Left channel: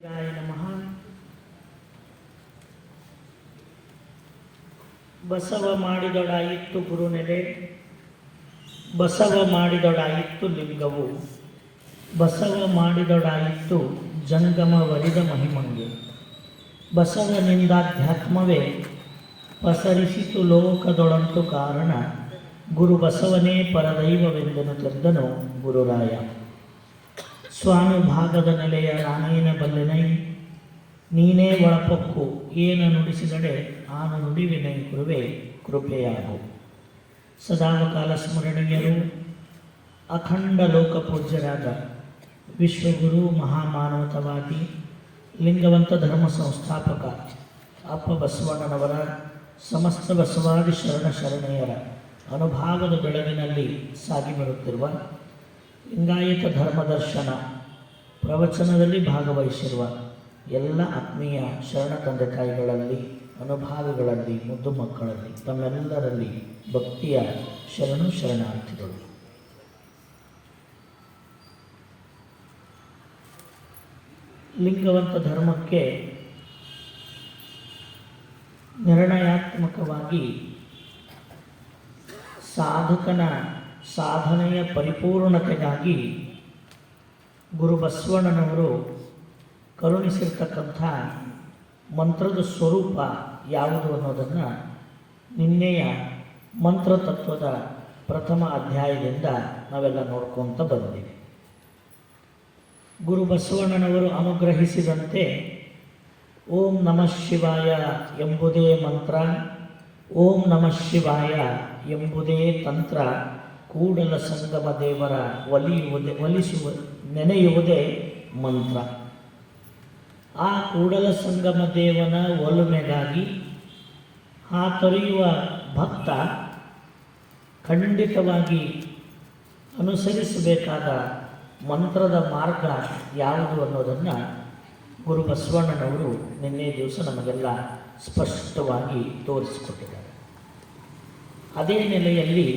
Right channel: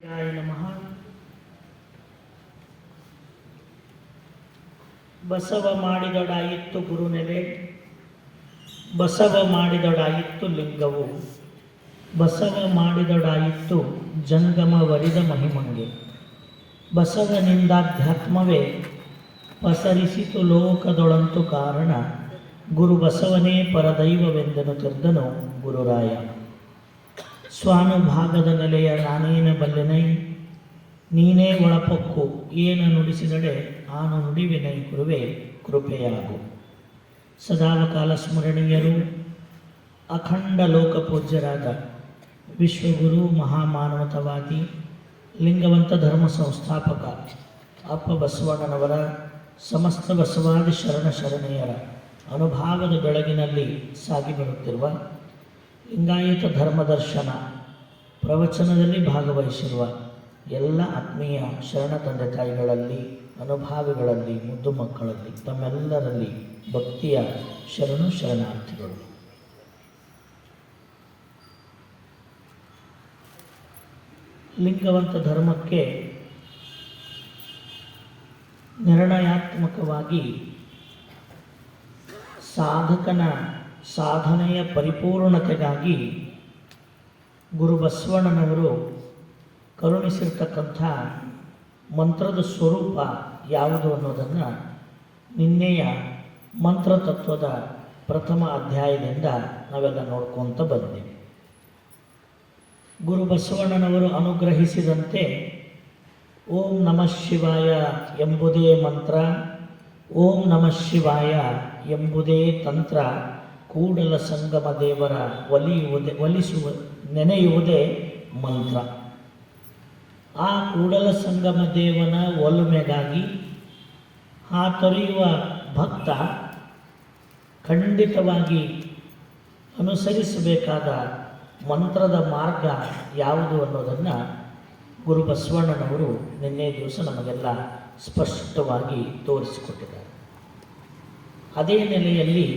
ಗಾಯ ನಮಃ. ಬಸವ ಮಾಡಿದೊಡಾಯಿತ್ತು ಗುರುನೆಲೆ, ಬಸವ ಮಾಡಿದೊಡಾಯಿತ್ತು ಲಿಂಗವು, ಬಸವ ಮಾಡಿದೊಡಾಯಿತ್ತು ಜಂಗಮ ವರಿದ ಮಹಿಮಂಗೆ. ಬಸವನಿಂದಾಧ್ಯಾತ್ಮವೇ ಪಸರಿಸಿತು ಲೋಕದೊಳಂತು ಕಾರಣ, ಗುರು ಬಸವನೇ ಪರದೈವವೆಂದನು ತೆರೆದನು ಗುರುರಾಯ. ಸ್ವಾನುಭಾಗದ ನೆಲೆಯ ನಾನೇನ ಬಲ್ಲೆನೈ, ನೀನೇ ಒಳಪಕ್ಕು ಏನ ನುಡಿಸಿದಡೆ ಆನು ನುಡಿವಿನೈ ಗುರುವೆ ಕೃಪೆಯಾಗು. ಸದಾಕಾಲ ಸ್ಮರಣೀಯರು ಅಖಂಡ ಲೋಕ ಪೂಜ್ಯರಾದ ವಿಶ್ವಗುರು ಮಹಾಮಾನವತವಾದಿ ಲಿಂಗವಂತ ಧರ್ಮ ಸಂಸ್ಥಾಪಕ ಅಪ್ಪ ಬಸವಣ್ಣನವರ ಸಮಸ್ತ ಬಸವಾದಿ ಶರಣೆಯರ ಅನುಭಾವದ ಬೆಳಗಿನಲ್ಲಿ ಸಾಗಿ ಬರುತ್ತಿರುವ ಲಿಂಗಾಯತ ಧರ್ಮದರ್ಶನ ಪ್ರವಚನದಲ್ಲಿ ಭಾಗವಹಿಸಿರುವ ಎಲ್ಲ ಆತ್ಮೀಯ ಶರಣ ತಂದೆ ತಾಯಿಗಳಲ್ಲಿ, ಅನುಭಾವಿಗಳಲ್ಲಿ, ಮುದ್ದು ಮಕ್ಕಳಲ್ಲಿ, ತಮ್ಮೆಲ್ಲರಲ್ಲಿ ಭಕ್ತಿಯ ಶರಣಾರ್ಥಿಗಳು. ಲಿಂಗವಂತ ಧರ್ಮಕ್ಕೆ ನಿರ್ಣಯಾತ್ಮಕವಾಗಿ ಸಾಧಕನ ಸಾಧನೆಯ ಪರಿಪೂರ್ಣತೆಗಾಗಿ ಗುರು ಬಸವಣ್ಣನವರು ಕರುಣಿಸಿರ್ತಕ್ಕಂಥ ಮಂತ್ರದ ಸ್ವರೂಪ ಯಾವುದು ಅನ್ನೋದನ್ನು ನಿನ್ನೆಯ ಮಂತ್ರತತ್ವದ ಪ್ರಥಮ ಅಧ್ಯಾಯದಿಂದ ನಾವೆಲ್ಲ ನೋಡ್ಕೊತ ಬಂದಿದ್ದೀವಿ. ಗುರು ಬಸವಣ್ಣನವರು ಅನುಗ್ರಹಿಸಿದಂತೆ ಓಂ ನಮಃ ಶಿವಾಯ ಎಂಬುದೇ ಮಂತ್ರ, ಓಂ ನಮಃ ಶಿವಾಯ ಎಂಬುದೇ ತಂತ್ರ, ಕೂಡಲ ಸಂಗಮ ದೇವರ ನೆನೆಯುವುದೇ ಮಂತ್ರ. ಆ ಕೂಡಲ ಸಂಗಮ ದೇವನ ಒಲುಮೆಗಾಗಿ ಹಾತೊರೆಯುವ ಭಕ್ತ ಖಂಡಿತವಾಗಿ ಅನುಸರಿಸಬೇಕಾದ ಮಂತ್ರದ ಮಾರ್ಗ ಯಾವುದು ಅನ್ನೋದನ್ನು ಗುರು ಬಸವಣ್ಣನವರು ನಿನ್ನೆ ದಿವಸ ನಮಗೆಲ್ಲ ಸ್ಪಷ್ಟವಾಗಿ ತೋರಿಸಿಕೊಟ್ಟಿದ್ದಾರೆ. ಅದೇ ನೆಲೆಯಲ್ಲಿ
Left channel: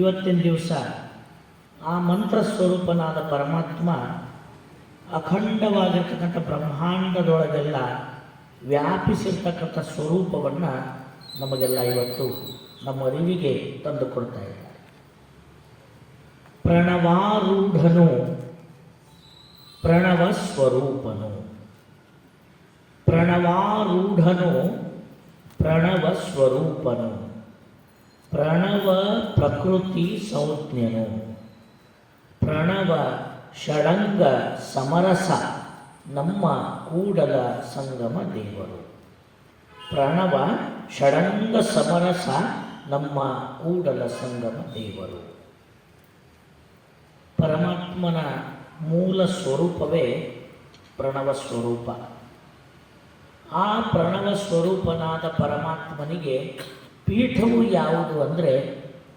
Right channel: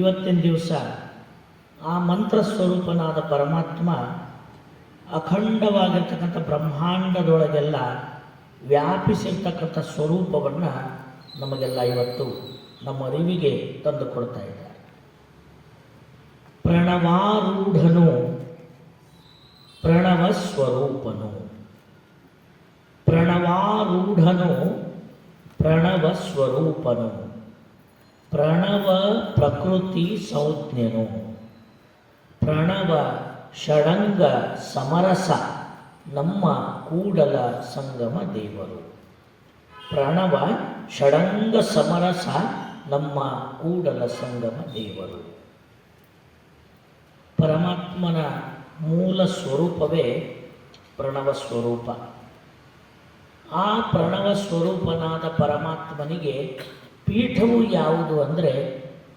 ಇವತ್ತಿನ ದಿವಸ ಆ ಮಂತ್ರ ಸ್ವರೂಪನಾದ ಪರಮಾತ್ಮ ಅಖಂಡವಾಗಿರ್ತಕ್ಕಂಥ ಬ್ರಹ್ಮಾಂಡದೊಳಗೆಲ್ಲ ವ್ಯಾಪಿಸಿರ್ತಕ್ಕಂಥ ಸ್ವರೂಪವನ್ನು ನಮಗೆಲ್ಲ ಇವತ್ತು ನಮ್ಮ ಅರಿವಿಗೆ ತಂದು ಕೊಡ್ತಾ ಇದ್ದಾರೆ. ಪ್ರಣವಾರೂಢನು ಪ್ರಣವ ಸ್ವರೂಪನು, ಪ್ರಣವಾರೂಢನು ಪ್ರಣವ ಸ್ವರೂಪನು, ಪ್ರಣವ ಪ್ರಕೃತಿ ಸಂಜ್ಞನು, ಪ್ರಣವ ಷಡಂಗ ಸಮರಸ ನಮ್ಮ ಕೂಡಲ ಸಂಗಮ ದೇವರು. ಪ್ರಣವ ಷಡಂಗ ಸಮರಸ ನಮ್ಮ ಕೂಡಲ ಸಂಗಮ ದೇವರು. ಪರಮಾತ್ಮನ ಮೂಲ ಸ್ವರೂಪವೇ ಪ್ರಣವ ಸ್ವರೂಪ. ಆ ಪ್ರಣವ ಸ್ವರೂಪನಾದ ಪರಮಾತ್ಮನಿಗೆ ಪೀಠವು ಯಾವುದು ಅಂದರೆ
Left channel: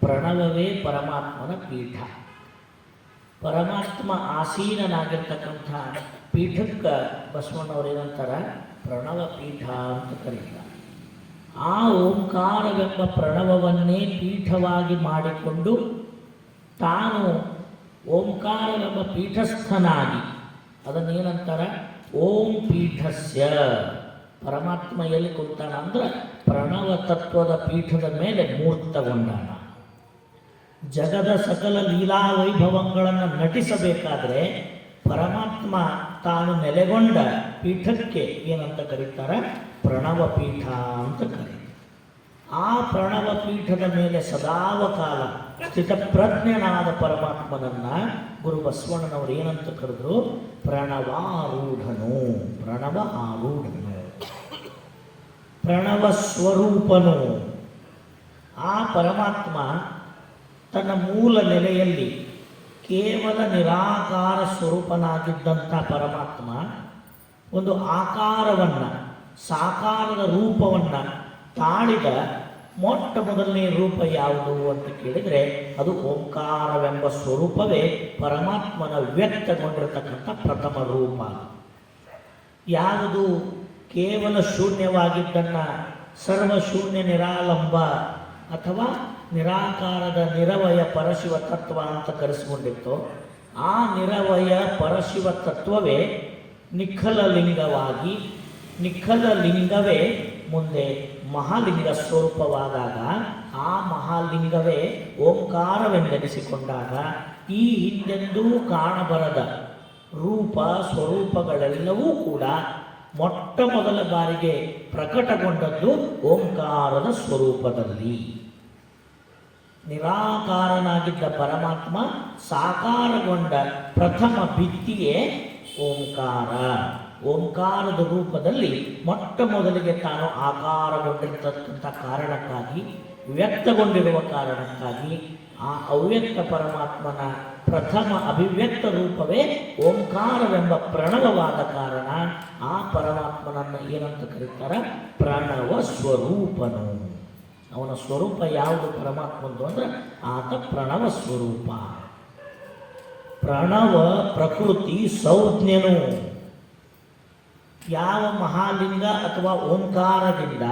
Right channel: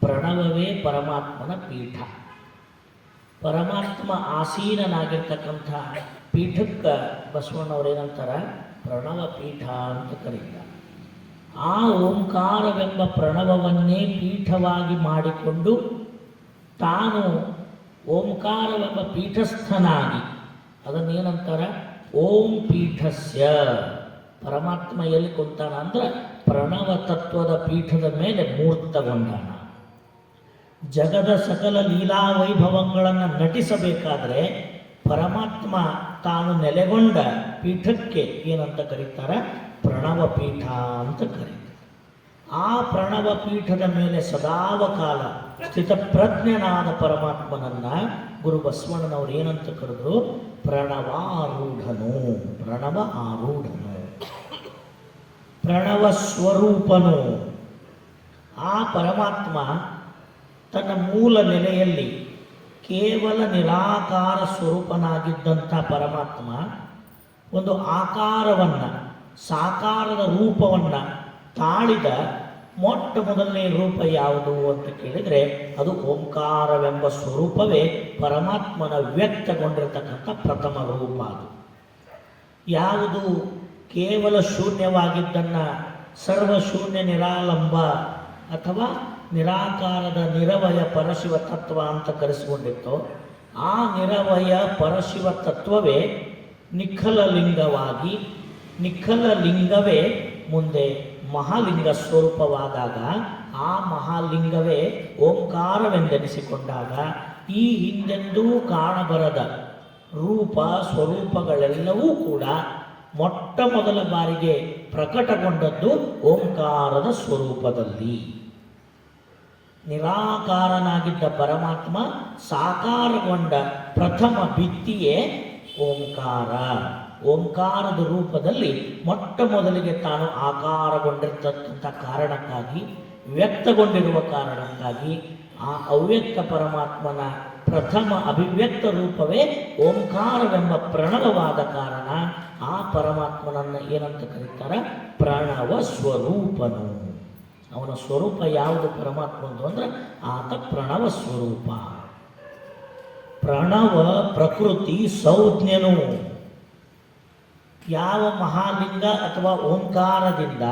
ಪ್ರಣವವೇ ಪರಮಾತ್ಮನ ಪೀಠ. ಪರಮಾತ್ಮ ಆಸೀನನಾಗಿರ್ತಕ್ಕಂಥ ಪೀಠಕ್ಕೆ ಬಸವಣ್ಣವರೇನಂತಾರೆ, ಪ್ರಣವ ಪೀಠ ಅಂತ ಕರೀತಾರೆ. ಆ ಓಂಕಾರವೆಂಬ ಪ್ರಣವವನ್ನೇ ಪೀಠವಾಗಿ ಮಾಡಿಕೊಂಡು ತಾನು ಓಂಕಾರವೆಂಬ ಪೀಠಸ್ಥನಾಗಿ, ಅದನ್ನೇನಂತಾರೆ, ಓಂ ಪೀಠಸ್ಯ. ಪರಮಾತ್ಮ ಎಲ್ಲಿ ಕೊಡ್ತಾನ ಅಂದ್ರೆ ಪ್ರಣವ ತತ್ವದ ಪೀಠದ ಮೇಲೆ ಮೂರ್ತಗೊಂಡ. ಜಗದ ಸಕಲ ಲೀಲಾ ವೈಭವಗಳನ್ನು ನಟಿಸಬೇಕಾದ್ರೆ ಪರಮಾತ್ಮ ತಾನು ನೆಲೆಗೊಂಡ ಪೀಠಕ್ಕೆ ಏನಂತ ಕರೀತಾರೆ, ಪ್ರಣವ ಪೀಠ ಅಂತ ಕರೀತಾರೆ. ಆ ಪ್ರಣವ ಪೀಠದ ಮೇಲೆ ಸದಾವಕಾಲ ಸ್ಥಿತಪ್ರಜ್ಞನಾದ ಪರಮಾತ್ಮನನ್ನ ಗುರು ಬಸವಣ್ಣನವರು ಏನಂತ ಕರೆದ್ರು, ಪ್ರಣವಾರೂಢನು, ಪ್ರಣವ ಆರೂಢನು, ಪ್ರಣವ ಸ್ವರೂಪನು. ಆ ಪರಮಾತ್ಮ ತನ್ನ ಮೂಲ ನೆಲೆಯಲ್ಲಿ ಕೇವಲ ನಿರಾಕಾರ ಸ್ವರೂಪನಾಗಿದ್ದಂಥ ಪರಮಾತ್ಮ ಒಂದು ಆಕಾರವನ್ನು, ಸಾಕಾರದ ರೂಪವನ್ನು ತಾಳಿದ ಮೊಟ್ಟ ಮೊದಲನೇ ರೂಪ ಯಾವುದು ಅಂತ ಕೇಳಿದರೆ ಅದು ಓಂಕಾರವೆಂಬ ಸ್ವರೂಪವೇ ಪರಮಾತ್ಮನ ವ್ಯಕ್ತಗೊಂಡಿರತಕ್ಕಂಥ ಪ್ರಥಮ ರೂಪ. ಯಾವುದು ಕೇವಲ ಶೂನ್ಯವಾಗಿದ್ದನ್ನು ಸರ್ವಶೂನ್ಯ ನಿರಾಲಂಬ ಅಥವಾ ನಿರಾಕಾರದ ನಿರವಯ ಪರಶಿವ ತತ್ವ ಅಂತ ಕರೆಸಿಕೊಂಡಿತ್ತು, ಆ ನಿರವಯ ಪರಶಿವ ತತ್ವವೇ ನಿಖಲಲಿಂಗವಾಗಿ, ನಿಖಲಲಿಂಗವೇ ಮುಂದೆ ಮಹಾಲಿಂಗ ಸ್ವರೂಪವಾದಾಗ, ಆ ಮಹಾಲಿಂಗವೇ ಓಂಕಾರವೆಂದೆನಿಸಿಕೊಂಡಾಗ ಈ ಹಿಂದೆಂದೂ ಕಾಣಬರದ ರೂಪ ಸ್ವರೂಪಗಳೆಲ್ಲವೂ ಕೂಡ ಮೊಟ್ಟ ಮೊದಲ ಬಾರಿಗೆ ಪ್ರಕಟಗೊಂಡದ್ದು ಓಂಕಾರದ ಸ್ವರೂಪದಲ್ಲಿ. ನಿರಾಕಾರನಾಗಿದ್ದ ಪರಮಾತ್ಮ ಸಾಕಾರಗೊಂಡ ಪ್ರಥಮ ಭಿತ್ತಿಯೇ ಓಂಕಾರ. ಓಂಕಾರದ ರೂಪದಲ್ಲಿ ಮೊಟ್ಟ ಮೊದಲಿಗೆ ತಾನು ಆಕಾರಗೊಂಡಿರ್ತಕ್ಕಂಥ ಕಾರಣಕ್ಕಾಗಿ, ವ್ಯಕ್ತಗೊಂಡಿರುವ ಕಾರಣಕ್ಕಾಗಿ, ಆ ಅವ್ಯಕ್ತ ಪರಮಾತ್ಮನ ಪ್ರಥಮ ಅಭಿವ್ಯಕ್ತ ರೂಪವೇ ಓಂಕಾರವೆಂಬ ಪ್ರಣವವಾದ ಕಾರಣ ಆ ಪರಮಾತ್ಮನನ್ನು ಏನಂತ ಕರೀತಾರೆ? ಪ್ರಣವ ಸ್ವರೂಪನು. ಅವನ ಸ್ವರೂಪ ಯಾವುದು ಪರಮಾತ್ಮಂದು ಅಂದರೆ ಆತ ಪ್ರಣವ ಸ್ವರೂಪ. ಪ್ರಣವ ಪ್ರಕೃತಿ ಸಂಜ್ಞನು. ಯಾವ ಮಹಾಲಿಂಗ ಅಥವಾ ಓಂಕಾರದಿಂದ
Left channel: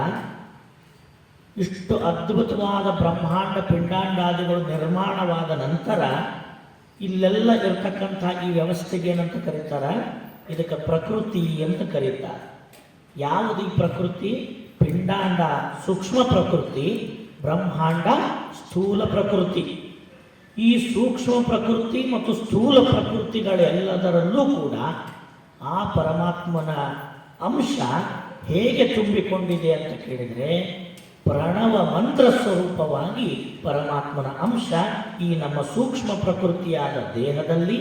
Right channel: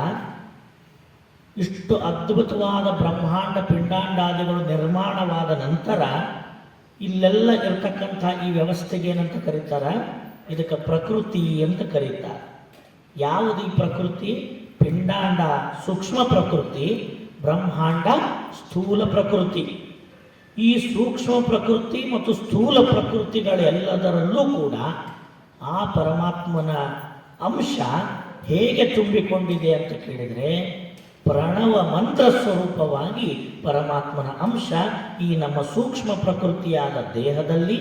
ಇಷ್ಟು ಅದ್ಭುತವಾದ ಬ್ರಹ್ಮಾಂಡ ಪಿಂಡಾಂಡಾದಿಗಳು ನಿರ್ಮಾಣವಾದ ನಂತರ ಇಲ್ಲೆಲ್ಲ ಇರ್ತಕ್ಕಂಥ ಈ ವ್ಯವಸ್ಥೆಗೆ ಏನಂತ ಕರೀತಾರೆ? ಇದಕ್ಕೆ ಪ್ರಕೃತಿ ಅಂತ ಕರೀತಾರೆ. ಯಾವುದು ಈ ಪ್ರಕೃತಿ? ಪಿಂಡಾಂಡ ಸೂಕ್ಷ್ಮ ಪ್ರಕೃತಿ, ಬ್ರಹ್ಮಾಂಡ ಸ್ಥೂಲ ಪ್ರಕೃತಿ. ಈ ಸೂಕ್ಷ್ಮ ಪ್ರಕೃತಿ ಮತ್ತು ಸ್ಥೂಲ ಪ್ರಕೃತಿಗಳೆಲ್ಲದರಲ್ಲೂ ಕೂಡ ಆ ಪರಮಾತ್ಮನ ಅಂಶ ಹೇಗೆ ತುಂಬಿಕೊಂಡಿದೆ ಅಂತ ಕೇಳಿದರೆ, ಪ್ರಣವ ಮಂತ್ರ ಸ್ವರೂಪವಾಗಿ ಪರಮಾತ್ಮನ ಅಂಶ ಈ ನಮ್ಮ ಸೂಕ್ಷ್ಮ ಪ್ರಕೃತಿಯಾದ ದೇಹದಲ್ಲಿ,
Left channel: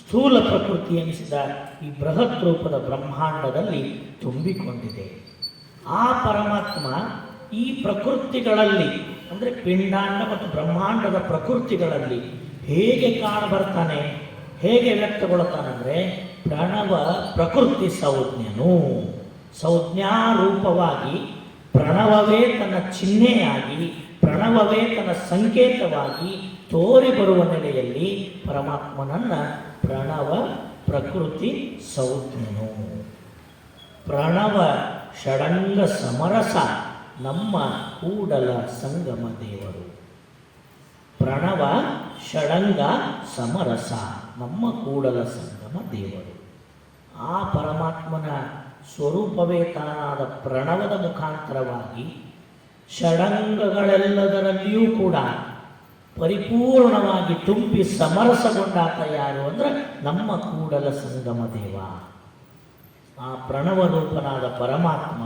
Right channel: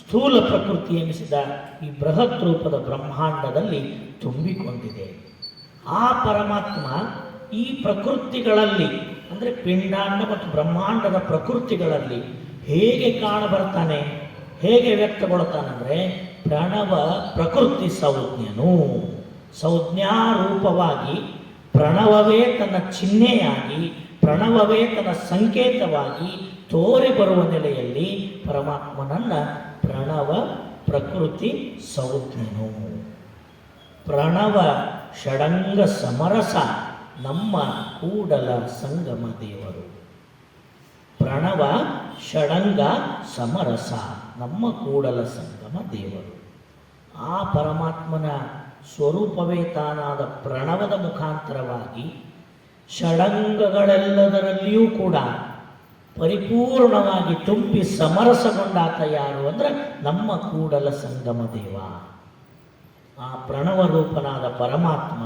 ಸ್ಥೂಲ ಪ್ರಕೃತಿ ಎನಿಸಿದ ಈ ಬೃಹತ್ ರೂಪದ ಬ್ರಹ್ಮಾಂಡದಲ್ಲಿ ತುಂಬಿಕೊಂಡಿದೆ. ಆ ಪರಮಾತ್ಮ ಈ ಪ್ರಕೃತಿಗಳಲ್ಲಿ ಅಂದರೆ ಪಿಂಡಾಂಡ ಮತ್ತು ಬ್ರಹ್ಮಾಂಡದ ಪ್ರಕೃತಿಗಳಲ್ಲಿ ಹೇಗೆ ಕಾಣಬರ್ತಾನೆ, ಹೇಗೆ ವ್ಯಕ್ತಗೊಳ್ತಾನಂದರೆ ಪ್ರಣವ ಪ್ರಕೃತಿ ಸಂಜ್ಞನು. ಸಂಜ್ಞಾರೂಪವಾಗಿ ಪ್ರಣವವೇ ತನ್ನ ಚಿಹ್ನೆಯಾಗಿ, ಪ್ರಣವವೇ ತನ್ನ ಸಂಕೇತವಾಗಿ ತೋರಿ ಬರುವ ನೆಲೆಯಲ್ಲಿ ಪರಮಾತ್ಮನನ್ನ ಪ್ರಣವ ಪ್ರಕೃತಿ ಸಂಜ್ಞನು. ಪ್ರಣವ ಷಡಂಗ ಸಮರಸ ನಮ್ಮ ಕೂಡಲ ಸಂಗಮ ದೇವರು. ಪ್ರಣವ ಷಡಂಗ ಸಮರಸ ನಮ್ಮ ಕೂಡಲ ಸಂಗಮ ದೇವರು. ಆ ಪರಮಾತ್ಮನ ಸ್ವರೂಪವೇ ತಾನಾದ ಪ್ರಣವದ ಮುಖಾಂತರವಾಗಿ ಷಡಂಗಗಳೆಲ್ಲದರಲ್ಲಿಯೂ ಕೂಡ ಪರಿಪೂರ್ಣವಾಗಿ ತುಂಬಿ ಸಮರಸಗೊಂಡಾತ ಯಾರು ಅಂದರೆ ನಮ್ಮ ಕೂಡಲ ಸಂಗಮ ದೇವ. ಆ ಪ್ರಣವ ರೂಪನಾದ ಪರಮಾತ್ಮ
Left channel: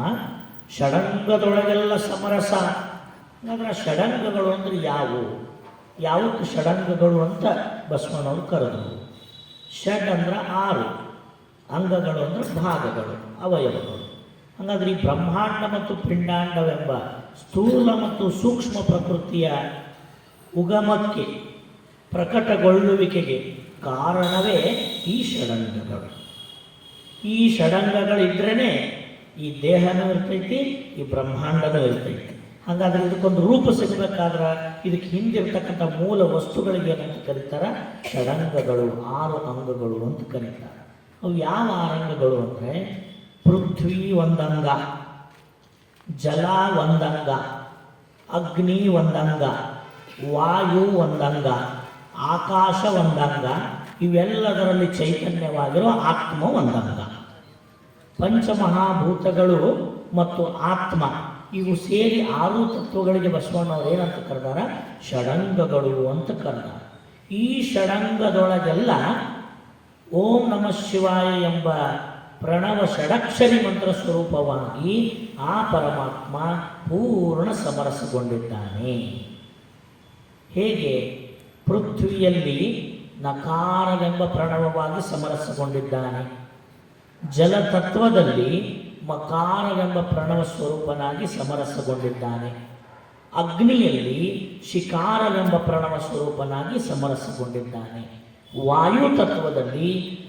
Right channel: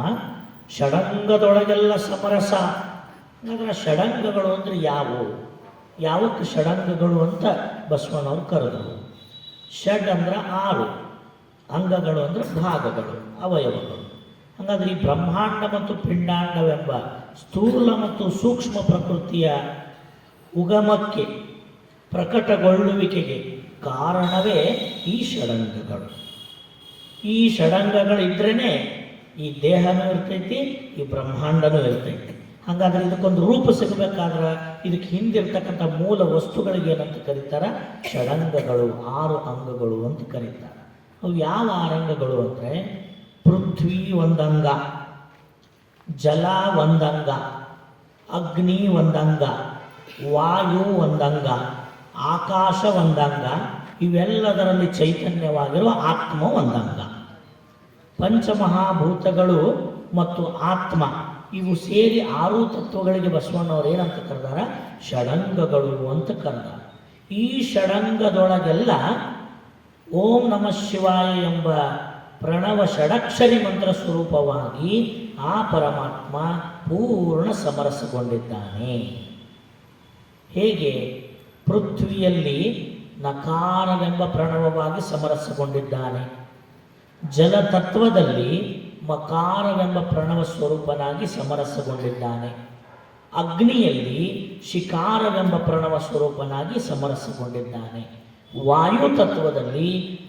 ಷಡಂಗದೊಳಗೆಲ್ಲ ಸಮರಸ. ಹಾಗಾದ್ರೆ ಷಡಂಗಗಳು ಅಂದರೆ ಯಾವುವು? ಯಾವಕ್ಕೆ ಷಡಂಗಗಳು ಅಂತ ಬಸವನವರು ಕರೆದರು. ಷಡ್ ಅಂದ್ರೆ 6, ಅಂಗಗಳು ಅಂದರೆ ಭಾಗಗಳು, ಅವಯವಗಳು. ಹಾಗಾದ್ರೆ ಈ ಬ್ರಹ್ಮಾಂಡ ಮತ್ತು ಪಿಂಡಾಂಡವೆಂಬ ಸ್ಥೂಲ ಮತ್ತು ಸೂಕ್ಷ್ಮ ಪ್ರಕೃತಿಯ ಉಗಮಕ್ಕೆ, ಪ್ರಕಟಗೊಳ್ಳುವಿಕೆಗೆ ಕಾರಣವೇ ಈ ಷಡಂಗಗಳು. ಈ ಷಡಂಗಗಳಿದ್ರೇ ಈ ದೇಹನೂ ಇರ್ತೈತಿ, ಈ ಬ್ರಹ್ಮಾಂಡನೂ ಇರ್ತೈತಿ. ಹಾಗಾದ್ರೆ ಇದಕ್ಕೊಂದು ರೂಪ ಸಿಗಬೇಕಾದ್ರೆ ಇದಕ್ಕೆ ಹಿಂದಿರ್ತಕ್ಕಂಥ ಮೂಲ ವಸ್ತುಗಳಿಗೆ ಏನಂತ ಕರೀತಾರೆ? ಷಡಂಗಗಳು, 6 ಅಂಗಗಳು ಅಂತ ಕರೀತಾರೆ. ಅವು ಯಾವ 6 ಅಂಗಗಳು ಅಂದರೆ ಪೃಥ್ವಿ ಒಂದಂಗ, ಜಲ ಒಂದಂಗ, ಅಗ್ನಿ ಒಂದಂಗ, ವಾಯು ಒಂದಂಗ, ಆಕಾಶ ಒಂದಂಗ, ಇವೆಲ್ಲದರಲ್ಲಿ ಚೈತನ್ಯವಾಗಿರುವ ಆತ್ಮ ಒಂದಂಗ. ಪಂಚಮಹಾಭೂತಗಳು ಮತ್ತು ಆತ್ಮ ಇವು ಸೇರಿ 6 ತತ್ವಗಳಿಗೆ ಬಸವಣ್ಣವರು ಏನಂತ ಕರೆದಾರ? ಷಡಂಗಗಳು ಅಂತ ಕರೆದಾರ. ಈ ಷಡಂಗದೊಳಗೆಲ್ಲ ಓಂ ನಮಃ ಶಿವಾಯ ಎಂಬ ಪ್ರಣವ ಷಡಕ್ಷರಿ ಮಂತ್ರ ಸ್ವರೂಪವಾಗಿ ಆ ಪರಮಾತ್ಮ ಪೂರ್ಣ ಸಮರಸಗೊಂಡಿದ್ದಾನೆ. ಹೇಗೆ? ಪೃಥ್ವಿಯಲ್ಲಿ ನಕಾರವೆಂಬ ಪ್ರಣವವಾಗಿ ಸಮರಸಗೊಂಡಿದ್ದಾನೆ, ಜಲತತ್ವದಲ್ಲಿ ಮಕಾರವೆಂಬ ಪ್ರಣವ ಸ್ವರೂಪನಾಗಿ ಸಮರಸಗೊಂಡಿದ್ದಾನೆ, ಅಗ್ನಿಯಲ್ಲಿ ಶಿಕಾರವೆಂಬ ಪ್ರಣವ ಸ್ವರೂಪನಾಗಿ ಸಮರಸಗೊಂಡಿದ್ದಾನೆ, ವಾಯು ತತ್ವದಲ್ಲಿ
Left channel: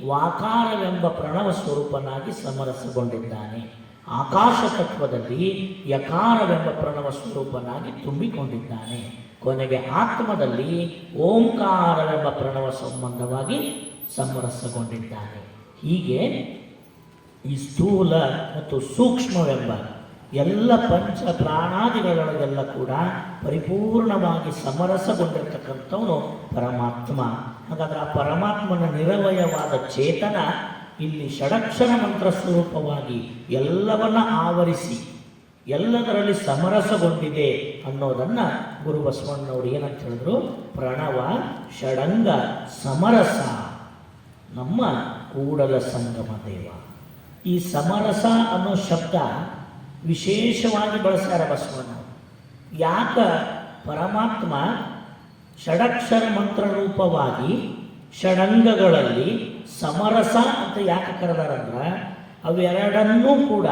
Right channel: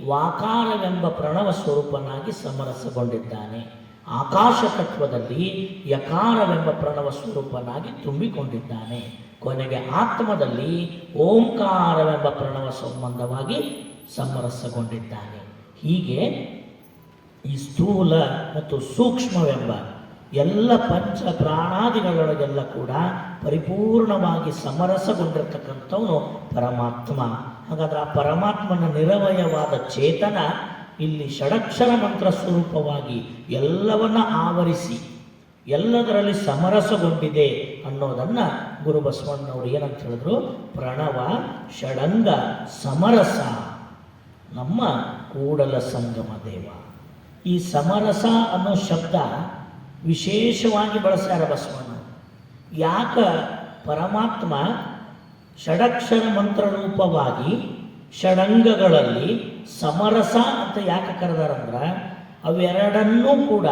ವಾಕಾರವೆಂಬ ಪ್ರಣವ ಸ್ವರೂಪನಾಗಿ ಸಮರಸಗೊಂಡಿದ್ದಾನೆ, ಆಕಾಶ ತತ್ವದಲ್ಲಿ ಯಕಾರವೆಂಬ ಪ್ರಣವ ಸ್ವರೂಪನಾಗಿ ತುಂಬಿಕೊಂಡಿದ್ದಾನೆ, ಕೊನೆಗೆ ಆತ್ಮದಲ್ಲಿ ಓಂಕಾರವೆಂಬ ಪ್ರಣವ ಸಂಬಂಧವಾಗಿ ಸಮರಸಗೊಂಡಿದ್ದಾನೆ. ಹೀಗೆ ಈ ಸ್ಥೂಲ ಮತ್ತು ಸೂಕ್ಷ್ಮವೆಂಬ ಎಲ್ಲ ಪಂಚ ಪ್ರಾಣಾದಿಗಳೊಳಗೆಲ್ಲ ಕೂಡ ಪರಿಪೂರ್ಣವಾಗಿ ಸಮರಸಗೊಂಡಿರ್ತಕ್ಕಂಥವನು ಪರಮಾತ್ಮ. ಹಾಗಾದ್ರೆ ಆ ಪರಮಾತ್ಮನ ನಿರವಯವಾದ ಚೇತನ ಇಲ್ಲಿ ಷಡಕ್ಷರ ಮಂತ್ರ ಸ್ವರೂಪವಾಗಿ ಎಲ್ಲವನ್ನ ಆವರಿಸಿ ಎಲ್ಲದರಲ್ಲಿ ಸಮರಸಗೊಂಡಿದೆ ಅನ್ನೋದನ್ನ ಗುರು ಬಸವಣ್ಣನವರು ಏನಂತ ಹೇಳಿದ್ರು, ಪ್ರಣವ ಷಡಂಗ ಸಮರಸ ನಮ್ಮ ಕೂಡಲ ಸಂಗಮ ದೇವ. ಈ ಸಮರಸ ಅನ್ನೋ ಶಬ್ದ ವಿಶೇಷವಾಗಿ ಬಳಸ್ಯಾರ ಬಸವಣ್ಣ. ಯಾಕ ಪರಮಾತ್ಮ ಷಡಕ್ಷರ ಮಂತ್ರ ರೂಪವಾಗಿ ಷಡಂಗಗಳಲ್ಲಿ ಸಮರಸ ಅಂತ ಯಾಕೆ ಕರೆದಾರಂದ್ರೆ, ಅವೆರಡನ್ನೂ ಕೂಡ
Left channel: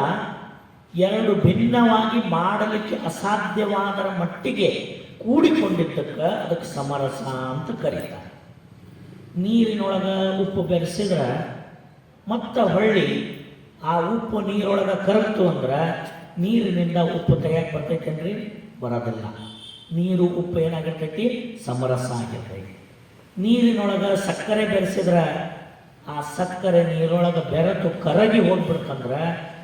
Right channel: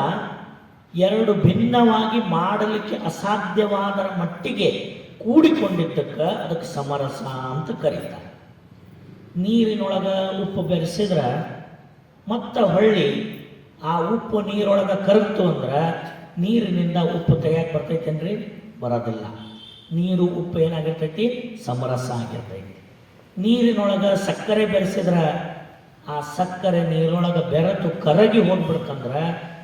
ಎರಡು ಭಿನ್ನವಾಗಿ ಮಾಡಲಿಕ್ಕೆ ಅಸಾಧ್ಯವಾದರ ಮಟ್ಟಿಗೆ ಕೂಡಿಕೊಂಡಿದ್ದಕ್ಕೆ ಅದಕ್ಕೆ ಸಮರಸ ಅಂತ ಕರೀತಾರೆ. ನೀರಿನೊಳಗೆ ಉಪ್ಪು ಬೆರೆಸಿದ್ರೆ ಮತ್ತೆ ಹೊಳ್ಳಿ ಆ ಉಪ್ಪು ನೀರೊಳಗೆ ಕರಗ್ತು ಅಂದ್ರೆ ನೀರಿನಿಂದ ಉಪ್ಪು ತೆಗೆಯಕ್ಕೆ ಬರ್ತೈತೇನ್ರಿ? ಬರೋದಿಲ್ಲ. ನೀರು ಉಪ್ಪು ಏನಾಗಿರ್ತೈತಿ? ಸಮರಸ ಆಗಿರ್ತೈತಿ. ನೀರಿನೊಳಗೆ ಸಕ್ಕರೆ ಬೆರೆಸಿದ್ರೆ ಆ ಸಕ್ಕರೆ ನೀರೊಳಗೆ ಬೆರೆತು ಕರಗಿ ಹೋಗ್ಬಿಡ್ತಂದ್ರೆ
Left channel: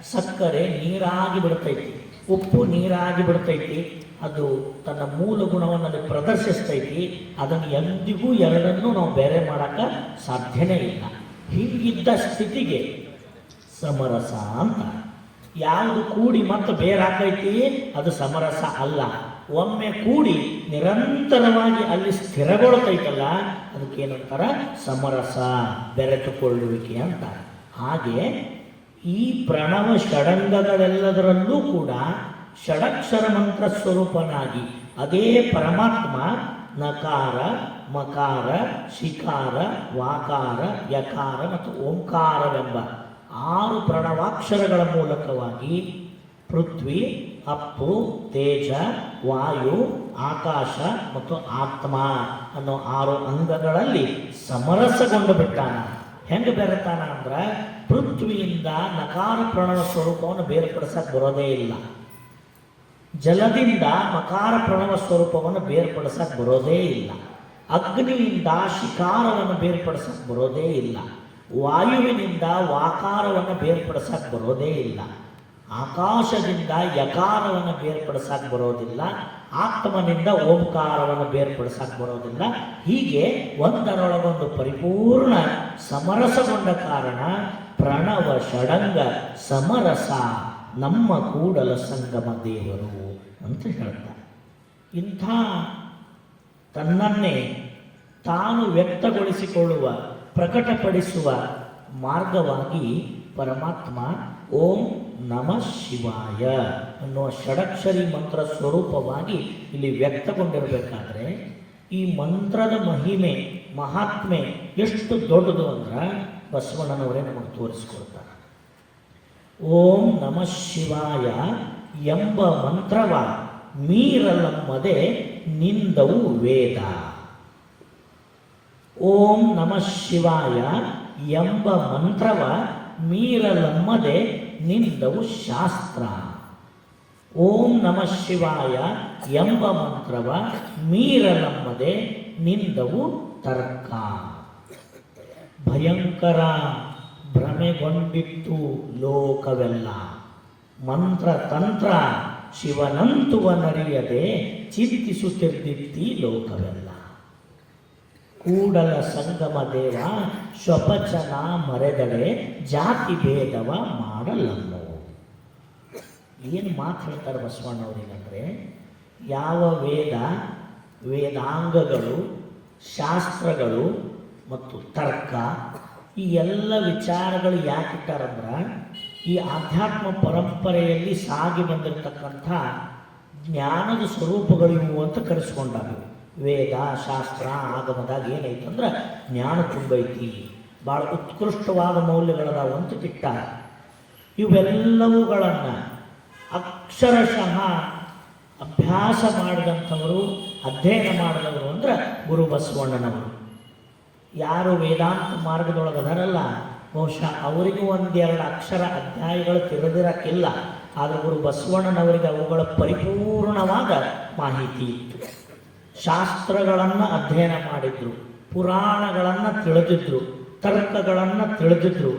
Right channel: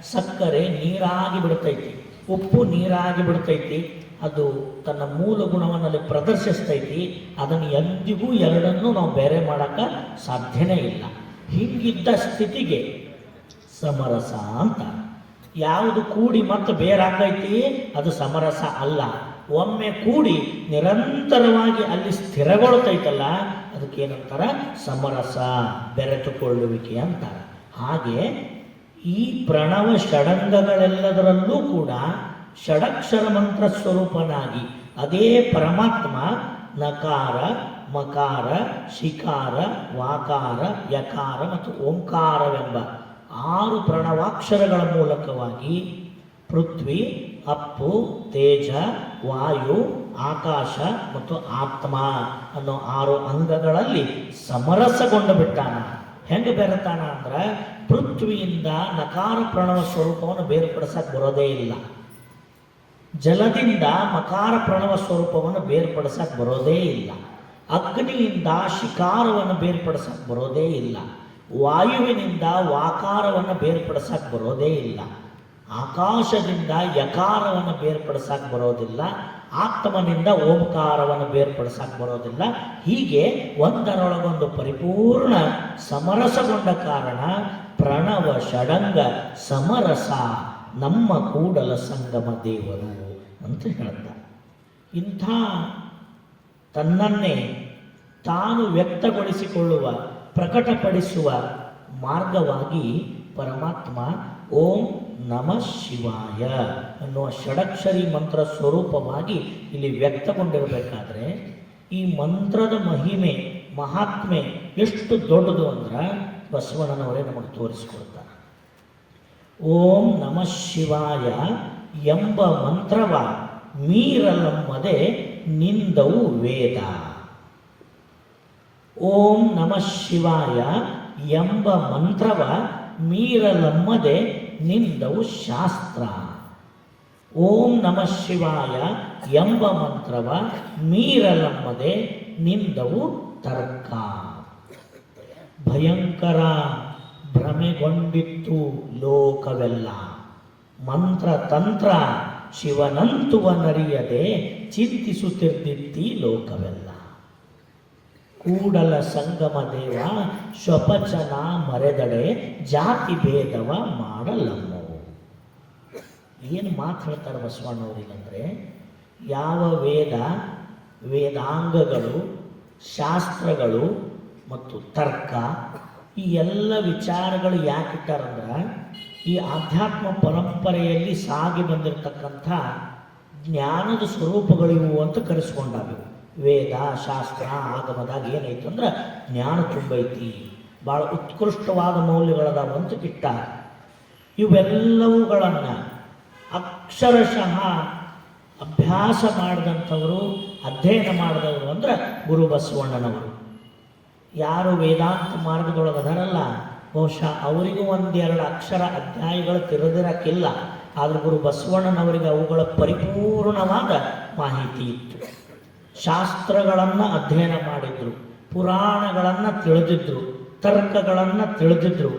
ಸಕ್ಕರೆ ನೀರಾಗಿ ಬಿಡ್ತೈತಿ, ಉಪ್ಪು ನೀರಾಗಿ ಬಿಡ್ತೈತಿ. ಅದು ತನ್ನ ಮೂಲ ಗುಣವನ್ನು ಪ್ರದರ್ಶಿಸ್ತೈತಿ. ಅದನ್ನು ಎಂದಿಗೂ ಎರಡನ್ನೂ ನಾವು ಬೇರೆ ಮಾಡಕ್ಕೆ ಸಾಧ್ಯನೇ ಇಲ್ಲ. ಹೀಗಿದ್ದ ಸ್ಥಿತಿಗೆ ಸಮರಸ ಅಂತ. ಯಾವುದು ಕೂಡಿ ಮತ್ತು ಬೇರಾಕೈತಿ ಅದು ಸಮರಸ ಅಲ್ಲ. ಒಮ್ಮೆ ಕೂಡಿ ನಿರಂತರವಾಗಿ ಅಲ್ಲಿ ಸ್ಥಿರಗೊಳ್ತೈತಲ್ಲ ಅದಕ್ಕೇನಂತಾರ? ಸಮರಸ, ಬೆರೆತುಕೊಳ್ಳುವಿಕೆ ಅಂತ. ಹಾಗೆ ಈ ಪ್ರಣವ ಷಡಂಗಗಳೆಲ್ಲದರಲ್ಲೂ ಕೂಡ ಷಡಕ್ಷರ ಮಂತ್ರ ಸ್ವರೂಪನಾಗಿ ಅದೇ ಪರಮಾತ್ಮ ನಕಾರ, ಮಕಾರ, ಶಿಕಾರ, ವಾಕಾರ, ಯಕಾರ ಮತ್ತು ಓಂಕಾರವೆಂಬ 6 ಪ್ರಣವಾಕ್ಷರಗಳ ಮೂಲಕವಾಗಿ ಪೃಥ್ವಿ, ಅಪ್ಪು, ತೇಜ, ವಾಯು, ಆಕಾಶ ಮತ್ತು ಆತ್ಮ ಅನ್ನೋ 6 ಅಂಗಗಳಲ್ಲಿ ಸಮರಸಗೊಂಡು ಬಿಟ್ಟಾನ. ಹೆಂಗೆ ಬೆರೆತಾನ ಅಂದ್ರೆ, ಪೃಥ್ವಿಯಿಂದ ನಕಾರ ಪ್ರಣವ ಸ್ವರೂಪವನ್ನು ಬೇರ್ಪಡಿಸಕ್ಕೆ ಬರೋದೇ ಇಲ್ಲ. ಜಲದಿಂದ ಮಕಾರ ಪ್ರಣವ ಸ್ವರೂಪವನ್ನು ಬೇರ್ಪಡಿಸಕ್ಕೆ ಬರೋದೇ ಇಲ್ಲ. ಅಗ್ನಿಯಿಂದ ಶಿಕಾರವನ್ನು ಬೇರ್ಪಡಿಸಕ್ಕೆ ಬರೋದೇ ಇಲ್ಲ. ವಾಯುವಿನಿಂದ ವಾಕಾರವನ್ನು ಬೇರ್ಪಡಿಸಕ್ಕೆ ಬರೋದೇ ಇಲ್ಲ. ಆಕಾಶದಿಂದ ಯಕಾರವನ್ನು ಬೇರ್ಪಡಿಸಕ್ಕೆ ಬರೋದಿಲ್ಲ. ಆತ್ಮನಿಂದ ಓಂಕಾರವನ್ನು ಬೇರ್ಪಡಿಸಕ್ಕೆ ಬರೋದಿಲ್ಲ. ಹೀಗೆ ಒಂದರೊಳಗೊಂದು ಪರಿಪೂರ್ಣ ಸಮರಸಗೊಂಡ ಕಾರಣ ಪ್ರಣವ ಷಡಂಗ ಸಮರಸ ನಮ್ಮ ಕೂಡಲ ಸಂಗಮ ದೇವರು ಅಂತ ಹೇಳ್ತಾರೆ. ಇಂಥ ತನ್ನನ್ನೇ ತಾನು ವ್ಯಕ್ತಗೊಳಿಸಿಕೊಳ್ಳುವ, ಪ್ರಕಟಪಡಿಸುವ ಮಾರ್ಗವಾಗಿ ಪರಮಾತ್ಮ ಓಂ ನಮಃ ಶಿವಾಯ ಅನ್ನುವ ಷಡಕ್ಷರಿ ಮಂತ್ರ ಸ್ವರೂಪವಾಗಿ ಇಲ್ಲಿ ವ್ಯಕ್ತಗೊಂಡಿರಬೇಕಾದ್ರೆ ಈ ಮಂತ್ರದ ಮಹಿಮೆ, ಮಹಾತ್ಮೆ ಎಷ್ಟು ದೊಡ್ಡದು ಅಂದ್ರೆ ಬಸವಣ್ಣನವರೇ ನಮಗೆ ತೋರಿಸಿಕೊಡ್ತಾರೆ. ಓಂ ನಮಃ ಶಿವಾಯ ಎಂಬ ಮಂತ್ರವ ಮೀರಲಮ್ಮದೆ ನಿಂದವು ವೇದ. ಓಂ ನಮಃ ಶಿವಾಯ ಎಂಬ ಮಂತ್ರವ ಮೀರಲಮ್ಮದೆ ನಿಂದವು ಶಾಸ್ತ್ರ. ಓಂ ನಮಃ ಶಿವಾಯ ಎಂಬ ಮಂತ್ರವ ಮೀರಲಮ್ಮದೆ ನಿಂದವು ತರ್ಕ. ಭಯಂಕರ ಭ್ರಮೆಗೊಂಡಿತ್ತು ಲೋಕವೆಲ್ಲ, ಮಂತ್ರ ತಂತ್ರ ಶಿವನಂತುವನರಿಯದೆ ಚಿಂತಿಸುತ್ತಿದ್ದಿತ್ತಿ ಲೋಕವೆಲ್ಲ. ಕೂಡಲ ಸಂಗಮ ದೇವ ಸ್ವಪಚನ ಮರೆದಡೆ ಜಾತಿ ಭೇದವ ಮಾಡಲಮ್ಮವು. ಏನು ಮಾತು ಹೇಳ್ತಾರೆ ಬಸವಣ್ಣವರಿಗಂದ್ರೆ, ಯಾವ ವೇದ, ವೇದಾಂಗಗಳು, ಶಾಸ್ತ್ರಗಳು ಮತ್ತು ತರ್ಕ ಈ ಎಲ್ಲ ವಿಚಾರಗಳು ಯಾಕಿಟ್ಟಾರಂದ್ರೆ ಈ ಆಧ್ಯಾತ್ಮ ಪರಂಪರೆಯಲ್ಲಿ ಸಾಗಿ ಬಂದಿರತಕ್ಕಂಥ ಜ್ಞಾನದ ಸ್ವರೂಪಗಳಿವು ಅಂತ ಕರೆಸ್ಕೊಂಡಾಗ. ವೇದ, ಶಾಸ್ತ್ರ, ಆಗಮದಾಗ ಏನೈತೆ ಅಂದ್ರೆ ಜ್ಞಾನ ತುಂಬೈತಿ, ಭಾಳ ಉತ್ಕೃಷ್ಟವಾದ ಮೌಲ್ಯಗಳದಾವ ಅಂತ ಇಟ್ಟ. ಇವೆಲ್ಲವುಗಳನ್ನು ಅಕ್ಷರಶಃ ಅಭ್ಯಾಸ ಮಾಡಿದಂಥವರು, ಅಧ್ಯಯನ ಮಾಡಿದವರು ಅಂದ್ರೆ ಗುರು ಬಸವಣ್ಣನವರು. ಯಾರು ವೇದಾಂತ ಮಾರ್ಗದೊಳಗದಾರಲ್ಲ ಬಹುಶಃ ಅವರಿಗೂ ಒಂದೆರಡು ಅಕ್ಷರ ಅಧ್ಯಾಯಗಳು ತಿಳಿದಿರಕ್ಕಿಲ್ಲ. ಆದರೆ ಗುರು ಬಸವಣ್ಣನವರಿಗೆ ಅವುಗಳ ಪರಿಪೂರ್ಣವಾದ ಮಾಹಿತಿ ಇತ್ತು. ಶಾಸ್ತ್ರಗಳನ್ನು ಅಧ್ಯಯನ ಮಾಡಿದ್ರು, ಪುರಾಣಗಳನ್ನು ತಿಳಿದಿದ್ರು, ತರ್ಕಗಳನ್ನು ತಿಳಿದಿದ್ರು,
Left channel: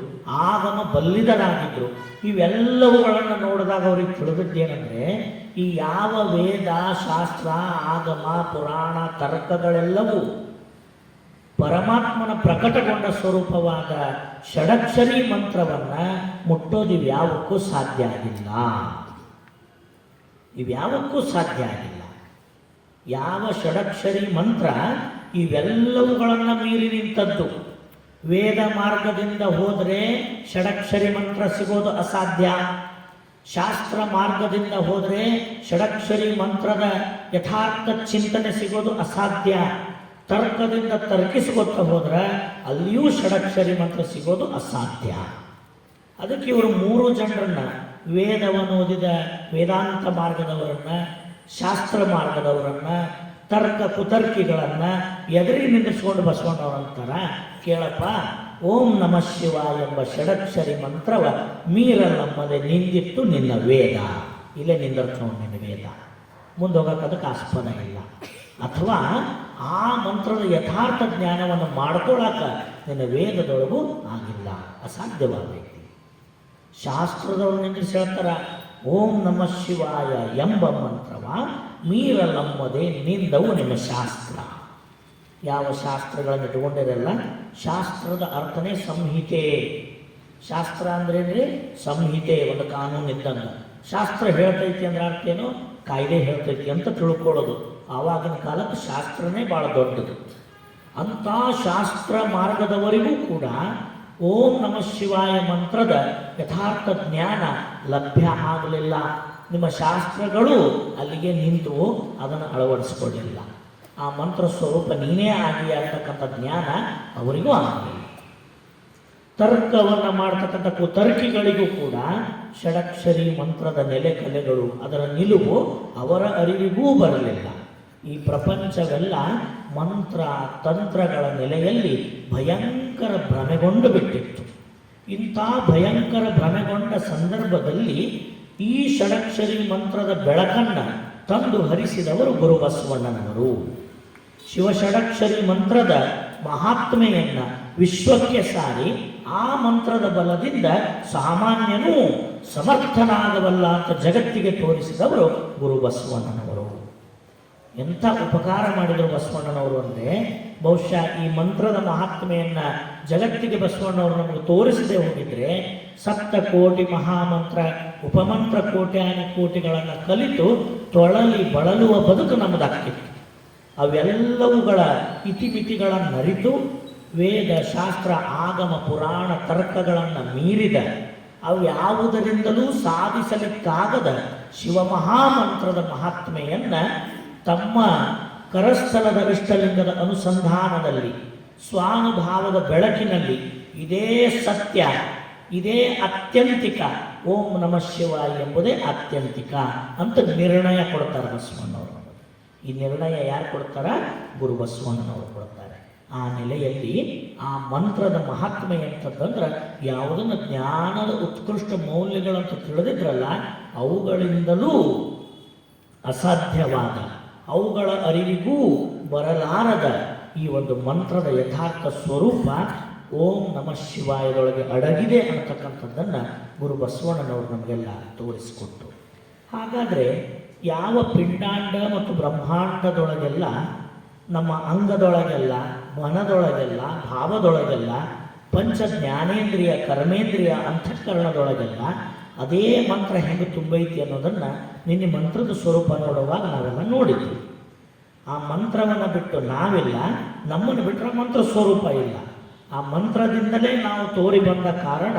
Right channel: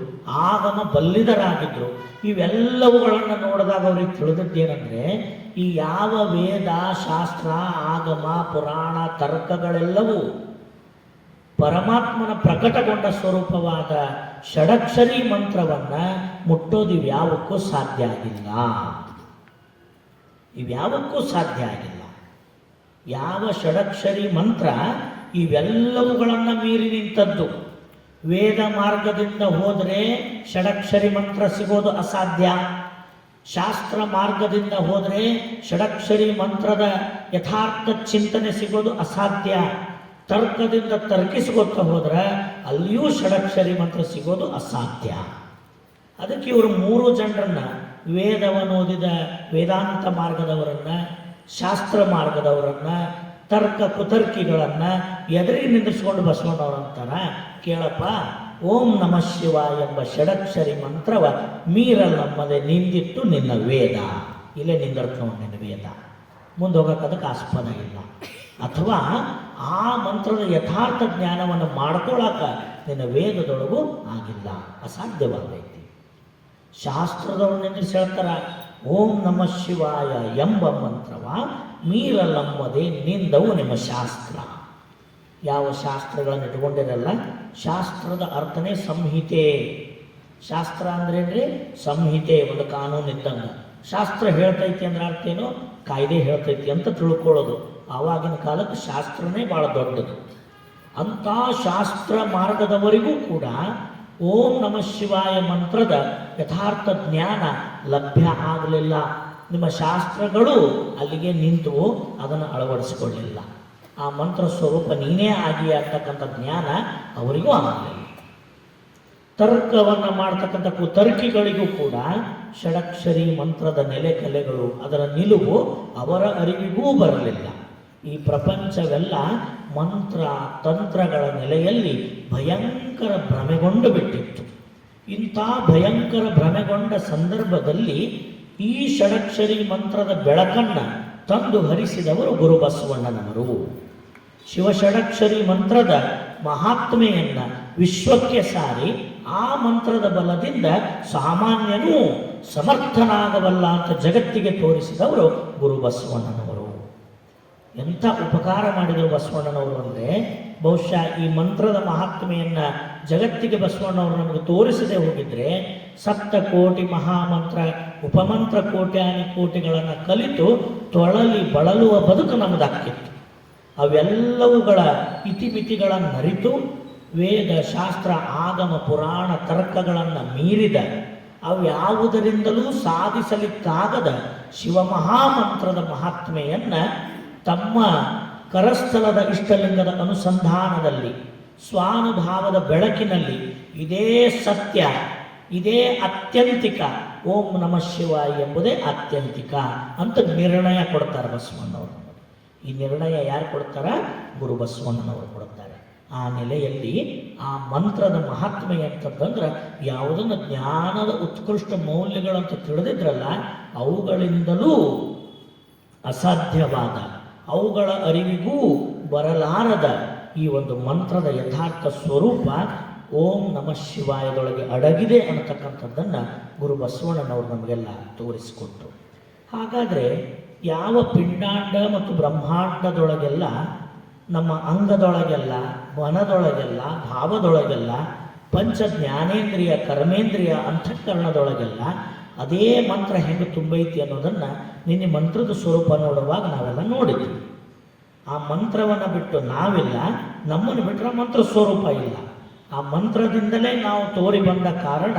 ಆಗಮ ಬಲ್ಲಿದರಾಗಿದ್ರು. ಇವೆಲ್ಲವುಗಳನ್ನು ನೋಡಿದಾಗ ಅವ್ರಿಗೆ ತಿಳಿದಿದ್ದೇನೆಂದರೆ, ಈ ಯಾವ ವೇದ, ಶಾಸ್ತ್ರ, ಆಗಮ, ಪುರಾಣ, ತರ್ಕಗಳೆಲ್ಲವೂ ಪರಮಾತ್ಮನ ಪ್ರಕಟಗೊಂಡ ಸ್ವರೂಪವಾದ ಷಡಕ್ಷರಿ ಮಂತ್ರವನ್ನು ಮುಟ್ಟೋದು ಇವ್ಯಾವಕ್ಕೂ ಸಾಧ್ಯ ಆಗಿಲ್ಲ. ಇವ್ಯಾವಕ್ಕೂ ಸಾಧ್ಯ ಆಗಿಲ್ಲ. ಯಾವ ಷಡಕ್ಷರಿ ಮಂತ್ರ ಇವೆಲ್ಲವುಗಳನ್ನು ಮೀರಿ ನಿಂತದ್ದು. ವೇದ ಮಾರ್ಗದಿಂದ ಹೋದರೆ ಷಡಕ್ಷರಿ ಮಂತ್ರ ಸಿಗೋದು ಅಸಾಧ್ಯ. ಶಾಸ್ತ್ರ ಮಾರ್ಗದಿಂದ ಹೋದರೆ ಷಡಕ್ಷರಿ ಮಂತ್ರದ ಯಥಾರ್ಥ ಚಿಂತನೆ ಸಿಗೋದು ಅಸಾಧ್ಯ. ತರ್ಕದಿಂದ ತರ್ಕಿಸಿಕೊಟ್ಟು ಹೋದ್ರೆ ಅಲ್ಲಿಯೂ ಷಡಕ್ಷರಿ ಮಂತ್ರ ಸಿಗೋದು ಅಸಾಧ್ಯ. ಅದಕ್ಕೆ ಇವರು 3 ಜನರನ್ನ, ವೇದವನ್ನು ಓದಿದ ವೇದಾಂತ ಮಾರ್ಗದವರನ್ನ, ಶಾಸ್ತ್ರ ಮಾರ್ಗದವರನ್ನ, ತರ್ಕ ಕುತರ್ಕಿಗಳನ್ನ ಎದುರಿಗೆ ನಿಂದಿಸ್ಕೊಂಡು ಬಸವಣ್ಣವರಂತಾರ, ಕೇಳಪ್ಪ, ಓಂ ನಮಃ ಶಿವಾಯ ಎಂಬ ಷಡಕ್ಷರಿ ಮಂತ್ರವ ಮೀರಲಮ್ಮದೆ ನಿಂದಿಟ್ಟು ನಿನ್ನ ವೇದ, ಇಲ್ಲೇ ನಿಂದಿರ್ತಾವ ನಿನ್ನ ವೇದ, ಮುಂದೆ ಹೋಗಕ್ಕೆ ಅದಕ್ಕೆ ಆಸ್ಪದ ಇಲ್ಲ. ಅಥವಾ ಆ ಮಂತ್ರದ ಯಥಾರ್ಥ ಜ್ಞಾನವನ್ನು ಮಾಡ್ಕೊಳ್ಳಾಕ ನಿನ್ನ ವೇದದೊಳಗೂ ಆಗಿಲ್ಲ, ಅಸಾಧ್ಯವಾಗೈತಿ. ಶಾಸ್ತ್ರದವರು ನಿಂದಿಸಿ ಹೇಳ್ತಾರ, ಓಂ ನಮಃ ಶಿವಾಯ ಎಂಬ ಮಂತ್ರವ ಮೀರಲಮ್ಮದೆ ನಿಂದವು ನಿಮ್ಮ ಶಾಸ್ತ್ರ. ಯಾವ ಶಾಸ್ತ್ರಗಳನ್ನು ಇಟ್ಕೊಂಡಿರಲ್ಲ. ಶಾಸ್ತ್ರದ ಅರ್ಥನೇ ಸಂಹಿತೆ. ಶಾಸ್ತ್ರ ಅಂದ್ರೇನ್ರಿ? ಸಂಹಿತೆ, ಒಂದು ಕಾನೂನು ಇದ್ದಂಗೆ. ಶಾಸ್ತ್ರ ಹೇಳ್ತೈತಿ ಅಂದ್ರೆ ಅರ್ಥೇನು? ಕಾಯ್ದೆ ಹೇಳ್ತೈತಿ ಅಂತ ತಿಳ್ಕೊಳ್ಳೋದು. ಆವಾಗಿನ ಕಾಲಕ್ಕೆ ಶಾಸ್ತ್ರನೇ ಭಾಳ ದೊಡ್ಡದು. ಅಂಥ ಶಾಸ್ತ್ರ ಮಾರ್ಗದವರಿಗೂ ಕೂಡ ಓಂ ನಮಃ ಶಿವಾಯ ಮಂತ್ರದ ಯಥಾರ್ಥ ಜ್ಞಾನ ಲಭ್ಯ ಆಗಲಿಲ್ಲ. ನಿಮ್ಮ ಶಾಸ್ತ್ರಗಳು ಅಲ್ಲಿಗೆ ನಿಂತು ಅದನ್ನು ಅಳವಡಿಸಿಕೊಳ್ಳಲಿಲ್ಲ. ಆ ಮಂತ್ರ ಸ್ವರೂಪ ನೀನೇ ಆಗಿ ಅಂತಕ್ಕಂಥ ಜ್ಞಾನ ಅವರಿಗೂ ಆಗಲಿಲ್ಲ. ತರ್ಕವನ್ನು ಮಾಡ್ತಕ್ಕಂಥ ಕುತರ್ಕಿಗಳಿಗೂ ಕೂಡ ಷಡಕ್ಷರಿ ಮಂತ್ರದ ನೆಲೆ ಕಲೆಗಳು, ಅದರ ನಿಲುವು ಅವರ ಅರಿವಿಗೂ ಬರಲಿಲ್ಲ. ಈ ಪ್ರಪಂಚವೆಲ್ಲ ಮಂತ್ರ ತಂತ್ರಗಳ ನೆಲೆಯಲ್ಲಿ ಭಯಂಕರ ಭ್ರಮೆಗೊಂಡು ಬಿಟ್ಟಿತ್ತು. ಇಂಥ ಭಯಂಕರ ಭ್ರಮೆಗೊಂಡ ಸಂದರ್ಭದಲ್ಲಿ ಈ ಷಡಕ್ಷರಿ ಮಂತ್ರದ ಬೆಳಕನ್ನು ತಂದು ಹರಿಸಿದವರು ಗುರುಬಸವಣ್ಣನವರು. ಶಿವಷಡಕ್ಷರಿ ಮಂತ್ರದ ಮಹಾತ್ಮೆಯನ್ನು ವಿಶ್ವಕ್ಕೆ ಸಾರಿ ಆ ಮಂತ್ರದ ಬಲದಿಂದ ಸಾಮಾನ್ಯನೂ ಸಮರ್ಥನಾಗಬಲ್ಲ ಅಂತ ಜಗತ್ತಿಗೆ ತೋರಿಸಿದವರು ಗುರುಬಸವಣ್ಣನವರು. ಎಂಥ ಉಪಕಾರ ಮಾಡಿದರು ಬಸವಣ್ಣನವರು ಅಂದರೆ, ಬಹುಶಃ ಈ ಮಂತ್ರದ ಮಹಾತ್ಮೆಯನ್ನು ಜಗತ್ತಿಗೆ ಬಸವಣ್ಣವರು ನಮಗೆ ತೋರಿಸದೆ ಹೋಗಿದ್ರೆ ಸಪ್ತ ಕೋಟಿ ಮಹಾಮಂತ್ರ ಉಪಮಂತ್ರ ಕೋಟ್ಯಾನಿ ಕೋಟಿಗಳನ್ನು ಕಲಿತು ತೊಳಲಿ ಬಳಲುವ ಬದುಕು ನಮ್ಮದಾಗಿತ್ತು. ಅವೆಲ್ಲವುಗಳ ಇತಿಮಿತಿಗಳನ್ನು ಅರಿತು ವೇದ ಶಾಸ್ತ್ರ ಆಗಮ ಪುರಾಣ ತರ್ಕಗಳನ್ನು ಮೀರಿದ, ಅವು ಯಾವುದರಿಂದಲೂ ಸಾಧಿಸಲಿಕ್ಕಾಗದ ಶಿವಮಹಾಮಂತ್ರದ ಮಹಾತ್ಮೆಯನ್ನು ತಮ್ಮ ಕರಸ್ಥಲದ ಇಷ್ಟಲಿಂಗದ ಅನುಸಂಧಾನದಲ್ಲಿ ಸ್ವಾನುಭಾವದ ಬೆಳಕಿನಲ್ಲಿ ಇದೇ ಸತ್ಯ, ಇದೇ ಅತ್ಯಂತಿಕ, ಓಂ ನಮಃ ಶಿವಾಯ ಎಂಬುದೇ ಆತ್ಯಂತಿಕ ಅಂತ ನಿರ್ಣಯ ಕೊಡ್ತಾರೆ ಬಸವಣ್ಣವರು. ಈ ನಿರ್ಣಯ ಯಾರು ಕೊಡ್ತಾರ? ಗುರು ಬಸವಣ್ಣನವರು ಕೊಡ್ತಾರೆ. ಆ ನೆಲೆಯಲ್ಲಿ ಆ ಮಂತ್ರದ ಮಹಾತ್ಮೆ ಅಂತಂದ್ರೆ ಯಾವುದನ್ನು ಜ್ಞಾನದ ಉತ್ಕೃಷ್ಟ ಮೌಲ್ಯಗಳಂತ ತಿಳಿದಿದ್ರಲ್ಲ, ಅವುಗಳಿಂದಲೂ ಅಸಾಧ್ಯವಾದ, ಅವುಗಳ ಅರಿವಿಗೂ ಬರಲಾರದ ಈ ಒಂದು ಮಂತ್ರದ ಯಥಾರ್ಥ ಸ್ವರೂಪ ಓಂ ನಮಃ ಶಿವಾಯದೊಳಗೆ ಅಡಗಿದೆ ಅಂತಕ್ಕಂಥದ್ದನ್ನು ಗುರು ಬಸವಣ್ಣನವರು ನಮಗೆಲ್ಲ ತೋರಿಸಿಕೊಟ್ಟರು. ಹಾಗಾದರೆ ಯಾವ ಪಿಂಡಾಂಡ ಮತ್ತು ಬ್ರಹ್ಮಾಂಡದೊಳಗೆಲ್ಲ, ನಮ್ಮ ಅಂಗದೊಳಗೆಲ್ಲ, ಮನದೊಳಗೆಲ್ಲ, ಭಾವದೊಳಗೆಲ್ಲ, ಪಂಚ ಜ್ಞಾನೇಂದ್ರಿಯ ಕರ್ಮೇಂದ್ರಿಯ ಅಂತಃಕರಣದೊಳಗೆಲ್ಲ ಅದೇ ಮಂತ್ರ ಹೆಂಗೆ ತುಂಬೈತಿ ಅನ್ನೋದನ್ನು ನಿನ್ನೆ ಮಂತ್ರದ ಸ್ವರೂಪ ನೋಡುವಾಗ ನಾವೆಲ್ಲ ನೋಡಿದ್ವಿ. ಆ ಮಂತ್ರವನ್ನು ಬಿಟ್ಟು ನಾವಿಲ್ಲ, ನಮ್ಮನ್ನು ಬಿಟ್ಟರೆ ಮಂತ್ರ ಸ್ವರೂಪ ಇಲ್ಲ. ಆ ಮಂತ್ರದಿಂದಲೇ ನಾವು ತೋರಿ ಬಂದ ಕಾರಣ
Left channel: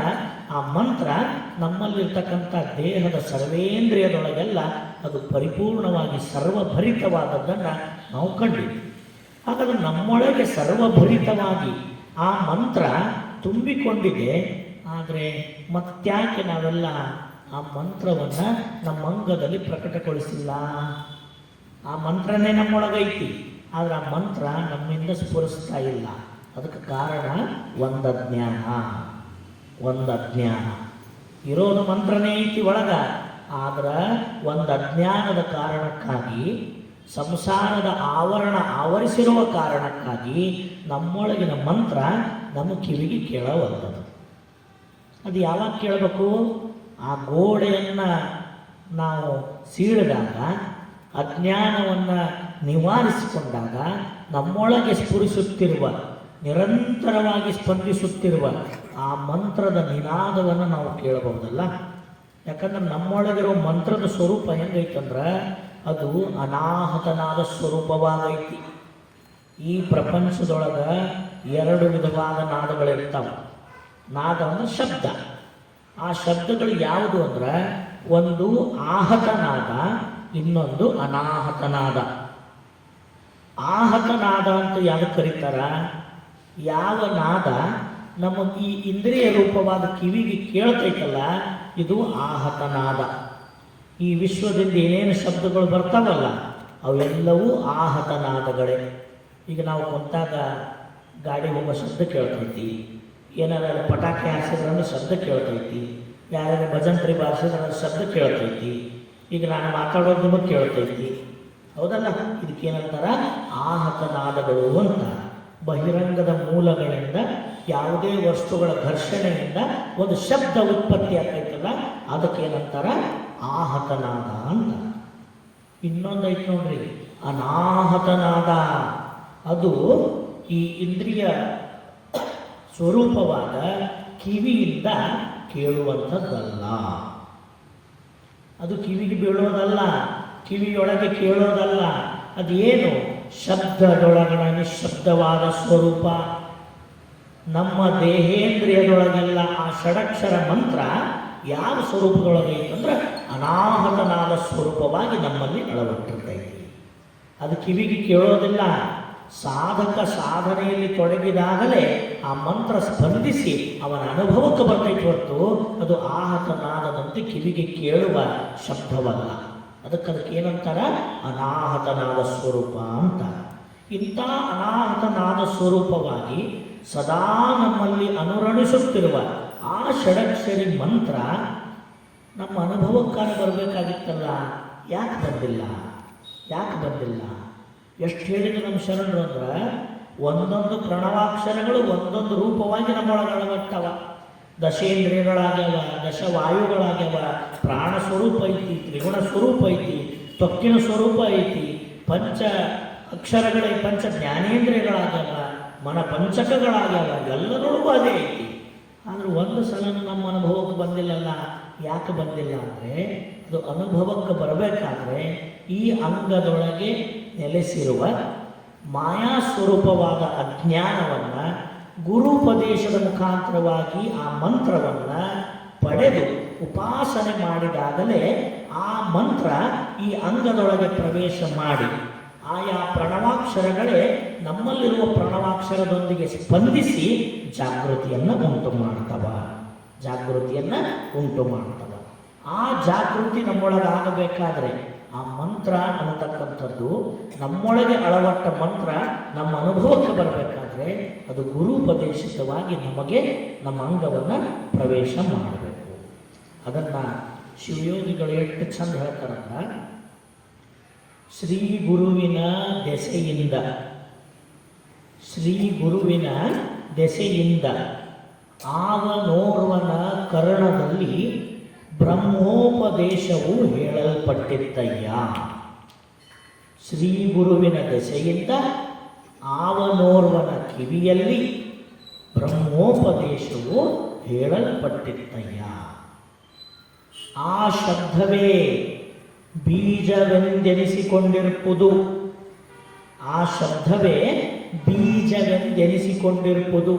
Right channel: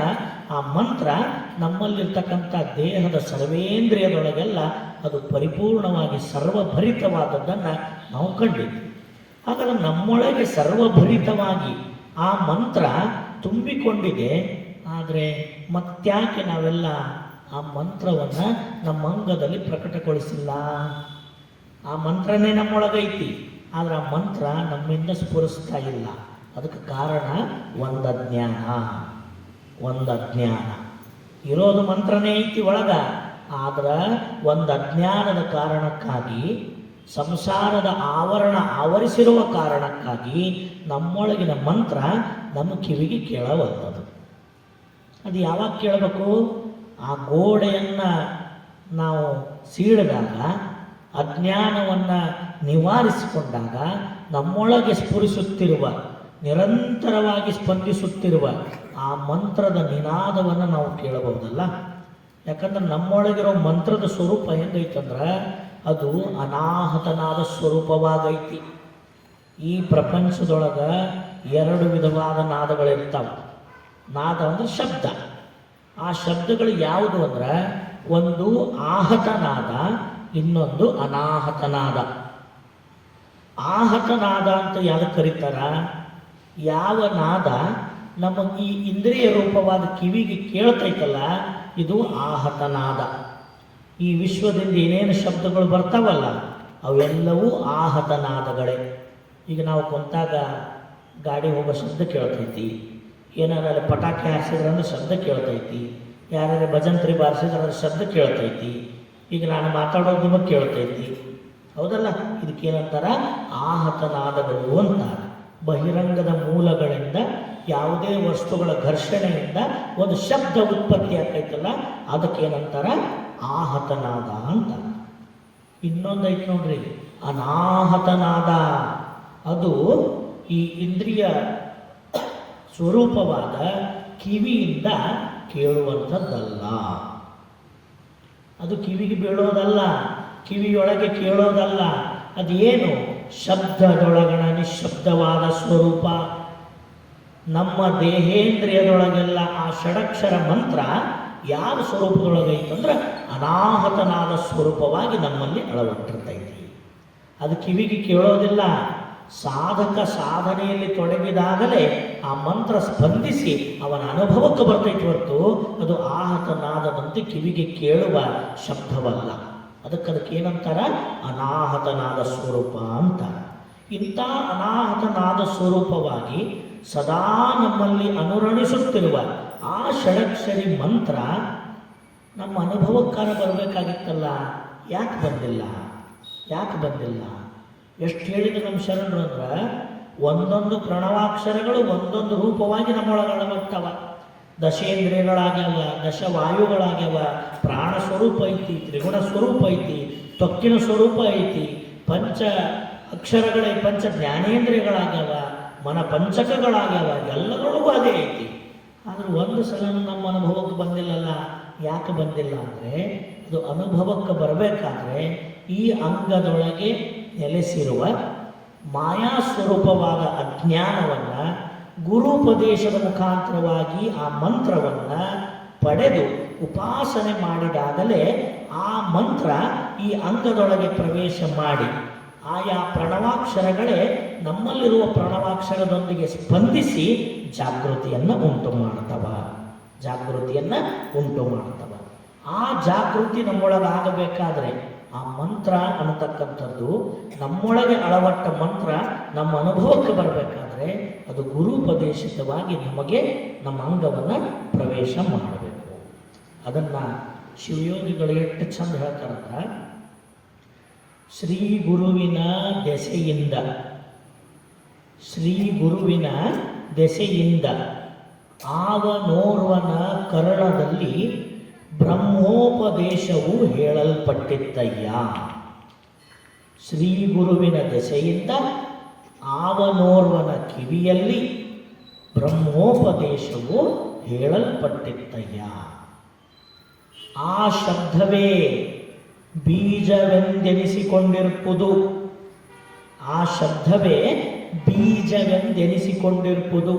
ಆ ಮಂತ್ರ ನಮ್ಮಲ್ಲಿರ್ತಕ್ಕಂಥ ದೇಹದ ಸರ್ವೇಂದ್ರಿಯದೊಳಗೆಲ್ಲ ಅದು ಪರಿಪೂರ್ಣವಾಗಿ ಸರ್ವಭರಿತವಾದದ್ದನ್ನು ನಾವು ಕಂಡಿದ್ವಿ. ಹಾಗಾದರೆ ನಮ್ಮೊಳಗೆ ಸರ್ವಭರಿತವಾಗಿ ಆ ಮಂತ್ರ ತುಂಬಿಕೊಂಡಿದೆ. ಆದರೆ ಮತ್ತ್ಯಾಕೆ ನಾವೆಲ್ಲ ಆ ಮಂತ್ರವನ್ನು ನಮ್ಮ ಅಂಗದಲ್ಲಿ ಪ್ರಕಟಗೊಳಿಸಿಲ್ಲ? ಆ ಮಂತ್ರನೇ ನಮ್ಮೊಳಗೈತಿ, ಆದರೆ ಆ ಮಂತ್ರ ನಮ್ಮಿಂದ ಸ್ಫುರಿಸ್ತಾ ಇಲ್ಲ. ಅದಕ್ಕೆ ಕಾರಣ ಒಂದಜ್ಞಾನ. ಇರೋದು ಮಂತ್ರನೇ ಐತಿ ಒಳಗ, ಆದ್ರೆ ಒಂದು ಅಜ್ಞಾನದ ಕಾರಣಕ್ಕಾಗಿ, ಸಂಸಾರದ ಆವರಣ ಆವರಿಸಿರುವ ಕಾರಣಕ್ಕಾಗಿ ನಮ್ಮೊಳಗಿನ ಮಂತ್ರ ನಮ್ಮ ಕಿವಿಗೆ ಕೇಳಬಾರದು. ಅದು ಯಾವಾಗ ಕೇಳಬೇಕು? ಆ ಗೋಡೆಯನ್ನು ನಾವು ಸೀಳಿದಾಗ, ಅಜ್ಞಾನವನ್ನು ನಿವಾರಿಸಿಕೊಂಡಾಗ, ನಮ್ಮೊಳಗೆ ಸ್ಫುರಿಸುತ್ತಿರುವ ನಿರಂತರವಾಗಿ ಸ್ಪಂದಿಸುತ್ತಿರುವ ಆ ಮಂತ್ರದ ನಿನಾದವನ್ನು ನಾವು ಕೇಳಬಹುದಲ್ಲ. ಯಾಕಂದ್ರೆ ನಮ್ಮೊಳಗಿರೋ ಮಂತ್ರದ ಸ್ವರೂಪ ಹೆಂಗೈತಂದ್ರೆ ಅದು ಅನಾಹತನಾದ ಸ್ವರೂಪವಾಗೈತಿ. ಈ ಪ್ರಪಂಚದೊಳಗೆ 2 ವಿಧವಾದ ನಾದಗಳಿರ್ತಾವೆ. ನಾದ ಅಂದ್ರೆ ಶಬ್ದ. ಆ ಶಬ್ದಗಳು ಯಾವುದು ಅಂದ್ರೆ ಒಂದು ಆಹತನಾದ, ಇನ್ನೊಂದು ಅನಾಹತನಾದ. ಆಹತನಾದ ಅಂತ ಯಾವುದು ಕರೀತಾರ? ಯಾವ ನಾದ ನಮ್ಮ ಈ ಇಂದ್ರಿಯ ರೂಪವಾದ ಕಿವಿಗೆ ಕೇಳ್ತೈತಲ್ಲ, ಇದು ಆಹತನಾದ. ಈ ವಿಶ್ವದಿಂದ ಏನೇನು ಶಬ್ದಗಳು ಬರ್ತಾವಲ್ಲ ಅವೆಲ್ಲವೂ ಆಹತನಾದಗಳೇ. ಈಗ ನಾವು ಕುಂತಾಗ ಗಾಡಿ ಹೋಗೋ ಶಬ್ದ ಕೇಳ್ತೈತಿ, ಏನಾದ್ರೆ ಪಟಾಕಿ ಹಾರಿಸಿದ್ರೆ ಶಬ್ದ ಕೇಳ್ತೈತಿ, ಯಾರ್ಯಾರು ಭಜಂತ್ರಿ ಬಾರಿಸಿದ್ರೆ ಶಬ್ದ ಕೇಳ್ತೈತಿ, ಈಗ ನಾನು ಮಾತಾಡೋದನ್ನು ಕೇಳ್ತೈತಿ, ಹೌದಲ್ಲ? ಇದಕ್ಕೇನಂತಾರ? ಆಹತನಾದಗಳು ಅಂತ. ಬಹಿರಂಗದ ಮೂಲಗಳಿಂದ ಯಾವುದೇ ವಸ್ತುಗಳ ಘರ್ಷಣೆಯಿಂದ ಒಂದು ಶಬ್ದ ಉತ್ಪತ್ತಿ ಆಗ್ತೈತಲ್ಲ, ಅದಕ್ಕೇನಂತಾರ? ಆಹತನಾದ ಅಂತ. ಇನ್ನೊಂದೈತಿ ನೋಡ್ರಿ, ಅನಾಹತನಾದ. ಅದು ಈ ಇಂದ್ರಿಯ ಸ್ವರೂಪವಾದ ಕಿವಿಯಿಂದ ಕೇಳುವಂಥದ್ದಲ್ಲ. ಅದು ಕಿವಿಗೆ ಬೀಳೋದಲ್ಲ, ಕಿವಿಯೊಳಗೆ ಕೇಳೋದಲ್ಲ. ಅದೇನು? ಶಬ್ದದೊಳಗಣ ನಿಶಬ್ದವಾದ ಸ್ವರೂಪ. ನಮ್ಮ ದೇಹೇಂದ್ರಿಯದೊಳಗೆಲ್ಲ ಆ ಷಡಕ್ಷರ ಮಂತ್ರ ಯಾವ ಸ್ವರೂಪದೊಳಗೈತಂದ್ರೆ ಅನಾಹತನಾದ ಸ್ವರೂಪವಾಗಿ ನಮ್ಮಲ್ಲಿ ಅಳವಟ್ಟಿರ್ತೈತಿ. ಅದು ಕಿವಿಗೆ ಕೇಳೋದಿಲ್ಲ. ಸಾಧಕ ಸಾಧನೆಯಲ್ಲಿ ತೊಡಗಿದಾಗಲೇ ಆ ಮಂತ್ರ ಸ್ಪಂದಿಸಿ ಅವನ ಅನುಭವಕ್ಕೆ ಬರ್ತೈತಿ ಹೊರತು ಅದು ಆಹತನಾದದಂತೆ ಕಿವಿಗೆ ಕೇಳುವ ಶಬ್ದವಲ್ಲ. ಅದಕ್ಕೆ ಏನಂತಾರ? ಅನಾಹತನಾದ ಸ್ವರೂಪ ಅಂತ. ಇಂಥ ಅನಾಹತನಾದ ಸ್ವರೂಪವಾಗಿ ಸದಾ ನಮ್ಮಲ್ಲಿ ಅನುರಣಿಸುತ್ತಿರುವ ಆ ಷಡಕ್ಷರಿ ಮಂತ್ರ ನಮ್ಮ ಅನುಭವಕ್ಕಾರ ಬರಬೇಕಾಗಿತ್ತಲ್ಲ, ಯಾಕೆ ಬಂದಿಲ್ಲ? ಯಾಕೆ ಬಂದಿಲ್ಲ? ಎಷ್ಟು ಹೇಳಿದ್ರು ನಮ್ಮ ಶರಣರು ಅಂದ್ರೆ ಒಂದೊಂದು ಪ್ರಣವಾಕ್ಷರಗಳು ಒಂದೊಂದು ರೂಪವಾಗಿ ನಮ್ಮೊಳಗೆ ಅಳವಟ್ಟವ. ದಶೇಂದ್ರಿಯಗಳಾಗ್ಯವ, ದಶವಾಯುಗಳಾಗ್ಯವ, ಪ್ರಾಣ ಸ್ವರೂಪ ಐತಿ, ತ್ರಿಗುಣ ಸ್ವರೂಪ ಐತಿ, ತ್ವಕ್ಕಿನ ಸ್ವರೂಪ ಐತಿ, ಪಂಚ ಅಕ್ಷರಗಳೇ ಪಂಚ ಜ್ಞಾನೇಂದ್ರಿಯಗಳಾಗ್ಯವ, ಮನ ಪಂಚಕಗಳಾಗ್ಯವ, ಎಲ್ಲಗಳೂ ಅದೇ ಐತಿ. ಆದರೆ ಒಂದು ಸಲ ನಮ್ಮ ಅನುಭವಕ್ಕೆ ಬಂದಿಲ್ಲಲ್ಲ. ಯಾಕೆ ಬಂದಿಲ್ಲ ಅಂದರೆ ಅದು ಅನುಭವಕ್ಕೆ ಬರಬೇಕಾದ್ರೆ ಈ ಅಂಗದೊಳಗೆ ನೆಲೆಸಿರುವ ಮಾಯಾ ಸ್ವರೂಪವಾದ ಅಜ್ಞಾನವನ್ನು ಗುರುಪದೇಶದ ಮುಖಾಂತರವಾಗಿ ಆ ಮಂತ್ರವನ್ನು ಪಡೆದು ಉಪಾಸನೆ ಮಾಡಿದಾಗಲೇ ಆ ಮಂತ್ರ ಈ ಅಂಗದೊಳಗೆ ಪ್ರವೇಶ ಮಾಡಿ ಆಯಾ ಪ್ರಣವಾಕ್ಷರಗಳೇ ನಮ್ಮಲ್ಲಿರುವ ಪ್ರಣವಾಕ್ಷರದೊಂದಿಗೆ ಸ್ಪಂದಿಸಿ ಜಾಗೃತಿಯನ್ನು ಉಂಟು ಮಾಡ್ತವ. ಆ ಜಾಗೃತಿ ನಮ್ಮೊಳಗಾಗಬೇಕಾದ್ರೆ ಆ ಮಂತ್ರ ಅನ್ನತಕ್ಕಂಥದ್ದು ನಮ್ಮೊಳಗೆ ಅಳವಟ್ಟ ಮಂತ್ರ ನಮ್ಮ ಅನುಭವಕ್ಕೆ ಬರಬೇಕಾದ್ರೆ ಅದು ಗುರುಪದೇಶಿತವಾಗಿ ನಮಗೆ ನಮ್ಮ ಅಂಗವನ್ನು ಪ್ರವೇಶ ಮಾಡಬೇಕು. ಅದನ್ನು ಶಿವಯೋಗಿಗಳು ಎಷ್ಟು ಚಂದ ಹೇಳ್ತಾರಂದ್ರೆ, ಶ್ರೀ ಗುರುವಿನ ದೆಸೆಯಿಂದ ಆವನೋರ್ವನ ಕರ್ಣದಲ್ಲಿ ಬ್ರಹ್ಮೋಪದೇಶವು ಹೇಳಲ್ಪಟ್ಟಿದ್ದಯ್ಯ. ಶ್ರೀ ಗುರುವಿನ ದೆಸೆಯಿಂದ ಆವನೋರ್ವನ ಕಿವಿಯಲ್ಲಿ ಬ್ರಹ್ಮೋಪದೇಶವು ಹೇಳಲ್ಪಟ್ಟಿದ್ದಯ್ಯ. ಆ ಶಬ್ದವೇ ಬೀಜವೆಂದೆನಿಸಿಕೊಂಡಿರುವುದು.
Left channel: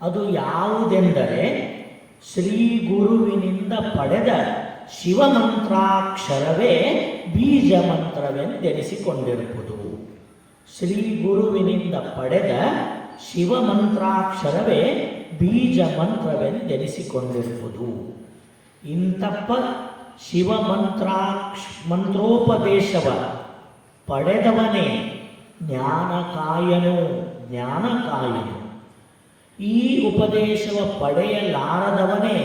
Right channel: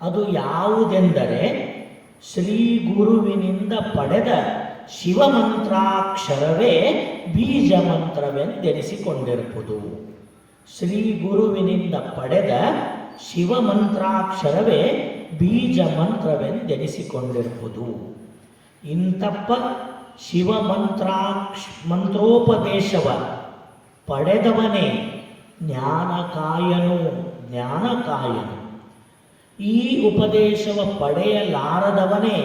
ಅದು ಯಾವುದೆಂದರೆ ಶ್ರೀ ಗುರುವಿನಿಂದ ಪಡೆದ ಶಿವಮಂತ್ರಾಕ್ಷರವೇ ಬೀಜ ಮಂತ್ರವೆಂದೆನಿಸಿಕೊಂಡಿರುವುದು. ಶ್ರೀ ಗುರುವಿನಿಂದ ಪಡೆದ ಶಿವಮಂತ್ರಾಕ್ಷರವೇ ಬೀಜ ಮಂತ್ರವೆಂದೆನಿಸಿಕೊಂಡಿರುವುದು. ಇಂತಪ್ಪ ಮಂತ್ರೋಪದೇಶವ ಪಡೆದವನೇ ಜ್ಞಾನಕಾಯನು. ಈ ಉಪದೇಶವ ಪಡೆಯಲಾರದವನೇ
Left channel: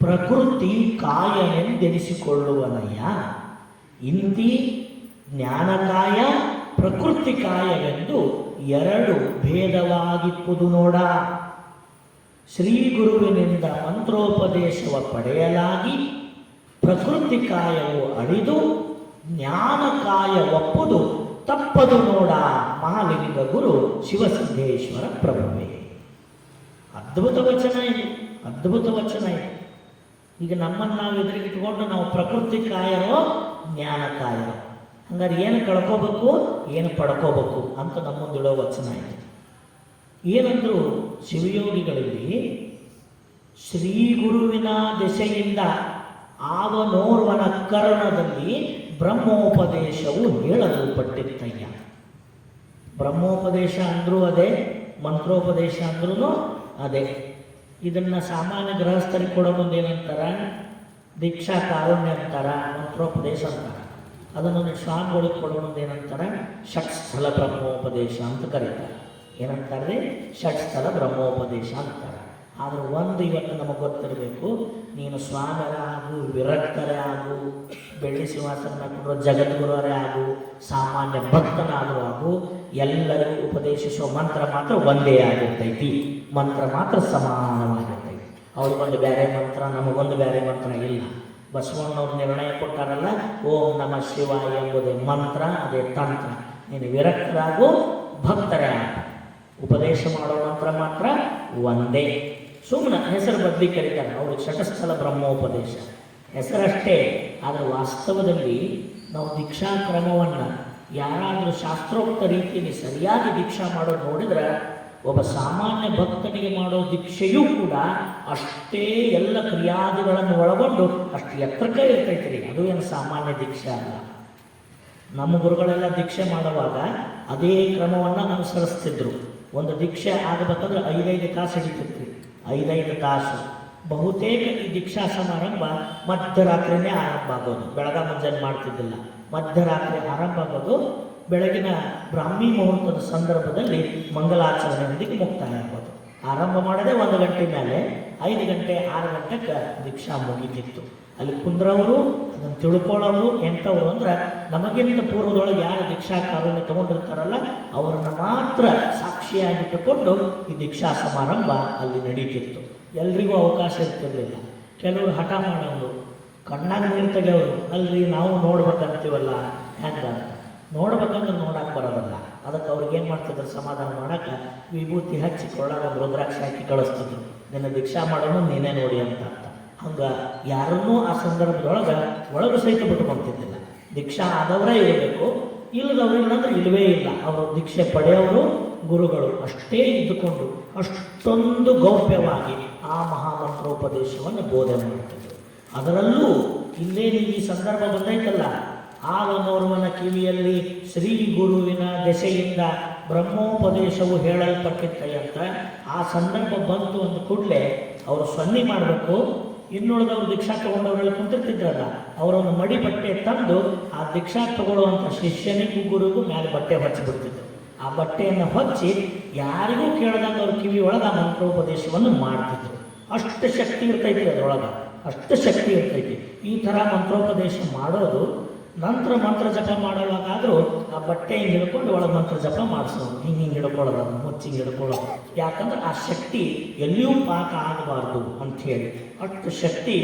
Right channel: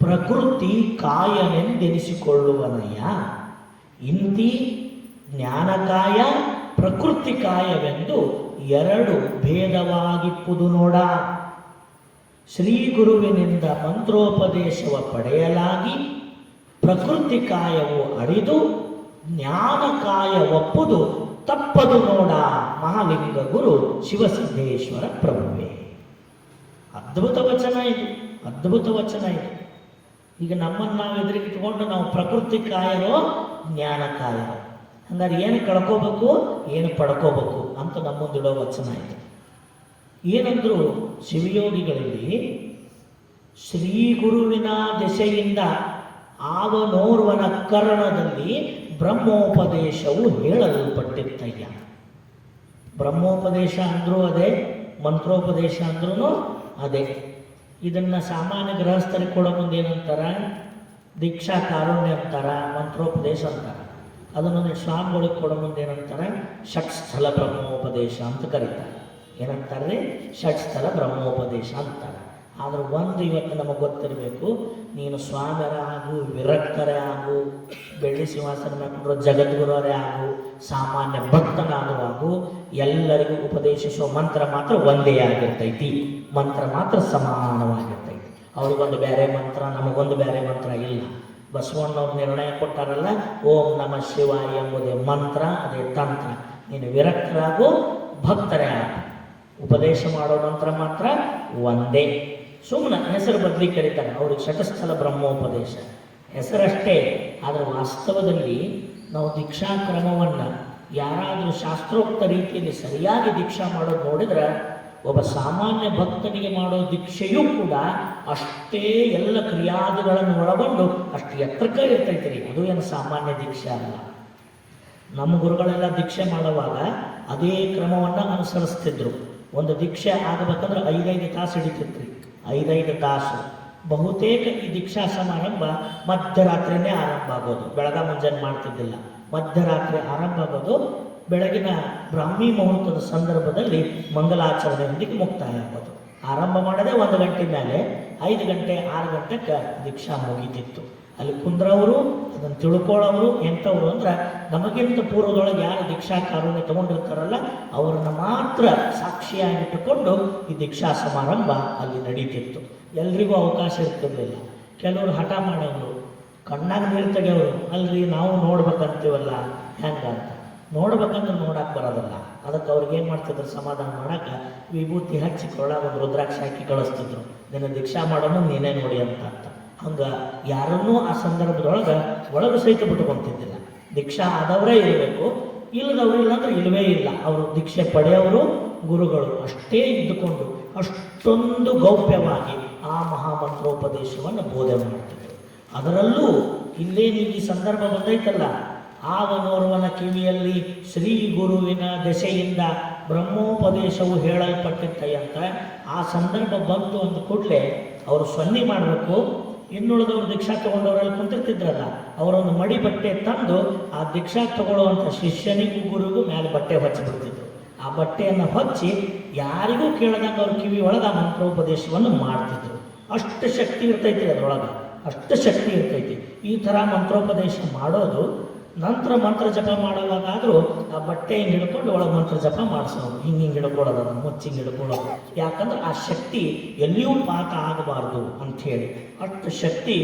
ಪ್ರಕೃತಿ ಕಾಯನೆಂದೆನಿಸಿಕೊಳ್ಳುವನಯ್ಯ. ಇಂತಿ ಜ್ಞಾನಕಾಯ ಪ್ರಕೃತಿ ಕಾಯವೆಂದು 2 ಭೇದವಾಗಿಪ್ಪುದು ನೋಡ. ಶ್ರೀ ಗುರುವಿನಿಂದ ಮಂತ್ರೋಪದೇಶವ ಪಡೆಯಲಾಗಿ ಪ್ರಕೃತಿ ಕಾಯವು ಅಡಿದು ಜ್ಞಾನಕಾಯ ಒಪ್ಪುದು ತಪ್ಪದು ನೋಡ. ಮಹಾಲಿಂಗ ಗುರು ಶಿವಸಿದ್ದೇಶ್ವರ ಪ್ರಭುವೇ. ಅದ್ಭುತ ವಚನ ಇದೆ, ಅದ್ಭುತ ವಚನ ಇದೆ. ಈಗ ನಮ್ಮನ್ನು ನಾವು ಎದುರಿಗಿಟ್ಕೊಂಡು ನಾವು ಪ್ರಕೃತಿ ಕಾಯರೋ ಜ್ಞಾನ ಕಾಯರೋ, ಹಂಗಾರೆ ಏನು ಕಳ್ಕೋಬೇಕು ಏನು ಪಡ್ಕೋಬೇಕು ಅಂತ ನಮ್ಮೊಂದಿಡೋ ವಚನ ಇದೆ. ಏನಂದ್ರು ಶಿವಯೋಗಿಗಳಲ್ಲಿ, ಶ್ರೀ ಗುರುವಿನ ದೆಸೆಯಿಂದ ಆವನೋರ್ವನ ಕರಣದಲ್ಲಿ ಬ್ರಹ್ಮೋಪದೇಶವು ಹೇಳಲ್ಪಟ್ಟಿತ್ತಯ್ಯ. ಬ್ರಹ್ಮೋಪದೇಶ ಅಂದ್ರೂ ಅದೇ, ಮಂತ್ರೋಪದೇಶ ಅಂದ್ರೂ ಅದೇ. ಇದನ್ನು ಸಾಮಾನ್ಯ ಗೃಹಸ್ಥರಿಗೆ ಕೊಡೋ ಮುಂದೆ ಏನಂತಾರ, ದೀಕ್ಷಾ ಕಾರುಣ್ಯ ಅಂತಾರ, ಮಂತ್ರೋಪದೇಶ ಅಂತಾರ. ಅದನ್ನು ಸ್ವಾಮಿಗಳಿಗೆ ಕೊಡೋ ಮುಂದೆ ಏನಂತಾರೆ, ಷಟ್ಸ್ಥಲ ಬ್ರಹ್ಮೋಪದೇಶ ಅಂತ ಕರೀತಾರೆ. ಏನಂತಾರೆ, ಷಟ್ಸ್ಥಲ ಬ್ರಹ್ಮೋಪದೇಶ ಅಂತಾರೆ. ಆದ್ರೆ ಒಂದು ಇವತ್ತು ನಮಗೆ ಗೊತ್ತಿರಬೇಕು, ನೀನು ಸ್ವಾಮಿರ ಆಗು, ವಿರಕ್ತರೇ ಆಗು, ಬೆಳ್ಳಿ ಸಿಂಹಾಸನ ಜಗದ್ಗುರವರೇ ಆಗು, ಸಾಮಾನ್ಯ ಭಕ್ತನಾಗುವಾಗು, ಎಲ್ಲರಿಗೂ ಉಪದೇಶಿಸುವ ಮಂತ್ರ ಮಾತ್ರ ಒಂದೇ ಆಗಿರ್ತೈತಿ. ಮಂತ್ರ ಮಾತ್ರ ಸಮಾನವಾಗಿರ್ತೈತಿ. ಅವ್ರಿಗೊಂದು ಬೇರೆ ಮಂತ್ರ, ನಮಗೊಂದು ಬೇರೆ ಮಂತ್ರ ಇಲ್ಲ. ಬಸವಣ್ಣವ್ರು ನಿರ್ಣಯ ಕೊಟ್ಟಾರಲ್ಲ, ಓಂ ನಮಃ ಶಿವಾಯ ಎಂಬುದೇ ಮಂತ್ರ, ಅದೇ ತಂತ್ರ. ನೀನು ವಿರಕ್ತರಾಗು, ಭಕ್ತರೇ ಆಗು, ಉಪದೇಶ ಮಾಡೋ ಮಂತ್ರ ಮಾತ್ರ ಒಂದೇ. ಸುಮ್ಮನೆ ಹೆಸರು ಬದಲಿ ಕರೀತಾರೆ ಅವರು, ಷಟಸ್ಥಲ ಬ್ರಹ್ಮೋಪದೇಶ ಹೆಸರಷ್ಟೇ. ಆದರೆ ವಾಸ್ತವದಲ್ಲಿ ನಾವು ದೀಕ್ಷಾ ಕ್ರಮವನ್ನು ಯಾರಾದರೂ ಶಾಸ್ತ್ರೋಕ್ತ ರೀತಿಯಲ್ಲಿ ಸರಿಯಾಗಿ ದೀಕ್ಷಾ ಮಾಡೋದು ನೋಡಿದ್ರೆ, ಒಬ್ಬ ಸಾಮಾನ್ಯ ಭಕ್ತನಿಗೆ ಮಾಡೋ ದೀಕ್ಷೆಯೂ ಕೂಡ ಅಷ್ಟೇ ಎಲ್ಲ ಕ್ರಿಯಾದಿಗಳನ್ನು ಒಳಗೊಂಡು ಅಷ್ಟು ಎತ್ತರಕ್ಕೆ ಇರ್ತೈತ್ರಿ. ಇದು ಏನು ಸಾಮಾನ್ಯ ದೀಕ್ಷೆ ಅಲ್ಲ. ನಮ್ಮ ಗುರುಗಳೆಲ್ಲ ದೀಕ್ಷೆ ಮಾಡುವಾಗ ಅದೇ ಕ್ರಮವನ್ನು ಅನುಸರಿಸ್ತಿದ್ರು. ಒಂದು ದೀಕ್ಷೆ ಆಗಬೇಕಂದ್ರೆ 5 ತಾಸು ಹಿಡಿತಿದ್ರಿ, 5 ತಾಸು. ಬಹುತೇಕ ಈ ದೀಕ್ಷಾ ಸಮಾರಂಭ ಮಧ್ಯರಾತ್ರಿನೇ ಆರಂಭ ಆಗೋದು, ಬೆಳಗ ಮುಂಜಾನೆ ಮಾಡ್ತಿದ್ದಿಲ್ಲ. ಮಧ್ಯರಾತ್ರಿ ಆರಂಭ ಆಗೋದು, ಬೆಳಗಿನ ಬ್ರಾಹ್ಮಿ ಮುಹೂರ್ತದ ಸಂದರ್ಭದಲ್ಲಿ ಮಂಗಲಾಚರಣೆಯೊಂದಿಗೆ ಮುಕ್ತಾಯ ಆಗೋದು. ಆರಂಭ ಮಾಡದೆ 1 ಗಂಟೆ ಮೇಲೆ 5 ಗಂಟೆ 6 ಗಂಟೆಗೆ ದೀಕ್ಷಾ ಮುಗಿತಿತ್ತು. ಅಲ್ಲಿ ಕುಂದ್ರವರು ಅದನ್ನು ತಿಳ್ಕೊಳ್ಳೋರು ಎಂಥವ್ರು ಅಂದ್ರೆ, ನಮಗಿಂತ ಪೂರ್ವದೊಳಗೆ ಯಾರು ದೀಕ್ಷಾ ಕಾರುಣ್ಯ ತಗೊಂಡಿರ್ತಾರಲ್ಲ ಅವರನ್ನು ಮಾತ್ರ ಸಾಕ್ಷಿಯಾಗಿಟ್ಟುಕೊಂಡು ಈ ದೀಕ್ಷಾ ಸಮಾರಂಭ ಅಲ್ಲಿ ನಡೀತಿತ್ತು. ಎಲ್ರಿಗೂ ಅವಕಾಶ ಇರ್ತಿರ್ಲಿಲ್ಲ. ಕೆಲವರು ಹಠ ಮಾಡೋದು, ಕಣ್ಣಾಗ ನೀರು ತೆಗೆಯೋರು, ಅಲ್ರಿ ನಾವು ನೋಡ್ಬೇಕಂತೀವಲ್ಲ ಹೆಂಗ ನೋಡ್ಬೇಕಂದ್ರೆ ನೋಡಕ್ಕೆ ಬರೋದಲ್ಲ. ಅದಕ್ಕೆ ಅವ್ರಿಗೆ ಏನು ಮಾಡ್ತಿದ್ರು, ಸಮಾಧಾನ ಮಾಡಕ್ಕೆ ವಿಭೂತಿ ಹಚ್ಚಿ ಕೊಡೋದು, ರುದ್ರಾಕ್ಷಿ ಹಾಕಿ ಕಳಿಸ್ತಿದ್ರು, ನಿನ್ನ ದೀಕ್ಷಾ ಮಾಡೋನು ನೀನೇ ನೋಡಿ ಅಂತ. ಹಂಗೆ ಯಾರನ್ನೂ ಆ ಸಂದರ್ಭದೊಳಗೆ ಒಳಗೆ ಸಹಿತ ಬಿಟ್ಕೊಂತಿದ್ದಿಲ್ಲ. ದೀಕ್ಷಾ ಆದವರೇ ಇರಬೇಕು, ಇಲ್ಲದವರು ಇಲ್ಲಾಂದ್ರೆ ಇಲ್ಲವೇ ಇಲ್ಲ. ಅವರು ದೀಕ್ಷೆ ಪಡೆಯೋರು ಗುರುಗಳು ಅಷ್ಟೇ ಇದ್ದುಕೊಂಡು ಅಷ್ಟೊಂದು ಗೌಪ್ಯವಾಗಿ ಆ ಮಹಾಮಂತ್ರೋಪದೇಶವನ್ನು ಬೋಧನೆ ಮಾಡ್ತಿದ್ರು. ಅದರಲ್ಲೂ ಇಲ್ಲೇ ನೀವು ಈ ಸಂದರ್ಭ ಬಂದೈತಲ್ಲ, ಆವನೋರ್ವನ ಕಿವಿಯಲ್ಲಿ ಶ್ರೀ ಗುರುವಿನ ದೆಸೆಯಿಂದ ಬ್ರಹ್ಮೋಪದೇಶವು ಹೇಳಲ್ಪಟ್ಟಿತ್ತಂತ ಆ ಸಂದರ್ಭ ಬಂತು ಅಂದ ಕೂಡಲೇ ಅವರು ಸನ್ನಿ ಮಾಡಬೇಕು. ಇನ್ನುಳಿದವರು ದೀಕ್ಷಾ ತಗೊಂಡವರೆಲ್ಲ ಕುಂತಿರ್ತಿದ್ರಲ್ಲ, ಅವರೊಂದು ಮಡಿ ಬಟ್ಟೆ ತಂದು ಆ ದೀಕ್ಷಾ ತಗೊಳ್ಳುವಂಥ ಶಿಷ್ಯನಿಗೂ ಗುರುಗೂ ಮೇಲೆ ಬಟ್ಟೆ ಹಚ್ಚಿಬಿಡ್ತಿದ್ರು. ಆ ಬಟ್ಟೆಯನ್ನು ಹಚ್ಚಿ ಯಾರಿಗೂ ಕೇಳದಂಗೆ ಅವ್ರ ಕಿವಿ ಒಳಗೆ ಆ ಮಂತ್ರೋಪದೇಶವನ್ನು ಮಾಡ್ತಿದ್ರು. ಅಷ್ಟು ಶಕ್ತಿ ಇರ್ತೈತಿ ಅದರೊಳಗೆ, ಅಷ್ಟು ಶಕ್ತಿ ಇರ್ತೈತಿ. ಈ ಥರ ಮಂತ್ರೋಪದೇಶ ಮಾಡೋದು, ನಂತರ ಮಂತ್ರ ಜಪ ಮಾಡುವಾಗಾದರೂ ಆ ಬಟ್ಟೆ ಹಿಡ್ಕೊಂಡು ಒಳಗೆ ಮಂತ್ರ ಜಪ ಮಾಡಿಸೋದು, ಹಿಂಗೆ ಹಿಡ್ಕೊಳ್ಳೋದು, ಅದನ್ನು ಮುಚ್ಚಿಗೆ ಹಿಡ್ಕೊಳ್ಳೋದು. ಯಾಕಂದ್ರೆ ಆ ಶಕ್ತಿ ಎಲ್ಲಿಯೂ ಪಾತ ಆಗಬಾರ್ದು ಅಂಥೇಳಿ ಅಷ್ಟು ಶಕ್ತಿ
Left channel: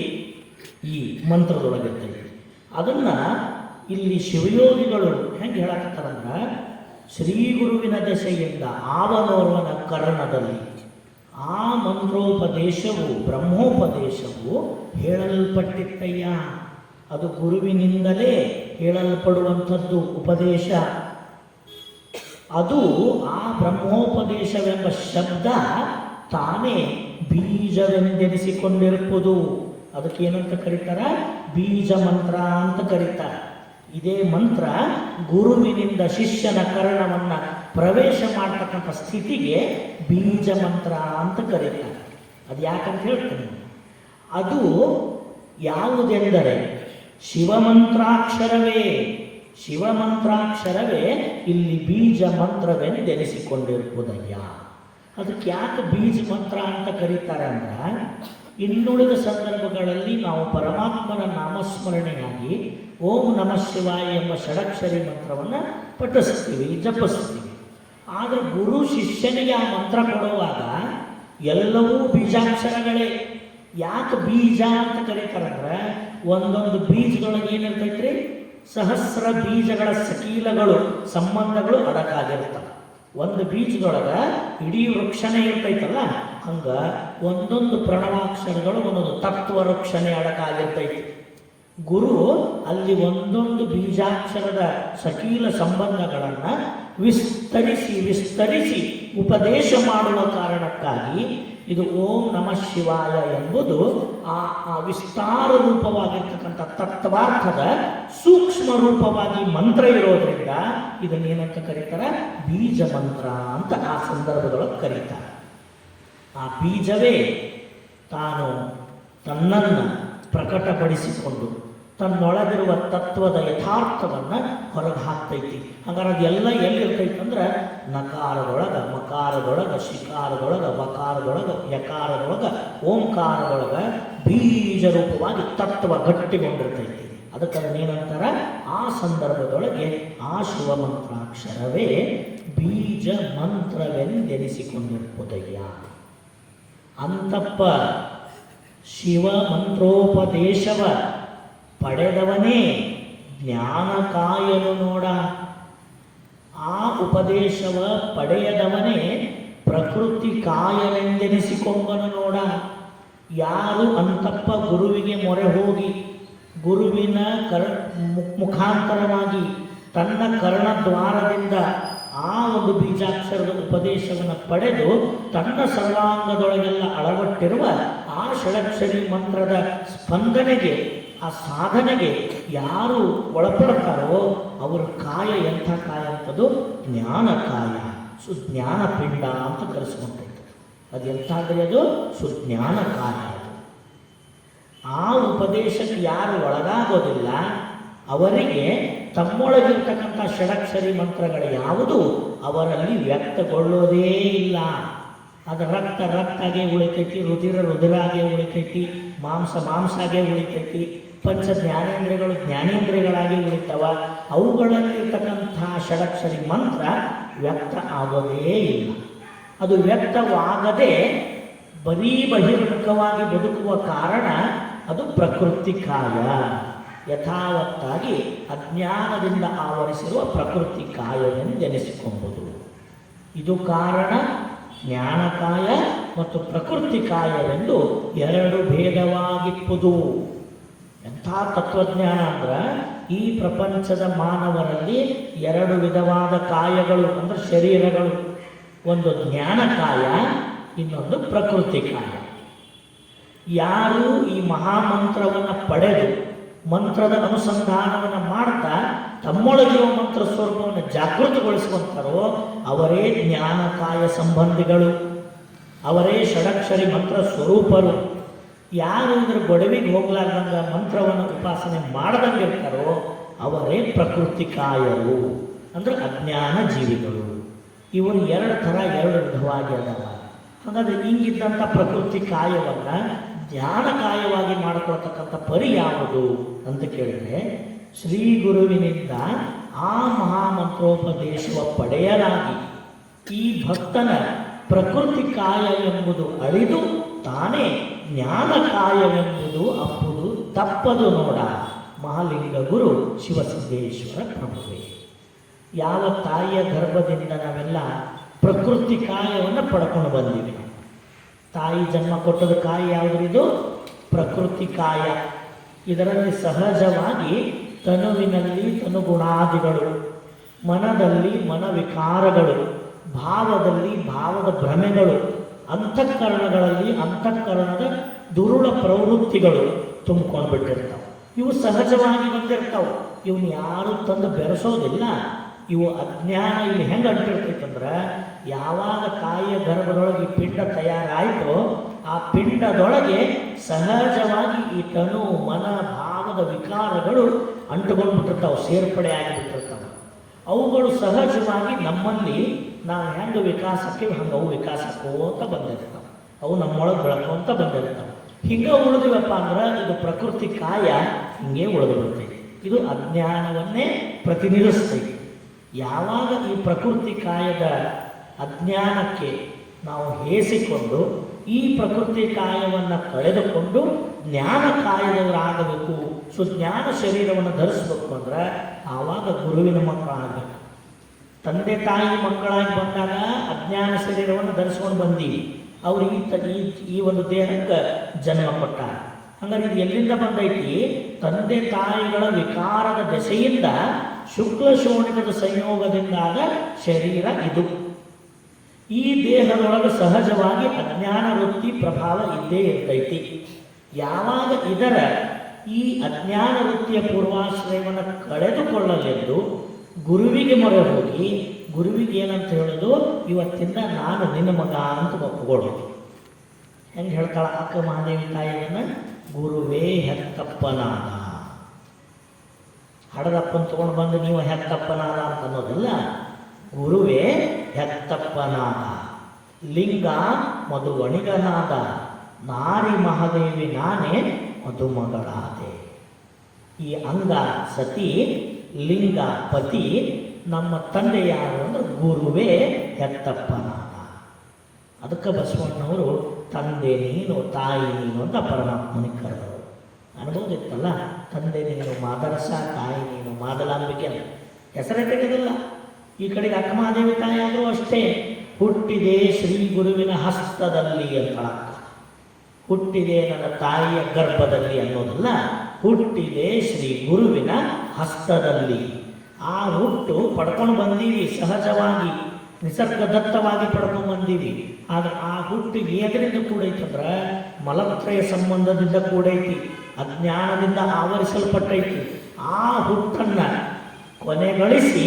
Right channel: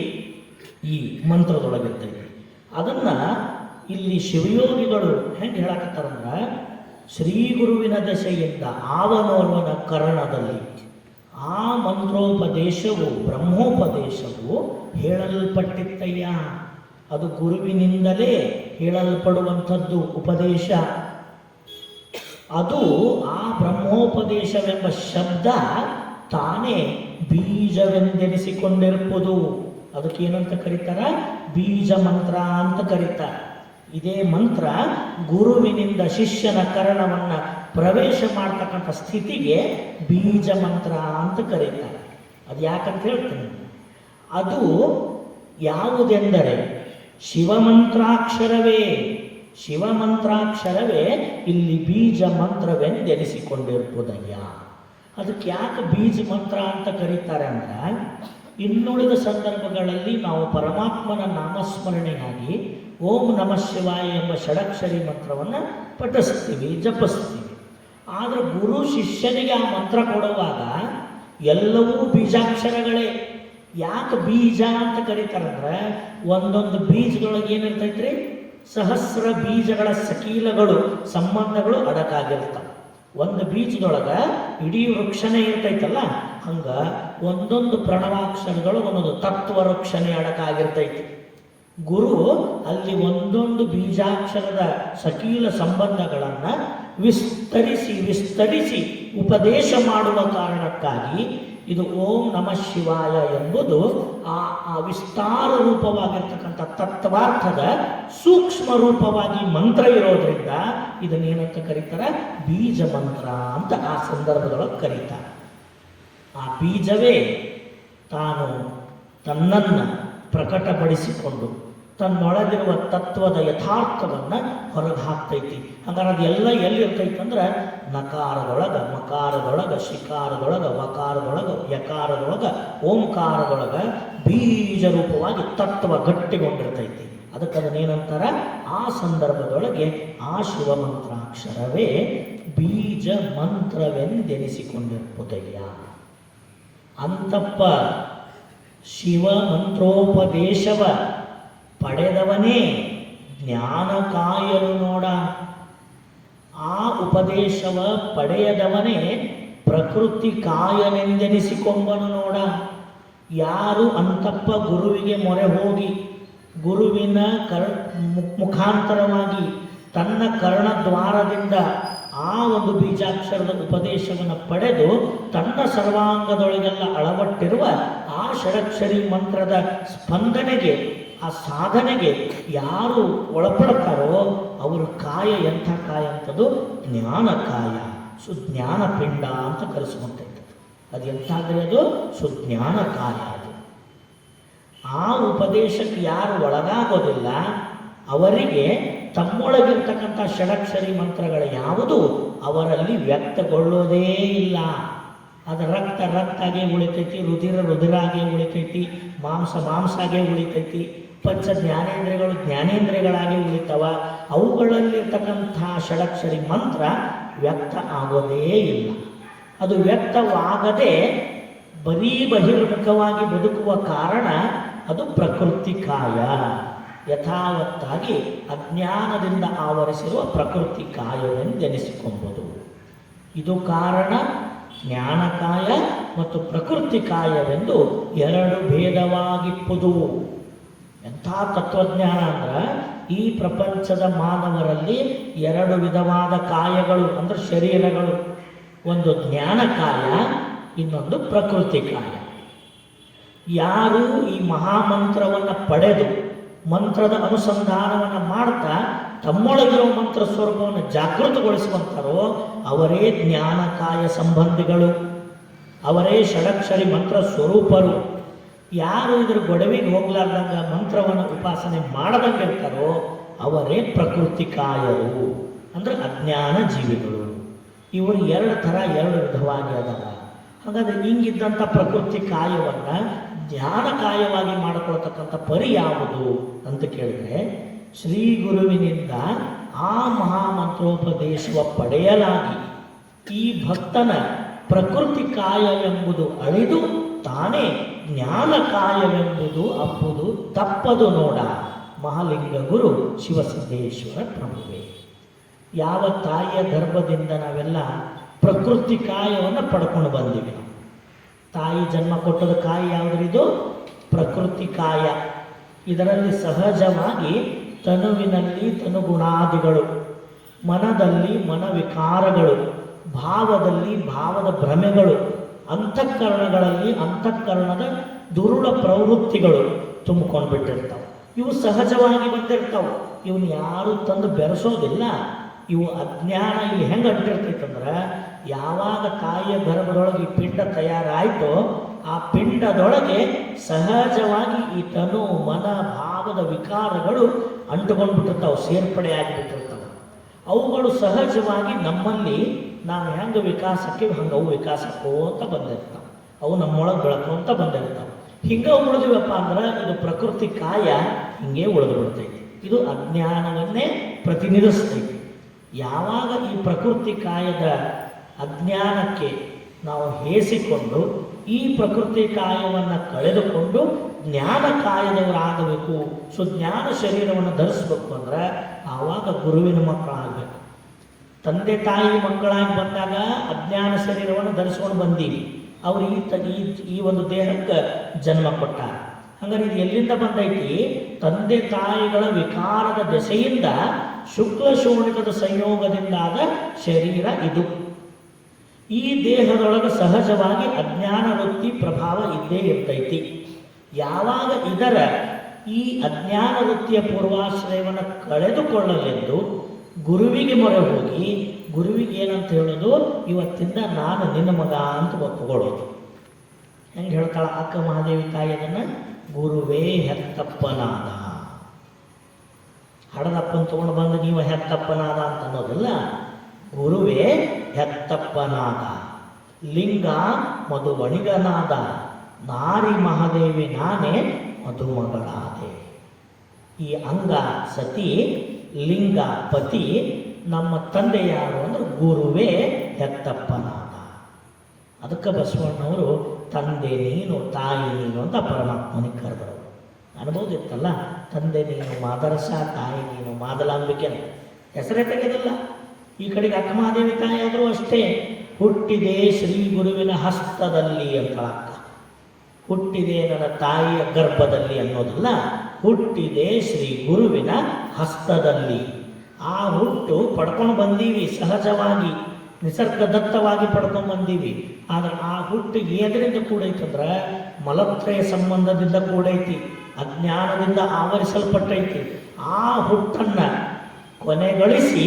ಈ ಮಂತ್ರದೊಳಗಿರ್ತೈತಿ. ಅದನ್ನು ಇಲ್ಲಿ ಶಿವಯೋಗಿಗಳು ಹೆಂಗೆ ಹೇಳಕತ್ತಾರಂದ್ರೆ, ಶ್ರೀ ಗುರುವಿನ ದೆಸೆಯಿಂದ ಆವನೋರ್ವನ ಕರ್ಣದಲ್ಲಿ ಆ ಮಂತ್ರೋಪದೇಶವು ಬ್ರಹ್ಮೋಪದೇಶವು ಹೇಳಲ್ಪಟ್ಟಿತ್ತಯ್ಯ. ಅದು ಗುರುವಿನಿಂದಲೇ ಹೇಳಲ್ಪಡುವಂಥದ್ದು ಉಪದೇಶ. ಅದು ಆ ಬ್ರಹ್ಮೋಪದೇಶವೆಂಬ ಶಬ್ದ ತಾನೇ ಬೀಜವೆಂದೆನಿಸಿಕೊಂಡಿರುವುದು. ಅದಕ್ಕೆ ಏನಂತ ಕರೀತಾರ, ಬೀಜ ಮಂತ್ರ ಅಂತ ಕರೀತಾರೆ. ಇದೇ ಮಂತ್ರ ಗುರುವಿನಿಂದ ಶಿಷ್ಯನ ಕರಣವನ್ನು ಪ್ರವೇಶ ಮಾಡ್ತಕ್ಕಂಥ ಸ್ಥಿತಿಗೆ ಬೀಜ ಮಂತ್ರ ಅಂತ ಕರೀತಾರೆ. ಅದು ಯಾಕಂತ ಹೇಳ್ತೀನಿ, ಅದು ಯಾವುದೆಂದರೆ ಶಿವಮಂತ್ರಾಕ್ಷರವೇ. ಶಿವಮಂತ್ರಾಕ್ಷರವೇ ಇಲ್ಲಿ ಬೀಜ ಮಂತ್ರವೆಂದೆನಿಸಿಕೊಂಡಿರುವುದಯ್ಯ. ಅದಕ್ಕೆ ಯಾಕೆ ಬೀಜ ಮಂತ್ರ ಅಂತ ಕರೀತಾರೆ ಅಂದ್ರೆ, ಇನ್ನುಳಿದ ಸಂದರ್ಭಗಳಲ್ಲಿ ನಾವು ಪರಮಾತ್ಮನ ನಾಮಸ್ಮರಣೆಯಾಗಿ ಓಂ ನಮಃ ಶಿವಾಯ ಎಂಬ ಷಡಕ್ಷರಿ ಮಂತ್ರವನ್ನು ಪಠಿಸ್ತೀವಿ, ಜಪಿಸ್ತೀವಿ. ಆದರೆ ಗುರು ಶಿಷ್ಯನಿಗೆ ಆ ಮಂತ್ರ ಕೊಡುವಾಗ ಎಲ್ಲವೂ ಬೀಜಾಕ್ಷರಗಳೇ. ಯಾಕೆ ಬೀಜ ಅಂತ ಕರೀತಾರಂದ್ರೆ, ಒಂದೊಂದು ಬೀಜದೊಳಗೆ ಏನಿರ್ತೈತ್ರಿ, ಸಹಸ್ರ ಬೀಜಗಳ ಸಕೀಲಗಳು ಸಂಬಂಧಗಳು ಅದಕ್ಕಾಗಿರ್ತವೆ. ಒಂದು ಬೀಜದೊಳಗ ಇಡೀ ವೃಕ್ಷನೇ ಇರ್ತೈತಲ್ಲ, ಹಂಗ ಒಂದೊಂದು ಪ್ರಣವಾಕ್ಷರಗಳು ಒಂದೊಂದು ತತ್ವ ವೃಕ್ಷನೇ ಅಡಕಾಗಿರ್ತೈತಿ. ಗುರು ಅಲ್ಲಿ ಒಂದೊಂದು ಬೀಜಾಕ್ಷರದ ಸಕೀಲ ಸಂಬಂಧಗಳನ್ನ ವಿಸ್ತರಿಸಿ ಉಪದೇಶ ಮಾಡುವ ಕಾರಣಕ್ಕಾಗಿ ಇದು ಓಂ ನಮಃ ಶಿವಾಯ ಎಂಬುದು ಆ ವಿಸ್ತಾರ ರೂಪವಾಗಿರ್ತಕ್ಕಂಥ ತತ್ವಾರ್ಥದ ಸೂಕ್ಷ್ಮ ರೂಪವಾಗಿ ಮಂತ್ರ ಇರೋದ್ರಿಂದ ಇದನ್ನೇನಂತ ಕರೀತಾರೆ? ಬೀಜ ಮಂತ್ರ ಅಂತ ಆ ಸಂದರ್ಭದೊಳಗೆ ಕರೀತಾರೆ. ಆ ಬೀಜವೇ ತಾನು ತನ್ನನ್ನು ಪ್ರಕಟಪಡಿಸಿಕೊಂಡು ತನ್ನೊಳಗಿರುವ ತತ್ವದ ಯಥಾರ್ಥವನ್ನು ಹೊರಗೆ ಹಾಕ್ತೈತಿ. ಹಾಗಾದ್ರೆ ಅದೆಲ್ಲ ಎಲ್ಲಿರ್ತೈತಿ ಅಂದ್ರೆ ನಕಾರದೊಳಗ, ಮಕಾರದೊಳಗ, ಶಿಕಾರದೊಳಗ, ವಕಾರದೊಳಗ, ಯಕಾರದೊಳಗ, ಓಂಕಾರದೊಳಗ ಬೀಜ ರೂಪವಾಗಿ ತತ್ವ ಗಟ್ಟಿಗೊಂಡಿರ್ತೈತಿ. ಅದಕ್ಕೆ ಅದನ್ನೇನಂತಾರ? ಆ ಸಂದರ್ಭದೊಳಗೆ ಆ ಶಿವಮಂತ್ರಾಕ್ಷರವೇ ಬೀಜ ಮಂತ್ರವೆಂದೆನಿಸಿಕೊಂಡಿರುವುದಯ್ಯ. ಅಂತಪ್ಪ ಶಿವ ಮಂತ್ರೋಪದೇಶವ ಪಡೆದವನೇ ಜ್ಞಾನ ಕಾಯಲು ನೋಡ. ಆ ಉಪದೇಶವ ಪಡೆಯದವನೇ ಪ್ರಕೃತಿ ಕಾಯಲೆಂದೆನಿಸಿಕೊಂಬನು ನೋಡ. ಯಾರು ಅಂತಪ್ಪ ಗುರುವಿಗೆ ಮೊರೆ ಹೋಗಿ ಗುರುವಿನ ಮುಖಾಂತರವಾಗಿ ತನ್ನ ಕರ್ಣದ್ವಾರದಿಂದ ಆ ಒಂದು ಬೀಜಾಕ್ಷರದ ಉಪದೇಶವನ್ನು ಪಡೆದು ತನ್ನ ಸರ್ವಾಂಗದೊಳಗೆಲ್ಲ ಅಳವಟ್ಟಿರುವ ಆ ಷಡಕ್ಷರಿ ಮಂತ್ರದ ಸ್ಪಂದನೆಗೆ, ಆ ಸಾಧನೆಗೆ ಯಾರು ಒಳಪಡ್ತಾರೋ ಅವರ ಕಾಯ ಎಂಥ ಕಾಯ ಅಂತದ್ದು? ಜ್ಞಾನ ಕಾಯ, ಸುಜ್ಞಾನ ಪಿಂಡ ಅಂತ ಕರೆಸ್ಕೊಂತೈತೆ. ಅದು ಎಂಥಾದ್ರೆ ಅದು ಸುಜ್ಞಾನ ಕಾಯ. ಆ ಉಪದೇಶಕ್ಕೆ ಯಾರು ಒಳಗಾಗೋದಿಲ್ಲ ಅವರಿಗೆ ತಮ್ಮೊಳಗಿರ್ತಕ್ಕಂಥ ಷಡಕ್ಷರಿ ಮಂತ್ರಗಳು ಯಾವುದು ಅವರಲ್ಲಿ ವ್ಯಕ್ತಗೊಳ್ಳೋದೇ ಇಲ್ಲ. ಅದು ರಕ್ತ ರಕ್ತಾಗೆ ಉಳಿತೈತಿ, ರುಧಿರ ರುಧಿರಾಗೆ ಉಳಿತೈತಿ, ಮಾಂಸ ಮಾಂಸಾಗೆ ಉಳಿತೈತಿ, ಪಂಚ ಜ್ಞಾನೇಂದ್ರಿಯಗಳು ಜ್ಞಾನೇಂದ್ರಿಯಗಳಾಗಿ ಉಳಿತವ. ಅವುಗಳಲ್ಲಿರ್ತಕ್ಕಂಥ ಷಡಕ್ಷರಿ ಮಂತ್ರ ವ್ಯಕ್ತ ಆಗೋದೇ ಇಲ್ಲ. ಅದು ವ್ಯಕ್ತವಾಗದೆ ಬರೀ ಬಹಿರ್ಮುಖವಾಗಿ ಬದುಕುವ ಕಾರಣ ಅದು ಪ್ರಕೃತಿ ಕಾಯ. ಯಥಾವತ್ತಾಗಿ ಅಜ್ಞಾನದಿಂದ ಆವರಿಸಿರುವ ಪ್ರಕೃತಿ ಕಾಯವೆಂದೆನಿಸಿಕೊಂಬುದು. ಇದು ಕಾರಣ. ಜ್ಞಾನಕಾಯ ಮತ್ತು ಪ್ರಕೃತಿ ಕಾಯವೆಂದು ಎರಡು ಭೇದವಾಗಿಪ್ಪುದು. ಎಂಥ ತತ್ವಜ್ಞಾನ ಅಂದ್ರೆ ಈ ಪ್ರಪಂಚದ ಮಾನವರಲ್ಲಿ ಎರಡು ವಿಧವಾದ ಕಾಯಗಳು ಅಂದ್ರೆ ಶರೀರಗಳು. ಒಂದು ಜ್ಞಾನಕಾಯ, ಇನ್ನೊಂದು ಪ್ರಕೃತಿ ಕಾಯ. ಯಾರು ಈ ಮಹಾಮಂತ್ರವನ್ನು ಪಡೆದು ಮಂತ್ರದ ಅನುಸಂಧಾನವನ್ನು ಮಾಡ್ತಾ ತಮ್ಮೊಳಗಿರುವ ಮಂತ್ರ ಸ್ವರೂಪವನ್ನು ಜಾಗೃತಗೊಳಿಸುವಂತಾರೋ ಅವರೇ ಜ್ಞಾನಕಾಯ ಸಂಬಂಧಿಗಳು, ಅವರೇ ಷಡಕ್ಷರಿ ಮಂತ್ರ ಸ್ವರೂಪರು. ಯಾರು ಇದ್ರ ಗೊಡವಿಗೆ ಹೋಗ್ಲಾರ್ದಂಗ ಮಂತ್ರವನ್ನು ಉಪಾಸನೆ ಮಾಡದಂಗಿರ್ತಾರೋ ಅವರೇ ಪ್ರಕೃತಿ ಕಾಯರು ಅಂದ್ರೆ ಅಜ್ಞಾನ ಜೀವಿಗಳು. ಇವರು ಎರಡು ಥರ, ಎರಡು ವಿಧವಾಗಿ ಅದಾರ. ಹಾಗಾದ್ರೆ ಹಿಂಗಿದ್ದಂಥ ಪ್ರಕೃತಿ ಕಾಯವನ್ನು ಜ್ಞಾನ ಕಾಯವಾಗಿ ಮಾಡಿಕೊಳ್ತಕ್ಕಂಥ ಪರಿ ಯಾವುದು ಅಂತ ಕೇಳಿದ್ರೆ, ಶ್ರೀ ಗುರುವಿನಿಂದ ಆ ಮಹಾಮಂತ್ರೋಪದೇಶವ ಪಡೆಯಲಾಗಿ ಈ ಭಕ್ತನ ಪ್ರಕೃತಿ ಕಾಯವೆಂಬುದು ಅಳಿದು ತಾನೇ ಜ್ಞಾನ ಕಾಯವೆಂಬುದು ಅಪ್ಪುದು ತಪ್ಪದು ನೋಡ. ಮಹಾಲಿಂಗ ಗುರು ಶಿವಸಿದ್ದೇಶ್ವರ ಪ್ರಭುವೇ. ಯಾವ ತಾಯಿಯ ಗರ್ಭದಿಂದ ನಾವೆಲ್ಲ ಪ್ರಕೃತಿ ಕಾಯವನ್ನು ಪಡ್ಕೊಂಡು ಬಂದಿವೆ. ತಾಯಿ ಜನ್ಮ ಕೊಟ್ಟದ ಕಾಯ ಯಾವುದ್ರಿದು? ಪ್ರಕೃತಿ ಕಾಯ. ಇದರಲ್ಲಿ ಸಹಜವಾಗಿ ತನುವಿನಲ್ಲಿ ತನುಗುಣಾದಿಗಳು, ಮನದಲ್ಲಿ ಮನವಿಕಾರಗಳು, ಭಾವದಲ್ಲಿ ಭಾವದ ಭ್ರಮೆಗಳು, ಅಂತಃಕರಣಗಳಲ್ಲಿ ಅಂತಃಕರಣದ ದುರುಳ ಪ್ರವೃತ್ತಿಗಳು ತುಂಬಿಕೊಂಡು ಬಿಟ್ಟಿರ್ತಾವೆ. ಇವು ಸಹಜವಾಗಿ ಬಂದಿರ್ತಾವೆ. ಇವನು ಯಾರು ತಂದು ಬೆರೆಸೋದಿಲ್ಲ. ಇವು ಅಜ್ಞಾನ ಇಲ್ಲಿ ಹೆಂಗೆ ಅಂಟಿರ್ತೈತಂದ್ರೆ, ಯಾವಾಗ ತಾಯಿಯ ಗರ್ಭದೊಳಗೆ ಈ ಪಿಂಡ ತಯಾರಾಯಿತೋ ಆ ಪಿಂಡದೊಳಗೆ ಸಹಜವಾಗಿ ಈ ತನು ಮನ ಭಾವದ ವಿಕಾರಗಳು ಅಂಟುಕೊಂಡ್ಬಿಟ್ಟಿರ್ತಾವೆ, ಸೇರ್ಪಡೆ ಆಗಿಬಿಟ್ಟಿರ್ತಾವೆ. ಅವುಗಳು ಸಹಜವಾಗಿ ನಮ್ಮಲ್ಲಿ ನಾವು ಹೆಂಗೆ ವಿಕಾಸಕ್ಕೆ ಹಂಗೆ ಅವು ವಿಕಾಸಕ್ಕೂ ಅಂತ ಬಂದಿರ್ತಾವೆ. ಅವು ನಮ್ಮೊಳಗೆ ಬೆಳಕು ಅಂತ ಬಂದಿರ್ತಾವೆ. ಹಿಂಗೆ ಉಳಿದಿವಪ್ಪ ಅಂದ್ರೆ ಇದು ಪ್ರಕೃತಿ ಕಾಯ ಹಿಂಗೆ ಉಳಿದು ಬಿಡ್ತೈತಿ. ಇದು ಅಜ್ಞಾನವನ್ನೇ ಪ್ರತಿನಿಧಿಸ್ತೈತಿ. ಯಾವಾಗ ಈ ಪ್ರಕೃತಿ ಕಾಯದ ಅಜ್ಞಾನಕ್ಕೆ ನಾವು ಹೇಸಿಕೊಂಡು ಈ ಪ್ರಕೃತಿ ಕಾಯವನ್ನು ಕಳೆದುಕೊಂಡು ಜ್ಞಾನ ತಂದೆ ತಾಯಿ ಮಕ್ಕಳಾಗಿ ಬಂದಾಗ ಅಜ್ಞಾನ ಶರೀರವನ್ನು ಧರಿಸ್ಕೊಂಡು ಬಂದೀವಿ. ಅವರು ಈ ಒಂದು ದೇಹಕ್ಕೆ ಜನ್ಮ ಕೊಟ್ಟ. ಹಂಗಾರೆ ಇದು ಎಲ್ಲಿಂದ ಬಂದೈತಿ? ತಂದೆ ತಾಯಿಗಳ ವಿಕಾರದ ದೆಸೆಯಿಂದ ಶುಕ್ಲ ಶೋಣಿಕದ ಸಂಯೋಗದಿಂದಾದ ಶರೀರ ಇದು. ಈ ದೇಹದೊಳಗೆ ಸಹಜವಾಗಿ ಅಜ್ಞಾನ ವೃತ್ತಿ ಪ್ರಭಾವ ಇದ್ದೇ ಇರ್ತೈತಿ. ಯಾವಾಗ ಇದರ ಈ ಅಜ್ಞಾನ ವೃತ್ತಿಯ ಪೂರ್ವಾಶ್ರಯವನ್ನು ಕಳೆದುಕೊಳ್ಳಲೆಂದು ಗುರುವಿಗೆ ಮೊರೆ ಹೋಗಿ, ಗುರುವಿಗೆ ಏನಂತ ಹೇಳೋದು? ಇವತ್ತಿಂದ ನಾನು ನಿನ್ನ ಮಗ ಅಂತ ಒಪ್ಪಿಕೊಳ್ಳೋದು. ಹೆಂಗೆ ಹೇಳ್ತಾಳ ಅಕ್ಕ ಮಹಾದೇವಿ ತಾಯಿ ಅದನ್ನ? ಗುರುವೇ ಹೆತ್ತಪ್ಪನಾದ. ಹಡದಪ್ಪನ ತಗೊಂಡು ಬಂದು ನೀವು ಹೆತ್ತಪ್ಪನಾದ ಅಂತ ಅನ್ನೋದಿಲ್ಲ. ಗುರುವೇ ಹೆತ್ತಪ್ಪನಾದ, ಲಿಂಗ ಮಧುವಣಿಗನಾದ, ನಾರಿ ಮಹಾದೇವಿ ನಾನೇ ಮಧುಮಗಳಾದೆ. ಈ ಅಂಗ ಸತಿ, ಲಿಂಗ ಪತಿ, ನಮ್ಮ ತಂದೆ ಯಾರು ಅಂದ್ರೆ ಗುರುವೇ ಹೆತ್ತಪ್ಪನಾದ. ಅದಕ್ಕೆ ಬಸವಣ್ಣವರು ತಂದೆ ನೀನು ತಾಯಿ ನೀನು ಅಂತ ಪರಮಾತ್ಮನಿಗೆ ಕರೆದರು. ಅನ್ಬೋದಿತ್ತಲ್ಲ, ತಂದೆ ನೀನು ಮಾದರಸ, ತಾಯಿ ನೀನು ಮಾದಲಾಂಬಿಕೆ ಹೆಸರೇ ಬೇಕಿದಲ್ಲ. ಈ ಕಡೆಗೆ ಅಕ್ಕಮಹಾದೇವಿ ತಾಯಿ ಆದರೂ ಅಷ್ಟೇ, ಹುಟ್ಟಿದೆ ಶ್ರೀ ಗುರುವಿನ ಹಸ್ತದಲ್ಲಿ ಅಂತ. ಹುಟ್ಟಿದೆ ನನ್ನ ತಾಯಿಯ ಗರ್ಭದಲ್ಲಿ ಅನ್ನೋದಲ್ಲ, ಹುಟ್ಟಿದೆ ಶ್ರೀ ಗುರುವಿನ ಹಸ್ತದಲ್ಲಿ. ಆ ಹುಟ್ಟು ಪಡ್ಕೊಂಡು ಬಂದೀವಿ, ಸಹಜವಾಗಿ ನಿಸರ್ಗದತ್ತವಾಗಿ ಪಡ್ಕೊಂಡು ಬಂದೀವಿ. ಆದರೆ ಆ ಹುಟ್ಟು ಏದರಿಂದ ಕೂಡೈತಂದ್ರೆ ಮಲತ್ರಯ ಸಂಬಂಧದಿಂದ ಕೂಡೈತಿ, ಅಜ್ಞಾನದಿಂದ ಆವರಿಸಲ್ಪಟ್ಟೈತಿ. ಆ ಹುಟ್ಟನ್ನು ಕೊನೆಗಳಿಸಿ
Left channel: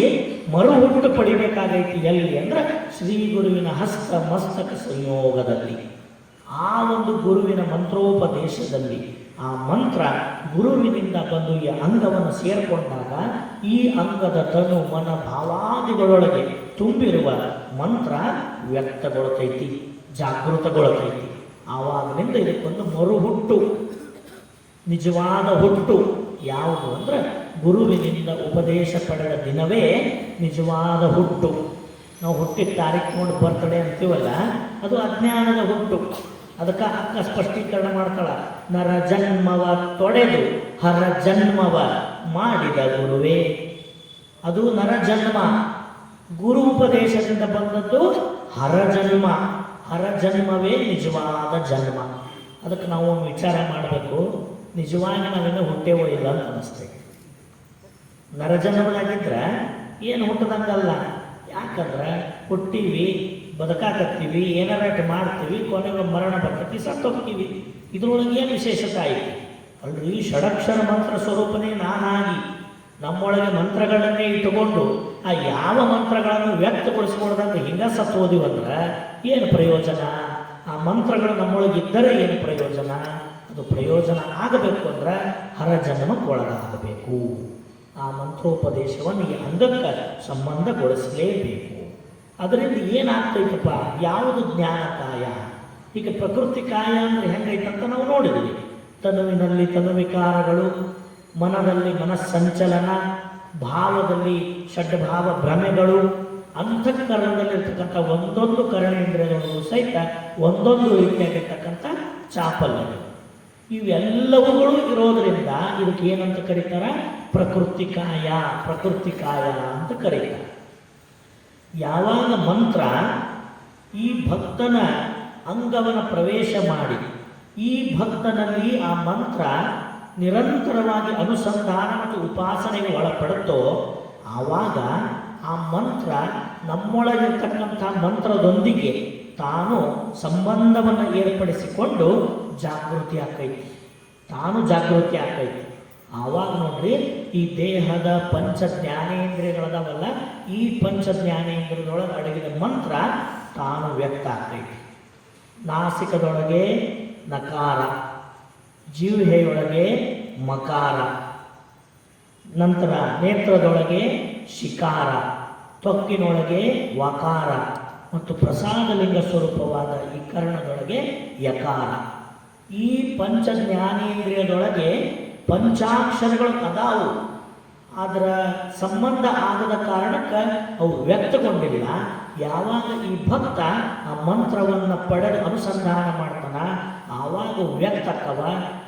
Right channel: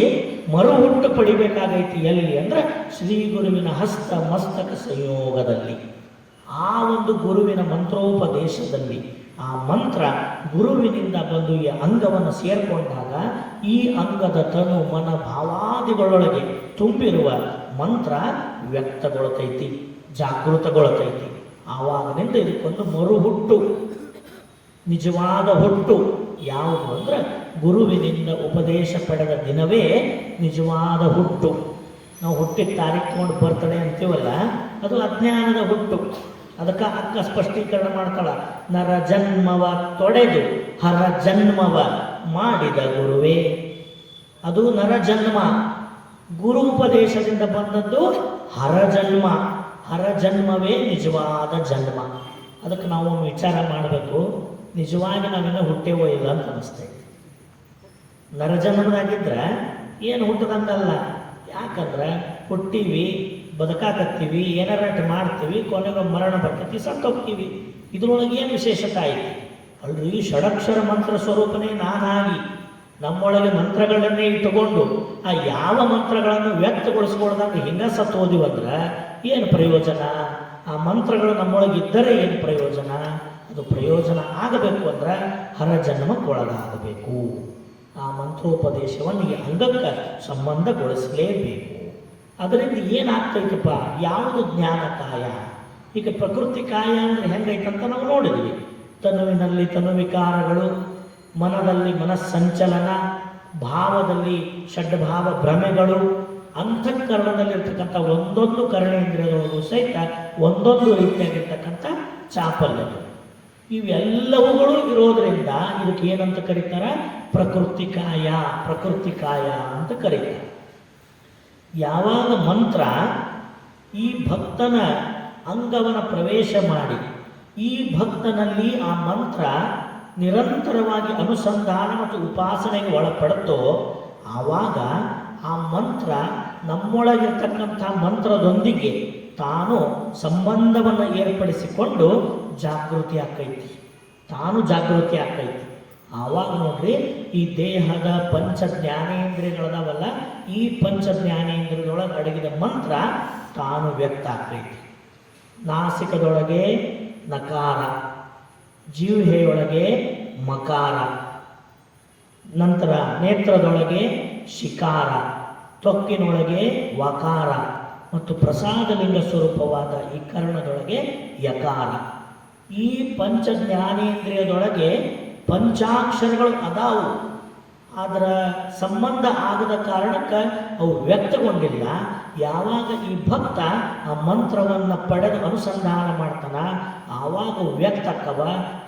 ಮರು ಹುಟ್ಟು ಪಡಿಬೇಕಾಗೈತಿ. ಎಲ್ಲಿ ಅಂದ್ರೆ ಶ್ರೀ ಗುರುವಿನ ಹಸ್ತ ಮಸ್ತಕ ಸಂಯೋಗದಲ್ಲಿ, ಆ ಒಂದು ಗುರುವಿನ ಮಂತ್ರೋಪದೇಶದಲ್ಲಿ. ಆ ಮಂತ್ರ ಗುರುವಿನಿಂದ ಬಂದು ಈ ಅಂಗವನ್ನು ಸೇರಿಕೊಂಡಾಗ ಈ ಅಂಗದ ತನು ಮನ ಭಾವಾದಿಗಳೊಳಗೆ ತುಂಬಿರುವ ಮಂತ್ರ ವ್ಯಕ್ತಗೊಳ್ತೈತಿ, ಜಾಗೃತಗೊಳ್ತೈತಿ. ಆವಾಗಿನಿಂದ ಇದಕ್ಕೊಂದು ಮರು ಹುಟ್ಟು, ನಿಜವಾದ ಹುಟ್ಟು ಯಾವುದು ಅಂದ್ರೆ ಗುರುವಿನಿಂದ ಉಪದೇಶ ಪಡೆದ ದಿನವೇ ನಿಜವಾದ ಹುಟ್ಟು. ನಾವು ಹುಟ್ಟಿದ ತಾರೀಕು ನೋಡಿ ಬರ್ತಡೆ ಅಂತೀವಲ್ಲ, ಅದು ಅಜ್ಞಾನದ ಹುಟ್ಟು. ಅದಕ್ಕೆ ಅಕ್ಕ ಸ್ಪಷ್ಟೀಕರಣ ಮಾಡ್ತಾಳ, ನರ ಜನ್ಮವ ತೊಡೆದು ಹರ ಜನ್ಮವ ಮಾಡಿದ ಗುರುವೇ. ಅದು ನರ ಜನ್ಮ, ಗುರು ಉಪದೇಶದಿಂದ ಬಂದದ್ದು ಹರ ಜನ್ಮ. ಹರ ಜನ್ಮವೇ ನಿಜವಾದ ಜನ್ಮ. ಅದಕ್ಕೆ ನಾವು ವಿಚಾರ ಮಾಡಬೇಕು, ನಿಜವಾಗಿ ನಾವೇನೋ ಹುಟ್ಟೇವೋ ಇಲ್ಲ ಅಂತ ಅನಿಸ್ತೈತೆ. ನರಜನ್ಮದಾಗಿದ್ರೆ ಏನು ಹುಟ್ಟದಂಗಲ್ಲ. ಯಾಕಂದ್ರೆ ಹುಟ್ಟಿವಿ, ಬದುಕಾಕತ್ತೀವಿ, ಏನಾರ ಮಾಡ್ತೀವಿ, ಕೊನೆಗೆ ಮರಣ ಬರ್ತೈತಿ, ಸತ್ತೋಗ್ತೀವಿ. ಇದ್ರೊಳಗೆ ಏನು ವಿಶೇಷತೆ ಐತಿ? ಅಲ್ರಿ, ಷಡಕ್ಷರ ಮಂತ್ರ ಸ್ವರೂಪನೇ ನಾನಾಗಿ ನಮ್ಮೊಳಗೆ ಮಂತ್ರಗಳನ್ನೇ ಇಟ್ಟುಕೊಂಡು ಆ ಯಾವ ಮಂತ್ರಗಳನ್ನು ವ್ಯಕ್ತಗೊಳಿಸ್ಕೊಳ್ದಂಗೆ ಹಿಂಗ ಸತ್ತು ಹೋದಿವಂದ್ರೆ ಏನು ಪ್ರಯೋಜನ? ಆ ಮಂತ್ರಗಳು ನಮ್ಮೊಳಗೆ ಇದ್ದರೆ ಏನು ಪ್ರಯೋಜನ? ಅದು ಪ್ರಯೋಜನ ಆಗಬೇಕು ಅಂದ್ರೆ ಹರಜನ್ಮಕ್ಕೆ ಒಳಗಾಗಬೇಕು. ಆ ಮಂತ್ರೋಪದೇಶವನ್ನು ಈ ಅಂಗಕ್ಕೆ ಸಂಬಂಧಗೊಳಿಸಲೇಬೇಕು. ಅದರಿಂದ ಏನಾಗ್ತೈತಪ್ಪ? ಯಾವುದು ಜ್ಞಾನಕಾಯ? ಈಗ ಪ್ರಕೃತಿ ಕಾಯ ಅಂದರೆ ಹೆಂಗೈತಂತ ನಾವು ನೋಡಿದ್ವಿ. ತನುವಿನಲ್ಲಿ ತನುವಿಕಾರಗಳು, ಮನದಲ್ಲಿ ಮನಸ್ಸಂಚಲನ, ಭಾವದಲ್ಲಿ ಷಡ್ಭಾವ ಭ್ರಮೆಗಳು, ಅಂತಃಕರಣದಲ್ಲಿರ್ತಕ್ಕಂಥ ಒಂದೊಂದು ಕರ್ಣೇಂದ್ರಿಯಗಳು ಸಹಿತ ಒಂದೊಂದು ರೀತಿಯಾಗಿರ್ತಕ್ಕಂಥ ಚಾಪಲ್ಯಗಳು. ಇವೆಲ್ಲವುಗಳು ಇರೋದರಿಂದ ಇದಕ್ಕೆ ಏನಂತ ಕರೀತಾರೆ? ಪ್ರಕೃತಿ ಕಾಯ. ಪ್ರಕೃತಿ ಕಾಯ ಅಂತ ಕರೀತಾರೆ. ಯಾವಾಗ ಮಂತ್ರ ಈ ಭಕ್ತನ ಅಂಗವನ್ನು ಪ್ರವೇಶ ಮಾಡಿ ಈ ಭಕ್ತನಲ್ಲಿ ಆ ಮಂತ್ರ ನಿರಂತರವಾಗಿ ಅನುಸಂಧಾನ ಮತ್ತು ಉಪಾಸನೆಗೆ ಒಳಪಡುತ್ತೋ, ಆವಾಗ ಆ ಮಂತ್ರ ನಮ್ಮೊಳಗಿರ್ತಕ್ಕಂಥ ಮಂತ್ರದೊಂದಿಗೆ ತಾನು ಸಂಬಂಧವನ್ನು ಏರ್ಪಡಿಸಿಕೊಂಡು ಜಾಗೃತಿ ಆಗ್ತೈತಿ, ತಾನು ಜಾಗೃತಿ ಆಗ್ತೈತಿ. ಆವಾಗ ನೋಡ್ರಿ, ಈ ದೇಹದ ಪಂಚ ಜ್ಞಾನೇಂದ್ರಿಯಗಳದವಲ್ಲ, ಈ ಪಂಚ ಜ್ಞಾನೇಂದ್ರಿಯದೊಳಗೆ ಅಡಗಿದ ಮಂತ್ರ ತಾನು ವ್ಯಕ್ತ ಆಗ್ತೈತಿ. ನಾಸಿಕದೊಳಗೆ ನಕಾರ, ಜೀವಹೆಯೊಳಗೆ ಮಕಾರ, ನಂತರ ನೇತ್ರದೊಳಗೆ ಶಿಕಾರ, ತ್ವಕ್ಕಿನೊಳಗೆ ವಕಾರ ಮತ್ತು ಪ್ರಸಾದಲಿಂಗ ಸ್ವರೂಪವಾದ ಈ ಕರ್ಣದೊಳಗೆ ಯಕಾರ. ಈ ಪಂಚ ಜ್ಞಾನೇಂದ್ರಿಯದೊಳಗೆ ಪಂಚಾಕ್ಷರಗಳು ಅದಾವು. ಅದರ ಸಂಬಂಧ ಆಗದ ಕಾರಣಕ್ಕೆ ಅವು ವ್ಯಕ್ತಗೊಂಡಿಲ್ಲ. ಯಾವಾಗ ಈ ಭಕ್ತ ಆ ಮಂತ್ರವನ್ನು ಪಡೆದು ಅನುಸಂಧಾನ ಮಾಡ್ತಾನ, ಆವಾಗ ವ್ಯಕ್ತಕ್ಕವ.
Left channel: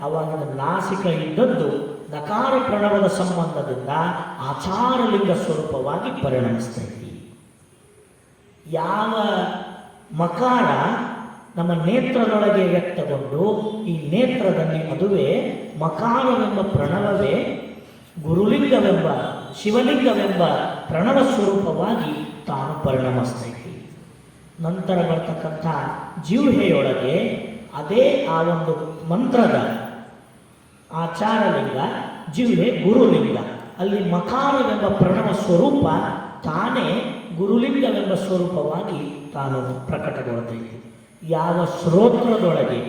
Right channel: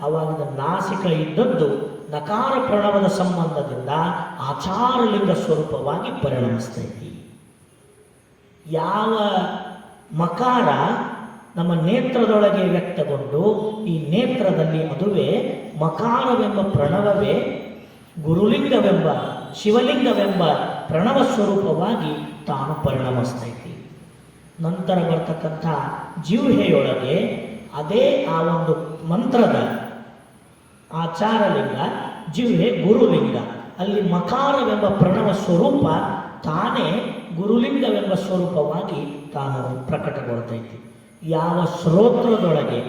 ಆವಾಗ ನಾಸಿಕ ಇದ್ದದ್ದು ನಕಾರ ಪ್ರಣವದ ಸಂಬಂಧದಿಂದ ಆಚಾರಲಿಂಗ ಸ್ವರೂಪವಾಗಿ ಪರಿಣಮಿಸ್ತೈತಿ. ಯಾವ ಮಕಾರ ನಮ್ಮ ನೇತ್ರದೊಳಗೆ ವ್ಯಕ್ತಗೊಂಡು ಈ ನೇತ್ರದಲ್ಲಿ ಅದುವೇ ಮಕಾರವೆಂಬ ಪ್ರಣವವೇ ಗುರುಲಿಂಗವೆಂಬ ಶಿವಲಿಂಗವೆಂಬ ಪ್ರಣವ ಸ್ವರೂಪವಾಗಿ ತಾನು ಪರಿಣಮಿಸ್ತೈತಿ. ನಂತರ ಬರ್ತಕ್ಕಂಥ ಜಿಹ್ವೆಯೊಳಗೆ ಅದೇ ಆ ಒಂದು ಮಂತ್ರದ ಆಚಾರಲಿಂಗ, ಜಿಹ್ವೆ ಗುರುಲಿಂಗ, ಅಲ್ಲಿ ಮಕಾರವೆಂಬ ಪ್ರಣವ ಸ್ವರೂಪ ತಾನೇ ಗುರುಲಿಂಗವೆಂಬ ಸ್ವರೂಪವಾಗಿ ತಾನು ಪ್ರಕಟಗೊಳ್ತೈತಿ. ಯಾವ ಶ್ರೋತ್ರದೊಳಗೆ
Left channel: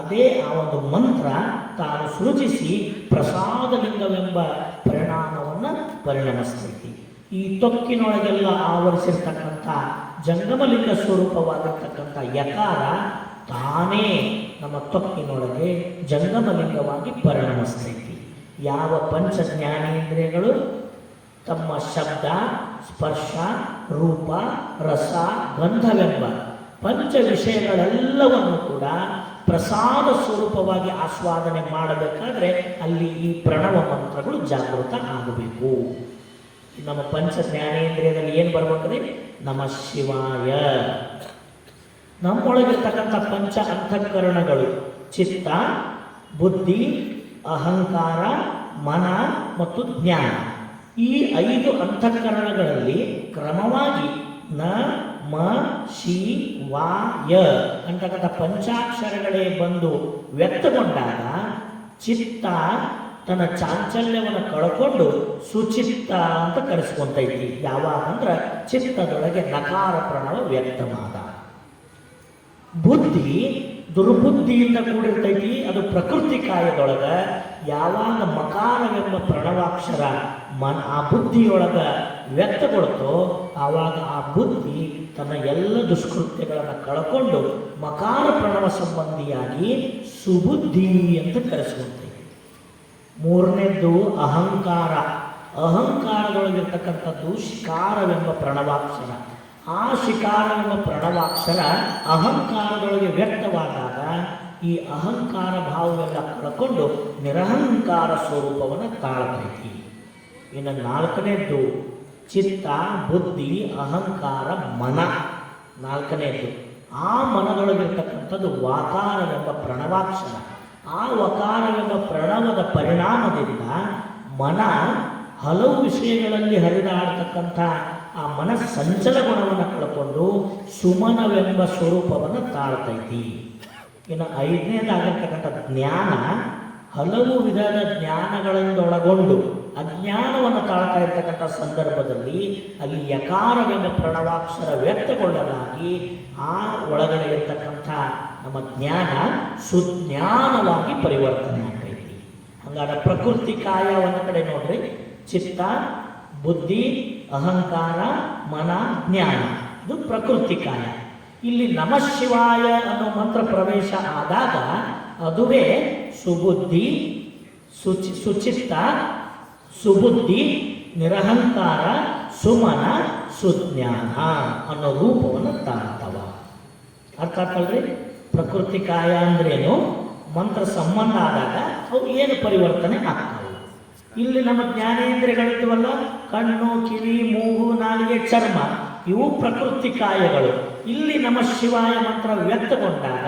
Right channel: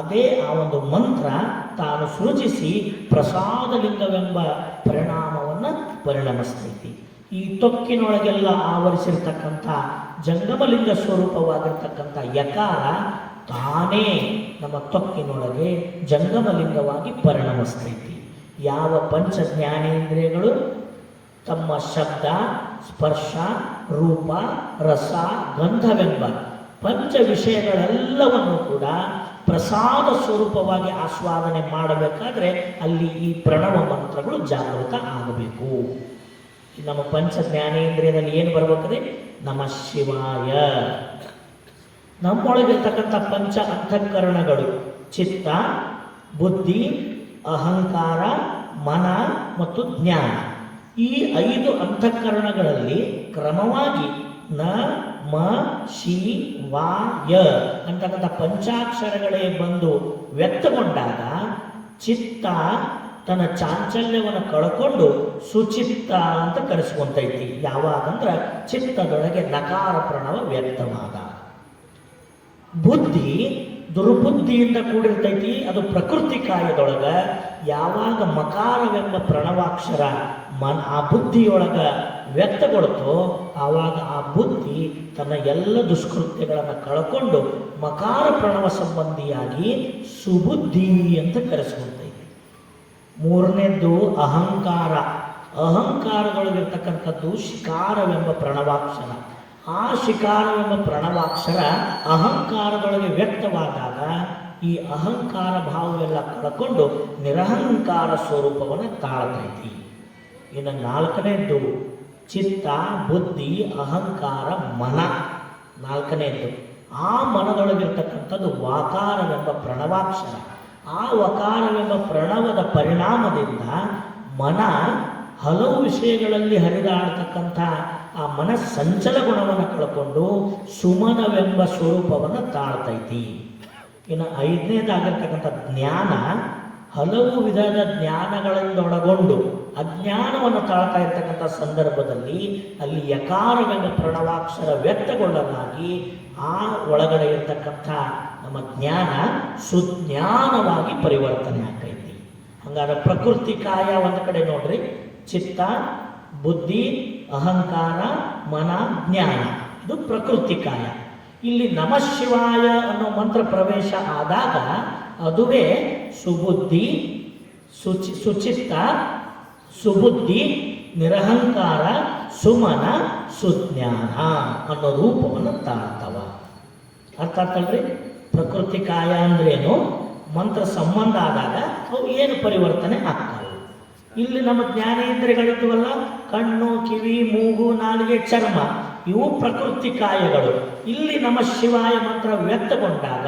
ಅದೇ ಆ ಒಂದು ಮಂತ್ರ ತಾನು ಸೃಜಿಸಿ ಪ್ರಸಾದಲಿಂಗವೆಂಬ ಪರಿಣಾಮವನ್ನು ಪರಿಣಮಿಸ್ತೈತಿ. ಈ ತೊಕ್ಕಿನೊಳಗೆಲ್ಲ ಆವರಿಸಿರ್ತಕ್ಕಂಥ ಜಂಗಮಲಿಂಗ ಸ್ವರೂಪವಾಗಿರ್ತಕ್ಕಂಥ ಯಕಾರ ತಾನೇ ನಮ್ಮ ತೊಕ್ಕಿನೊಳಗೆ ಜಂಗಮಲಿಂಗವಾಗಿ ಪರಿಣಮಿಸ್ತೈತಿ. ಯಾವ ಪಂಚ ಜ್ಞಾನೇಂದ್ರಿಯಗಳು ತಮ್ಮ ಶಬ್ದ, ಸ್ಪರ್ಶ, ರೂಪ, ರಸ, ಗಂಧವೆಂಬ ಪಂಚ ವಿಷಯಗಳೆಲ್ಲವನ್ನು ಕೂಡ ಪ್ರಸಾದ ಸ್ವರೂಪವಾಗಿ ಆಸ್ವಾದನೆ ಮಾಡಬೇಕಾದ್ರೆ ಅಲ್ಲಿ ಈ ಪ್ರಣವ ಮಂತ್ರಗಳು ಜಾಗೃತ ಆಗಬೇಕು. ನಮ್ಮ ಪಂಚ ಜ್ಞಾನೇಂದ್ರಿಯದಲ್ಲಿ ಏನು ಬರ್ಬೇಕ್ರಿ? ನಮಃ ಶಿವಾಯ. ನಮ್ಮೊಳಗಿರ್ತಕ್ಕಂಥ ಪಂಚ ಅಂತಃಕರಣಗಳು ಚಿತ್ತ, ಬುದ್ಧಿ, ಅಹಂಕಾರ, ಮನ ಮತ್ತು ಜ್ಞಾನ. ಈ 5 ಅಂತಃಕರಣಗಳಲ್ಲಿ ಕ್ರಮವಾಗಿ ನ ಮ ಶಿ ವಾ ಯ ಅಂತಕ್ಕಂಥ ಪಂಚಾಕ್ಷರಗಳೇ ಬಂದು ವ್ಯಕ್ತಗೊಂಡಾಗ ಚಿತ್ತ ತನ್ನ ಚಾಂಚಲ್ಯವನ್ನು ಕಳ್ಕೊಂಡು ಸುಚಿತ್ತ ಅಂತ ಕರೆಸ್ಕೊಂತೈತಿ. ಯಾವಾಗ ಅಂದ್ರೆ ಚಿತ್ತದೊಳಗೆ ನಕಾರ ಪ್ರಣವ ವ್ಯಕ್ತವಾದ. ಬುದ್ಧಿ ದುರ್ಬುದ್ಧಿಯಿಂದ ಕೂಡಿರ್ತೈತಿ, ಅದು ಪ್ರಕೃತಿ ಕಾಯದೊಳಗ. ಯಾವಾಗ ಮಕಾರವೆಂಬ ಪ್ರಣವಾಕ್ಷರ ಆ ಬುದ್ಧಿಯೊಳಗ ವ್ಯಕ್ತಗೊಳ್ತೋ ಆವಾಗ ಆ ಬುದ್ಧಿ ತನ್ನ ಎಲ್ಲ ದುಷ್ಕೃತ್ಯಗಳನ್ನು ಕಳ್ಕೊಂಡು ಮಕಾರ ಪ್ರಣವ ಸಂಬಂಧಿಯಾಗಿ ಸುಬುದ್ಧಿ ಅಂತ ಕರೆಸ್ಕೊಳ್ತೈತಿ. ಮೂರನೇದ್ದು ಅಹಂಕಾರ. ಅಹಂಕಾರದೊಳಗಿರ್ತಕ್ಕಂಥದ್ದು ಶಿಕಾರವೆಂಬ ಪ್ರಣವಾಕ್ಷರ. ಆ ಶಿಕಾರವೆಂಬ ಪ್ರಣವಾಕ್ಷರ ಅಹಂಕಾರದೊಳಗೆ ವ್ಯಕ್ತವಾದಾಗ ಈ ಅಹಂಕಾರ ಭಾವವೆಲ್ಲ ಕಳ್ಕೊಂಡು ನಿರಹಂಕಾರ ಸ್ವರೂಪವನ್ನು ತಾಳ್ತೈತಿ. ಇನ್ನು 4ನೇದ್ದು ಚಿತ್ತ, ಬುದ್ಧಿ, ಅಹಂಕಾರ, ಮನ. 4ನೇದ್ದು ಆ ಮನದೊಳಗಿರ್ತಕ್ಕಂಥದ್ದು ವಾಕಾರವೆಂಬ ಪ್ರಣವಾಕ್ಷರ. ಆ ವಕಾರವೆಂಬ ಪ್ರಣವದ ಪರಿಣಾಮದಿಂದ ಮನ ಹಲವು ವಿಷಯಗಳಲ್ಲಿ ಹರಿದಾಡತಕ್ಕಂಥ ಆ ಮನಸ್ಸಂಚಲ ಗುಣವನ್ನು ಕಳ್ಕೊಂಡು ಸುಮನವೆಂಬ ಸ್ವರೂಪವನ್ನು ತಾಳ್ತೈತಿ. ಇನ್ನು 5ನೇದಾಗಿರ್ತಕ್ಕಂಥ ಜ್ಞಾನ ಹಲವು ವಿಧದ ಜ್ಞಾನಗಳನ್ನೊಳಗೊಂಡು ಅಜ್ಞಾನವನ್ನು ತಾಳ್ತಾ ಇರ್ತಕ್ಕಂಥ ಸಂದರ್ಭದಲ್ಲಿ ಅಲ್ಲಿ ಯಕಾರವೆಂಬ ಪ್ರಣವಾಕ್ಷರ ವ್ಯಕ್ತಗೊಳ್ಳಲಾಗಿ ಆ ಒಳಗಡೆ ಇರ್ತಕ್ಕಂಥ ನಮ್ಮ ಜ್ಞಾನ ಸುಜ್ಞಾನವಾಗಿ ಪರಿವರ್ತನೆ ಆಗ್ತೈತಿ. ಹಂಗಾದ್ರೆ ಪ್ರಕೃತಿ ಕಾಯ ಒಂದು ಕಡೆ ನೋಡ್ರಿ, ಚಿತ್ತ, ಬುದ್ಧಿ, ಅಹಂಕಾರ, ಮನ, ಜ್ಞಾನ, ಇದು ಪ್ರಕೃತಿ ಕಾಯ. ಇಲ್ಲಿ ನಮಃ ಶಿವಾಯ ಅನ್ನೋ ಮಂತ್ರ ಪ್ರವೇಶ ಆದಾಗ ಅದುವೇ ಸುಬುದ್ಧಿ, ಸುಚಿತ್ತ, ಸುಬುದ್ಧಿ, ನಿರಹಂಕಾರ, ಸುಮನ, ಸುಜ್ಞಾನ ಅನ್ನೋ ರೂಪವನ್ನು ತಾಳ್ತವ. ಅರ್ಥ ಆಗ್ತಲ್ರಿ? ಪ್ರಕೃತಿ ಕಾಯ ಅಂದ್ರೇನು, ಮಂತ್ರ ಸಂಬಂಧ ಆದಾಗ ಅವು ಏನು ಪರಿವರ್ತನೆ ಆಗ್ತವೆ. ಇಲ್ಲಿ ನಮ್ಮ ಜ್ಞಾನೇಂದ್ರಿಯಗಳಿದ್ವಲ್ಲ, ಕಣ್ಣು, ಕಿವಿ, ಮೂಗು, ನಾಲಿಗೆ, ಚರ್ಮ, ಇವು ಪ್ರಕೃತಿ ಕಾಯಗಳು. ಇಲ್ಲಿ ನಮ್ಮ ಶಿವಾಯ ಮಂತ್ರ ವ್ಯಕ್ತಗೊಂಡಾಗ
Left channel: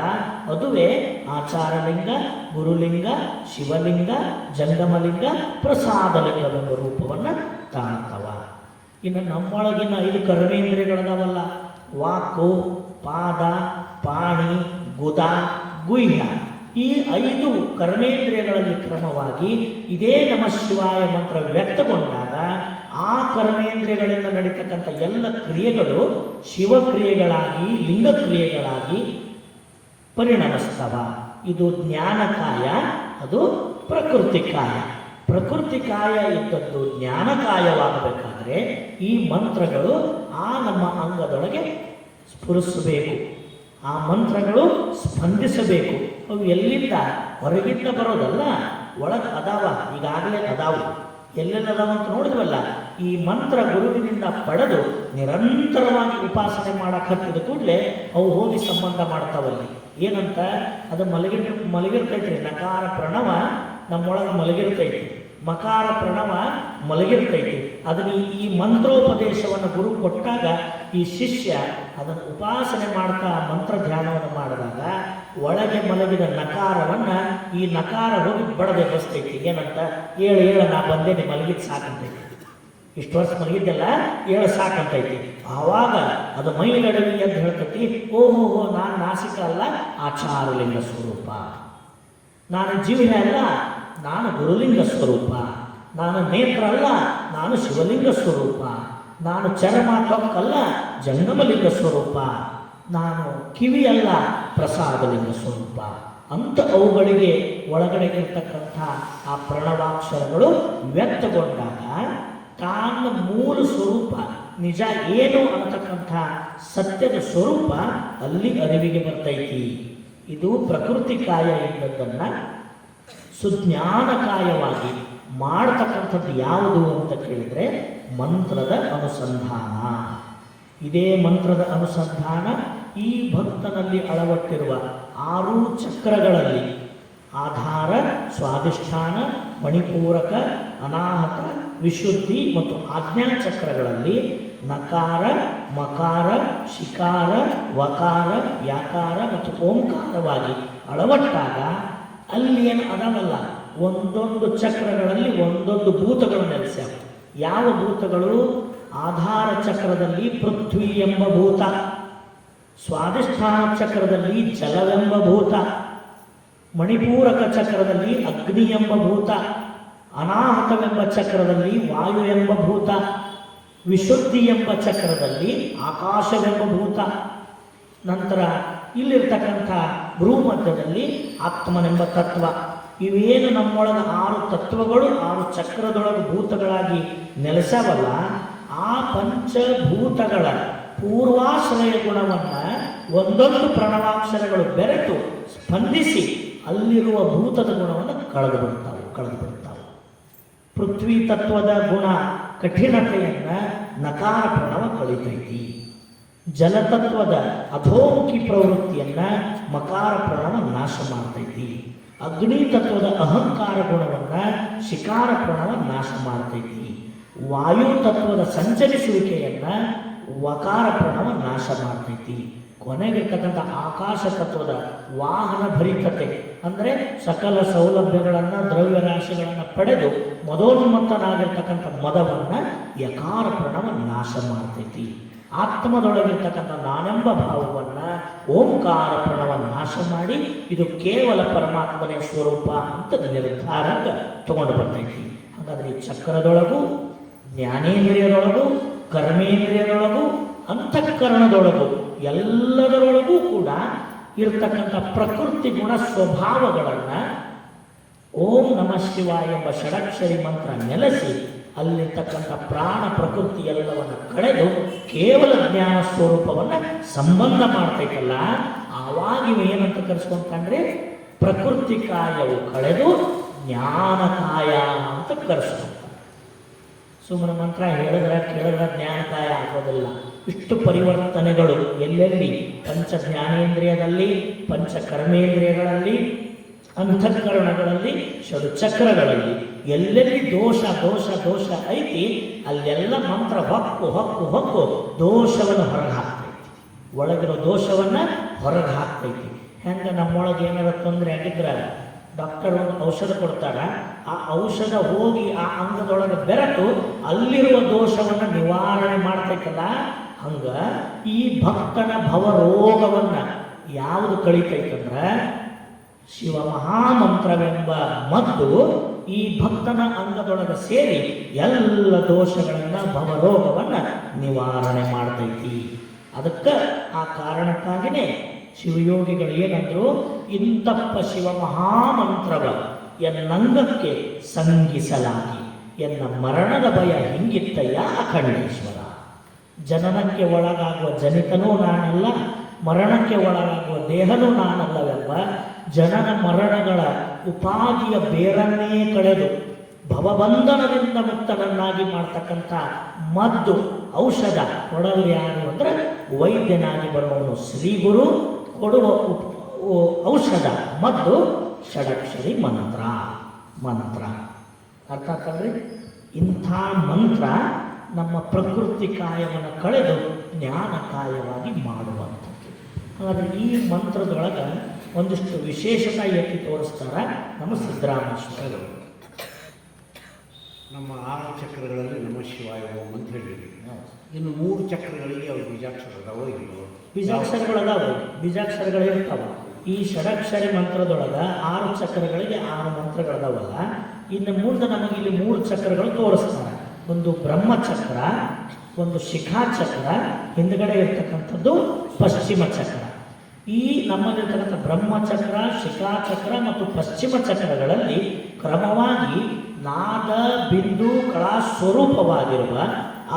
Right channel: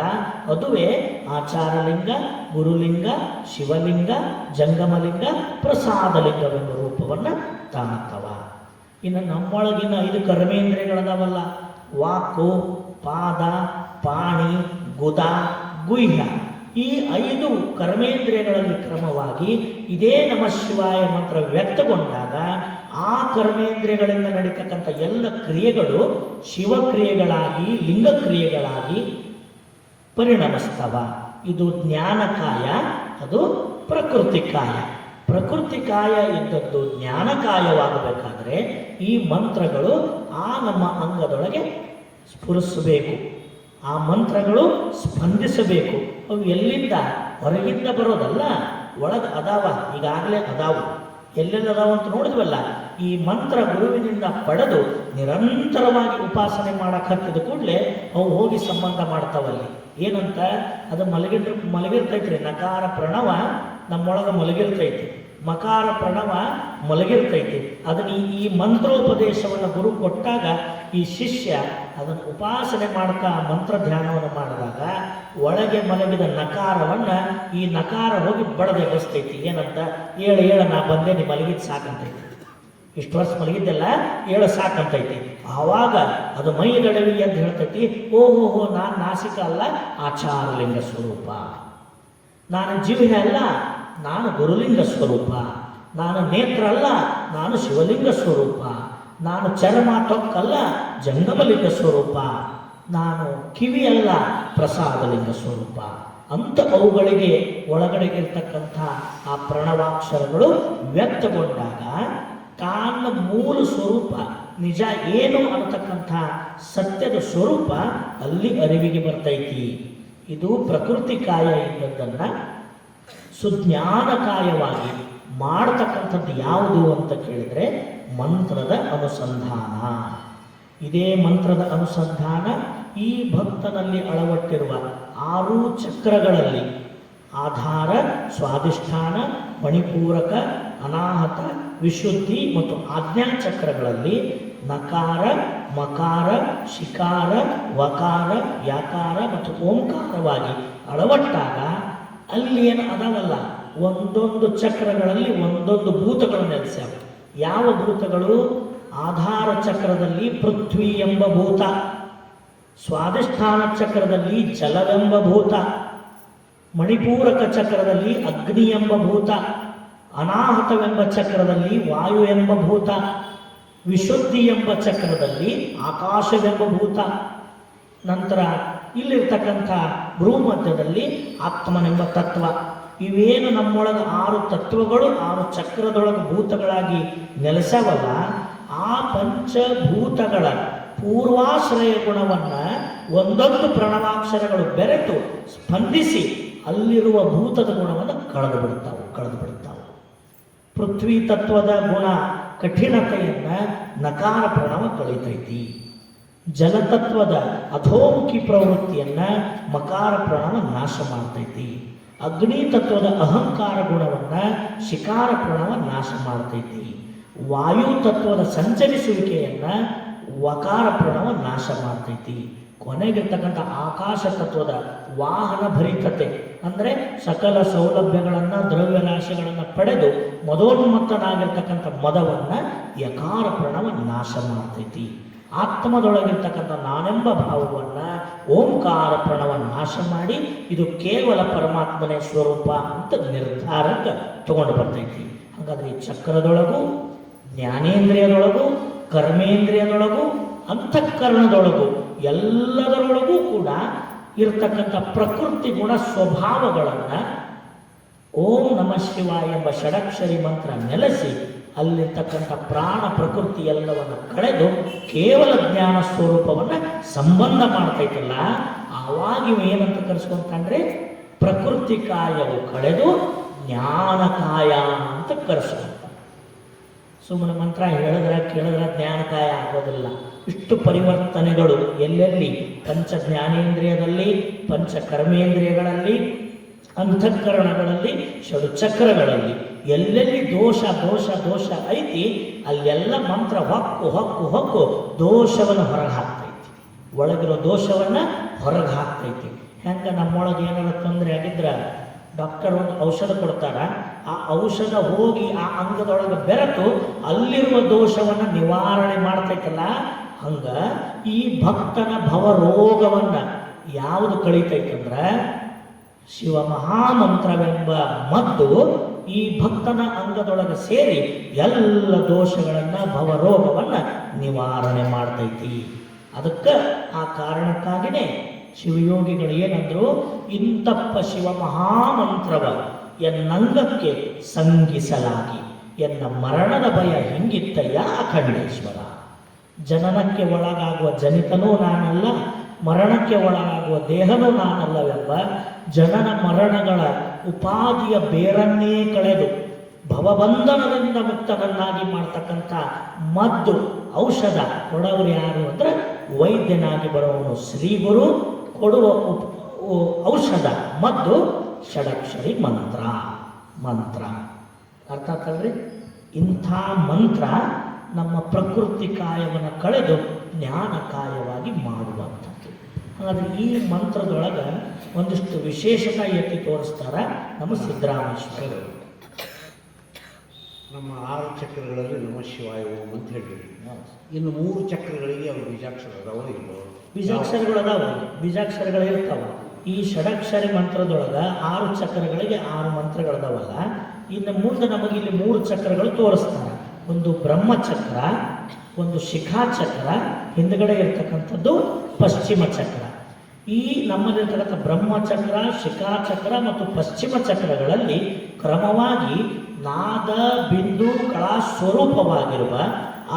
ಅದುವೇ ಆಚಾರಲಿಂಗ, ಗುರುಲಿಂಗ, ಶಿವಲಿಂಗ, ಜಂಗಮಲಿಂಗ, ಪ್ರಸಾದಲಿಂಗವೆಂಬ ರೂಪವನ್ನು ತಾಳ್ತವ. ಇನ್ನು ನಮ್ಮೊಳಗಿನ 5 ಕರ್ಮೇಂದ್ರಿಯಗಳದಾವಲ್ಲ, ವಾಕು, ಪಾದ, ಪಾಣಿ, ಗುದ, ಗುಹ್ಯ, ಈ 5 ಕರ್ಮೇಂದ್ರಿಯಗಳಲ್ಲಿ ಕ್ರಮವಾಗಿ ಇದೇ ನಮ್ಮ ಶಿವಾಯ ಮಂತ್ರ ವ್ಯಕ್ತಗೊಂಡಾಗ ಆ ಕರ್ಮೇಂದ್ರಿಯಗಳಿಂದ ನಡೀತಕ್ಕಂಥ ಎಲ್ಲ ಕ್ರಿಯೆಗಳು ಶಿವಕ್ರಿಯೆಗಳಾಗಿ, ಲಿಂಗಕ್ರಿಯೆಗಳಾಗಿ ಪರಿಣಮಿಸ್ತವ. ಇದು ಜ್ಞಾನಕಾಯ, ಅದು ಪ್ರಕೃತಿ ಕಾಯ. ಪ್ರಕೃತಿ ಕಾಯ ಇದ್ದದ್ದು ಜ್ಞಾನಕಾಯವಾಗಬೇಕಾದ್ರೆ ಈ ಮಂತ್ರಗಳು ಆ ನಮ್ಮ ಅಂಗದೊಳಗೆ ಸ್ಫುರಿಸಬೇಕು, ಆ ಮಂತ್ರಗಳು ಸ್ಪಂದಿಸಬೇಕು. ಅವು ಎಲ್ಲಿಂದ? ಹೊರಗಿಂದ ಬರೋದಲ್ಲ, ಒಳಗೆ ಅದಾವ, ಈಗಾಗಲೇ ಅದಾವ. ಎಲ್ಲೆಲ್ಲ ಅದಾವ ಅಂತ ನೋಡಿದ್ವಲ್ಲ. ಈ ಮಂತ್ರ ಗುರುವಿನಿಂದ ಪಡೆದು ನಿರಂತರವಾಗಿ ಉಪಾಸನೆ ಮಾಡಕ್ಕೆ ಹತ್ತಿದ ಕೂಡಲೇ ಅವು ಹೋಗಿ ಸಂಬಂಧ ಮಾಡ್ತಾವಲ್ಲಿ. ಏನಂತ? ಅದು ಮಲಗಿರ್ತೈತ್ರಿ. ನಕಾರ ಪ್ರಣವ ನಮ್ಮೊಳಗೆ ಮಲಗಿರ್ತೈತಿ. ಮಕಾರ ಪ್ರಣವ ಮಲಗಿರ್ತೈತಿ. ಅದನ್ನು ಈ ಮಂತ್ರೋಪದೇಶವನ್ನು ಗುರು ಕೊಟ್ಟಾಗ ಈ ಶಿಷ್ಯ ಅದನ್ನು ಉಪಾಸನೆ ಮಾಡ್ತಾ ಮಂತ್ರ ಧ್ಯಾನವನ್ನು ಮಾಡಿದಾಗ ಒಳಗೆ ಮಲಗಿದ ನಕಾರವನ್ನು ಈ ನಕಾರ ಹೋಗಿ ಬಡದೆ ಬಸ್ತೈತಿ. ಏನಂತ, ಏಳು ನಾ ಬಂದೇನೆ, ಮಲಗಿದ್ದು ಸಾಕಂತೈತಿ, ಇಷ್ಟು ವರ್ಷ ಮಲಗಿದ್ದೆಲ್ಲ ಏಳು ಸಾಕಂತೈತಿ. ಆವಾಗ ಅದು ಮೈಗಡವಿ ಅಂತ ಹೇಳ್ತೈತಿ. ಓಹೋ, ನಾನು ನಾಸಿಕ ಅಲ್ಲ, ಆಚಾರಲಿಂಗ ಸ್ವರೂಪ. ನಾನು ಜೀವನ ಅಲ್ಲ, ನಾನು ಗುರುಲಿಂಗ ಸ್ವರೂಪ. ನಾನು ನೇತ್ರ ಅಲ್ಲ, ನಾನು ಶಿವಲಿಂಗ ಸ್ವರೂಪ. ನಾನು ಚರ್ಮ ತೊಕ್ಕಲ್ಲ, ಜಂಗಮಲಿಂಗ ಸ್ವರೂಪ. ನಾನು ಕಿವಿ ಅಲ್ಲ, ಪ್ರಸಾದಲಿಂಗ ಸ್ವರೂಪ ಅಂತ ಅವುಗಳಿಗೆ ಒಳಗಡೆ ಇರ್ತಕ್ಕಂಥ ಆ ಪ್ರಣವಾಕ್ಷರಗಳು ವ್ಯಕ್ತಗೊಂಡಾಗ ತಾನ ಮೂಲ ಸ್ವರೂಪ ನಿಜ ಏನು ಅಂತಕ್ಕಂಥ ಸತ್ಯದ ಸ್ವರೂಪ ಅಲ್ಲಿ ಅರಿವಿಗೆ ಬರ್ತೈತಿ. ಇದು ಪ್ರಕೃತಿ ಕಾಯ ಇದ್ದದ್ದನ್ನು ಸುಜ್ಞಾನಕಾಯವಾಗಿ ಮಾಡ್ತಕ್ಕಂಥದ್ದು ಯಾವುದು ಅಂತ ಕೇಳಿದರೆ ಮಂತ್ರದ ಅನುಸಂಧಾನ. ಇದೇ ಮಂತ್ರದ ಅನುಸಂಧಾನ ಈ ಭಕ್ತನಲ್ಲಿ ಅಳವಟ್ಟಿರುವ 6 ಚಕ್ರಗಳಲ್ಲಿ ಆಧಾರ, ಸ್ವಾಧಿಷ್ಠಾನ, ಮಣಿಪೂರಕ, ಅನಾಹತ, ವಿಶುದ್ಧಿ ಮತ್ತು ಆಜ್ಞಾ ಚಕ್ರಗಳಲ್ಲಿ ನಕಾರ, ಮಕಾರ, ಶಿಕಾರ, ವಕಾರ, ಯಾಕಾರ ಮತ್ತು ಓಂಕಾರವಾಗಿ ಅಳವಟ್ಟಾಗ ಅಲ್ಲಿ ಏನು ಅದವಲ್ಲ, ಒಂದೊಂದು ಚಕ್ರಗಳಲ್ಲಿ ಒಂದೊಂದು ಭೂತಗಳು ನೆಲೆಸ್ಯಾವ. ಯಾವ ಭೂತಗಳು? ಆಧಾರ ಚಕ್ರದಲ್ಲಿ ಪೃಥ್ವಿ ಎಂಬ ಭೂತ, ಸ್ವಾಧಿಷ್ಠಾನ ಚಕ್ರದಲ್ಲಿ ಜಲವೆಂಬ ಭೂತ, ಮಣಿಪೂರಕ ಚಕ್ರದಲ್ಲಿ ಅಗ್ನಿ ಎಂಬ ಭೂತ, ಅನಾಹತವೆಂಬ ಚಕ್ರದಲ್ಲಿ ವಾಯು ಎಂಬ ಭೂತ, ವಿಶುದ್ಧಿ ಎಂಬ ಚಕ್ರದಲ್ಲಿ ಆಕಾಶವೆಂಬ ಭೂತ, ನಂತರ ಇಲ್ಲಿರ್ತಕ್ಕಂಥ ಭ್ರೂಮಧ್ಯದಲ್ಲಿ ಆತ್ಮನೆಂಬ ತತ್ವ. ಇವೇನು ನಮ್ಮೊಳಗೆ 6 ತತ್ವಗಳು 6 ಚಕ್ರದೊಳಗೆ ಭೂತಗಳಾಗಿ ನೆಲೆಸವಲ್ಲ, ಆ ಪಂಚಭೂತಗಳ ಪೂರ್ವಾಶ್ರಯ ಗುಣವನ್ನು ಒಂದೊಂದು ಪ್ರಣವಾಕ್ಷರಗಳು ಬೆರೆತು ಸ್ಪಂದಿಸಿ ಅಲ್ಲಿರುವ ಭೂತದ ಗುಣವನ್ನು ಕಳೆದು ಬಿಡ್ತಾವೆ. ಪೃಥ್ವಿ ತತ್ವದ ಗುಣ ಕಠಿಣತೆಯನ್ನು ನಕಾರ ಪ್ರಣವ ಕಳೀತೈತಿ. ಜಲತತ್ವದ ಅಧೋಮುಖಿ ಪ್ರವೃತ್ತಿಯನ್ನು ಮಕಾರ ಪ್ರಣವ ನಾಶ ಮಾಡ್ತೈತಿ. ಅಗ್ನಿ ತತ್ವದ ಅಹಂಕಾರ ಗುಣವನ್ನು ಶಿಕಾರ ಪ್ರಣವ ನಾಶ ಮಾಡ್ತೈತಿ. ವಾಯು ತತ್ವದ ಸಂಚರಿಸುವಿಕೆಯನ್ನು ವಕಾರ ಪ್ರಣವ ನಾಶ ಮಾಡ್ತೈತಿ. ಕೊನೆಗಿರ್ತಕ್ಕಂಥ ಆಕಾಶ ತತ್ವದ ವಾಹನ ಭರಿತತೆ ಅಂದರೆ ಸಕಲ ಸೌಲಭ್ಯಗಳನ್ನು, ದ್ರವ್ಯ ರಾಶಿಗಳನ್ನು ಪಡೆದು ಮದೋನ್ಮತ್ತನಾಗಿರ್ತಕ್ಕಂಥ ಮದವನ್ನು ಯಕಾರ ಪ್ರಣವ ನಾಶ ಮಾಡ್ತೈತಿ. ಆತ್ಮದೊಳಗಿರ್ತಕ್ಕಂಥ ನಾನೆಂಬ ಭಾವವನ್ನು ಓಂಕಾರ ಪ್ರಣವ ನಾಶ ಮಾಡಿ ಇದು ಕೇವಲ ಪರಮಾತ್ಮನೇ ಸ್ವರೂಪ ಅಂತ ನಿರ್ಧಾರಕ್ಕೆ ತಗೊಂಡು ಬರ್ತೈತಿ. ಹಾಗಾದ್ರೆ ಈ ಚಕ್ರದೊಳಗೂ, ಜ್ಞಾನೇಂದ್ರಿಯದೊಳಗೂ, ಕರ್ಮೇಂದ್ರಿಯದೊಳಗೂ, ಅಂತಃಕರಣದೊಳಗೂ ಎಲ್ಲದರೊಳಗೂ ಕೂಡ ಇರತಕ್ಕಂಥ ಪ್ರಕೃತಿ ಗುಣ ಸ್ವಭಾವಗಳನ್ನು ಓಂ ನಮಃ ಶಿವಾಯ ಎಂಬ ಷಡಕ್ಷರಿ ಮಂತ್ರ ನೆಲೆಸಿ ಅಲ್ಲಿರ್ತಕ್ಕಂಥ ಪ್ರಾಣ ಪ್ರಕೃತಿ ಎಲ್ಲವನ್ನು ಕಳೆದು ಕೇವಲ ಜ್ಞಾನ ಸ್ವರೂಪವನ್ನು ಸಂಬಂಧ ಮಾಡ್ತೈತಲ್ಲ, ಆವಾಗ ಏನಂತ ಕರೆಸ್ಕೊಂಡ್ರೆ ಪ್ರಕೃತಿ ಕಾಯವು ಕಳೆದು ಜ್ಞಾನಕಾಯ ಅಂತ ಕರೆಸ್ಕೊಂತಾರೆ. ಸುಮ್ಮನೆ ಮಂತ್ರ ಹೇಳಿದ್ರೆ ಕೇಳಿದ್ರೆ ಜ್ಞಾನಕಾಯ ಆಗೋದಿಲ್ಲ. ಇಷ್ಟು ಪರಿವರ್ತನೆಗಳು ಎಲ್ಲೆಲ್ಲಿ ಪಂಚ ಜ್ಞಾನೇಂದ್ರಿಯದಲ್ಲಿ, ಪಂಚ ಕರ್ಮೇಂದ್ರಿಯಗಳಲ್ಲಿ, ಅಂತಃಕರಣಗಳಲ್ಲಿ, ಷಡ್ಚಕ್ರಗಳಲ್ಲಿ ಎಲ್ಲೆಲ್ಲಿ ದೋಷ ಐತಿ ಅಲ್ಲೆಲ್ಲ ಮಂತ್ರ ಹೊಕ್ಕು ದೋಷವನ್ನು ಹೊರಗೆ ಹಾಕ್ತೈತಿ. ಒಳಗಿರೋ ದೋಷವನ್ನು ಹೊರಗೆ ಹಾಕ್ತೈತಿ. ಹೆಂಗೆ ನಮ್ಮೊಳಗೆ ಏನಾರ ತೊಂದರೆ ಆಗಿದ್ರೆ ಡಾಕ್ಟರ್ ಒಂದು ಔಷಧ ಕೊಡ್ತಾರ, ಆ ಔಷಧ ಹೋಗಿ ಆ ಅಂಗದೊಳಗೆ ಬೆರೆತು ಅಲ್ಲಿರುವ ದೋಷವನ್ನು ನಿವಾರಣೆ ಮಾಡ್ತೈತಲ್ಲ, ಹಂಗ ಈ ಭಕ್ತನ ಭವರೋಗವನ್ನು ಯಾವುದು ಕಳೀತೈತಂದ್ರೆ ಶಿವ ಮಹಾಮಂತ್ರವೆಂಬ ಮದ್ದು ಈ ಭಕ್ತನ ಅಂಗದೊಳಗೆ ಸೇರಿ ಎಲ್ಲ ದೋಷಗಳನ್ನು, ಭವರೋಗವನ್ನು ನಿವಾರಣೆ ಮಾಡ್ತೈತಿ. ಅದಕ್ಕೆ ಆ ಕಾರಣಕ್ಕಾಗಿಯೇ ಶಿವಯೋಗಿಗಳು ಏನಂದ್ರು, ಇಂತಪ್ಪ ಶಿವ ಮಹಾಮಂತ್ರವ ಎನ್ನಂಗಕ್ಕೆ ಸಂಗಿಸಲಾಗಿ ಎನ್ನ ಮರಣದ ಭಯ ಹಿಂಗಿತ್ತಯ್ಯ ಅಖಂಡೇಶ್ವರ. ಜನನಕ್ಕೆ ಒಳಗಾಗುವ ಜನಿತನೂ ನಾನಲ್ಲ, ಮರಣಕ್ಕೆ ಒಳಗಾಗುವ ದೇಹನೂ ನಾನಲ್ಲವೆಲ್ಲ. ಜನನ ಮರಣಗಳ ಉಪಾಧಿಯ ಬೇರನ್ನೇ ಕಳೆದು ಭವಬಂಧನದಿಂದ ಮುಕ್ತವನ್ನಾಗಿ ಮಾಡ್ತಕ್ಕಂಥ ಮದ್ದು, ಔಷಧ ಕೊಡೋರು ಯಾರು ಅಂದರೆ ವೈದ್ಯನಾಗಿ ಬರುವನು ಶ್ರೀಗುರು. ಕೊಡುವ ಔಷಧ ಮದ್ದು ಷಡಕ್ಷರಿ ಮಂತ್ರ. ಅರ್ಥ ಆಗ್ತದ್ರಿ? ಇಂಥ ಮಂತ್ರ ನಮ್ಮ ಪ್ರಕೃತಿ ಕಾಯವನ್ನು ಕಳೆದು ಜ್ಞಾನ ಕಾಯವಾಗಿ ಮಾಡುವಂಥದ್ದು. ಹಾಗಾದ್ರೆ ಈ ಮಂತ್ರದೊಳಗೆ ಒಂದಿಷ್ಟು ವಿಶೇಷತೆ ಎತ್ತಿ ತೋರಿಸ್ತಾರೆ ನಮ್ಮ ಸಿದ್ದರಾಮೇಶ್ವರರು. ನಮ್ಮ 6 ಚಕ್ರಗಳಲ್ಲಿ ನಮ ಶಿವಾಯ ಅಂತ ಹೇಳಿದ್ವಿ. ಇನ್ನು 3 ಚಕ್ರಗಳಿಗೆ ಅವ್ರು ಬೀಜಾಕ್ಷರ ಅದಾವೋ ಇಲ್ಲೋ? ಬೀಜಾಕ್ಷರಗಳದಾವ, ಬೀಜಾಕ್ಷರಗಳೇ ಇರ್ತಾವ. ಈ ಷಡಕ್ಷರಿ ಮಂತ್ರದೊಳಗೆ 6 ಚಕ್ರಗಳಿಗೆ 6 ಮಂತ್ರಗಳದಾವಲ್ಲ. ಇನ್ನು ಮುಂದೆ ನಮಗೆ ಇಲ್ಲಿ 3 ಚಕ್ರಗಳು ತೋರಿಸ್ತಾರೆ. ಒಂದು ಬ್ರಹ್ಮಚಕ್ರ, ಒಂದು ಶಿಖಾಚಕ್ರ, ಹಿಂದ್ಗಡೆ ಇರ್ತಕ್ಕಂಥದ್ದು ಪಶ್ಚಿಮ ಚಕ್ರ. ಈ ನಮ್ಮಲ್ಲಿರ್ತಕ್ಕಂಥ ಬ್ರಹ್ಮಚಕ್ರ, ಶಿಖಾಚಕ್ರ ಮತ್ತು ಪಶ್ಚಿಮ ಚಕ್ರಗಳಲ್ಲಿ ಕ್ರಮವಾಗಿ ನಾದ ಬಿಂದು ಕಳಾ ಸ್ವರೂಪವಾಗಿರುವ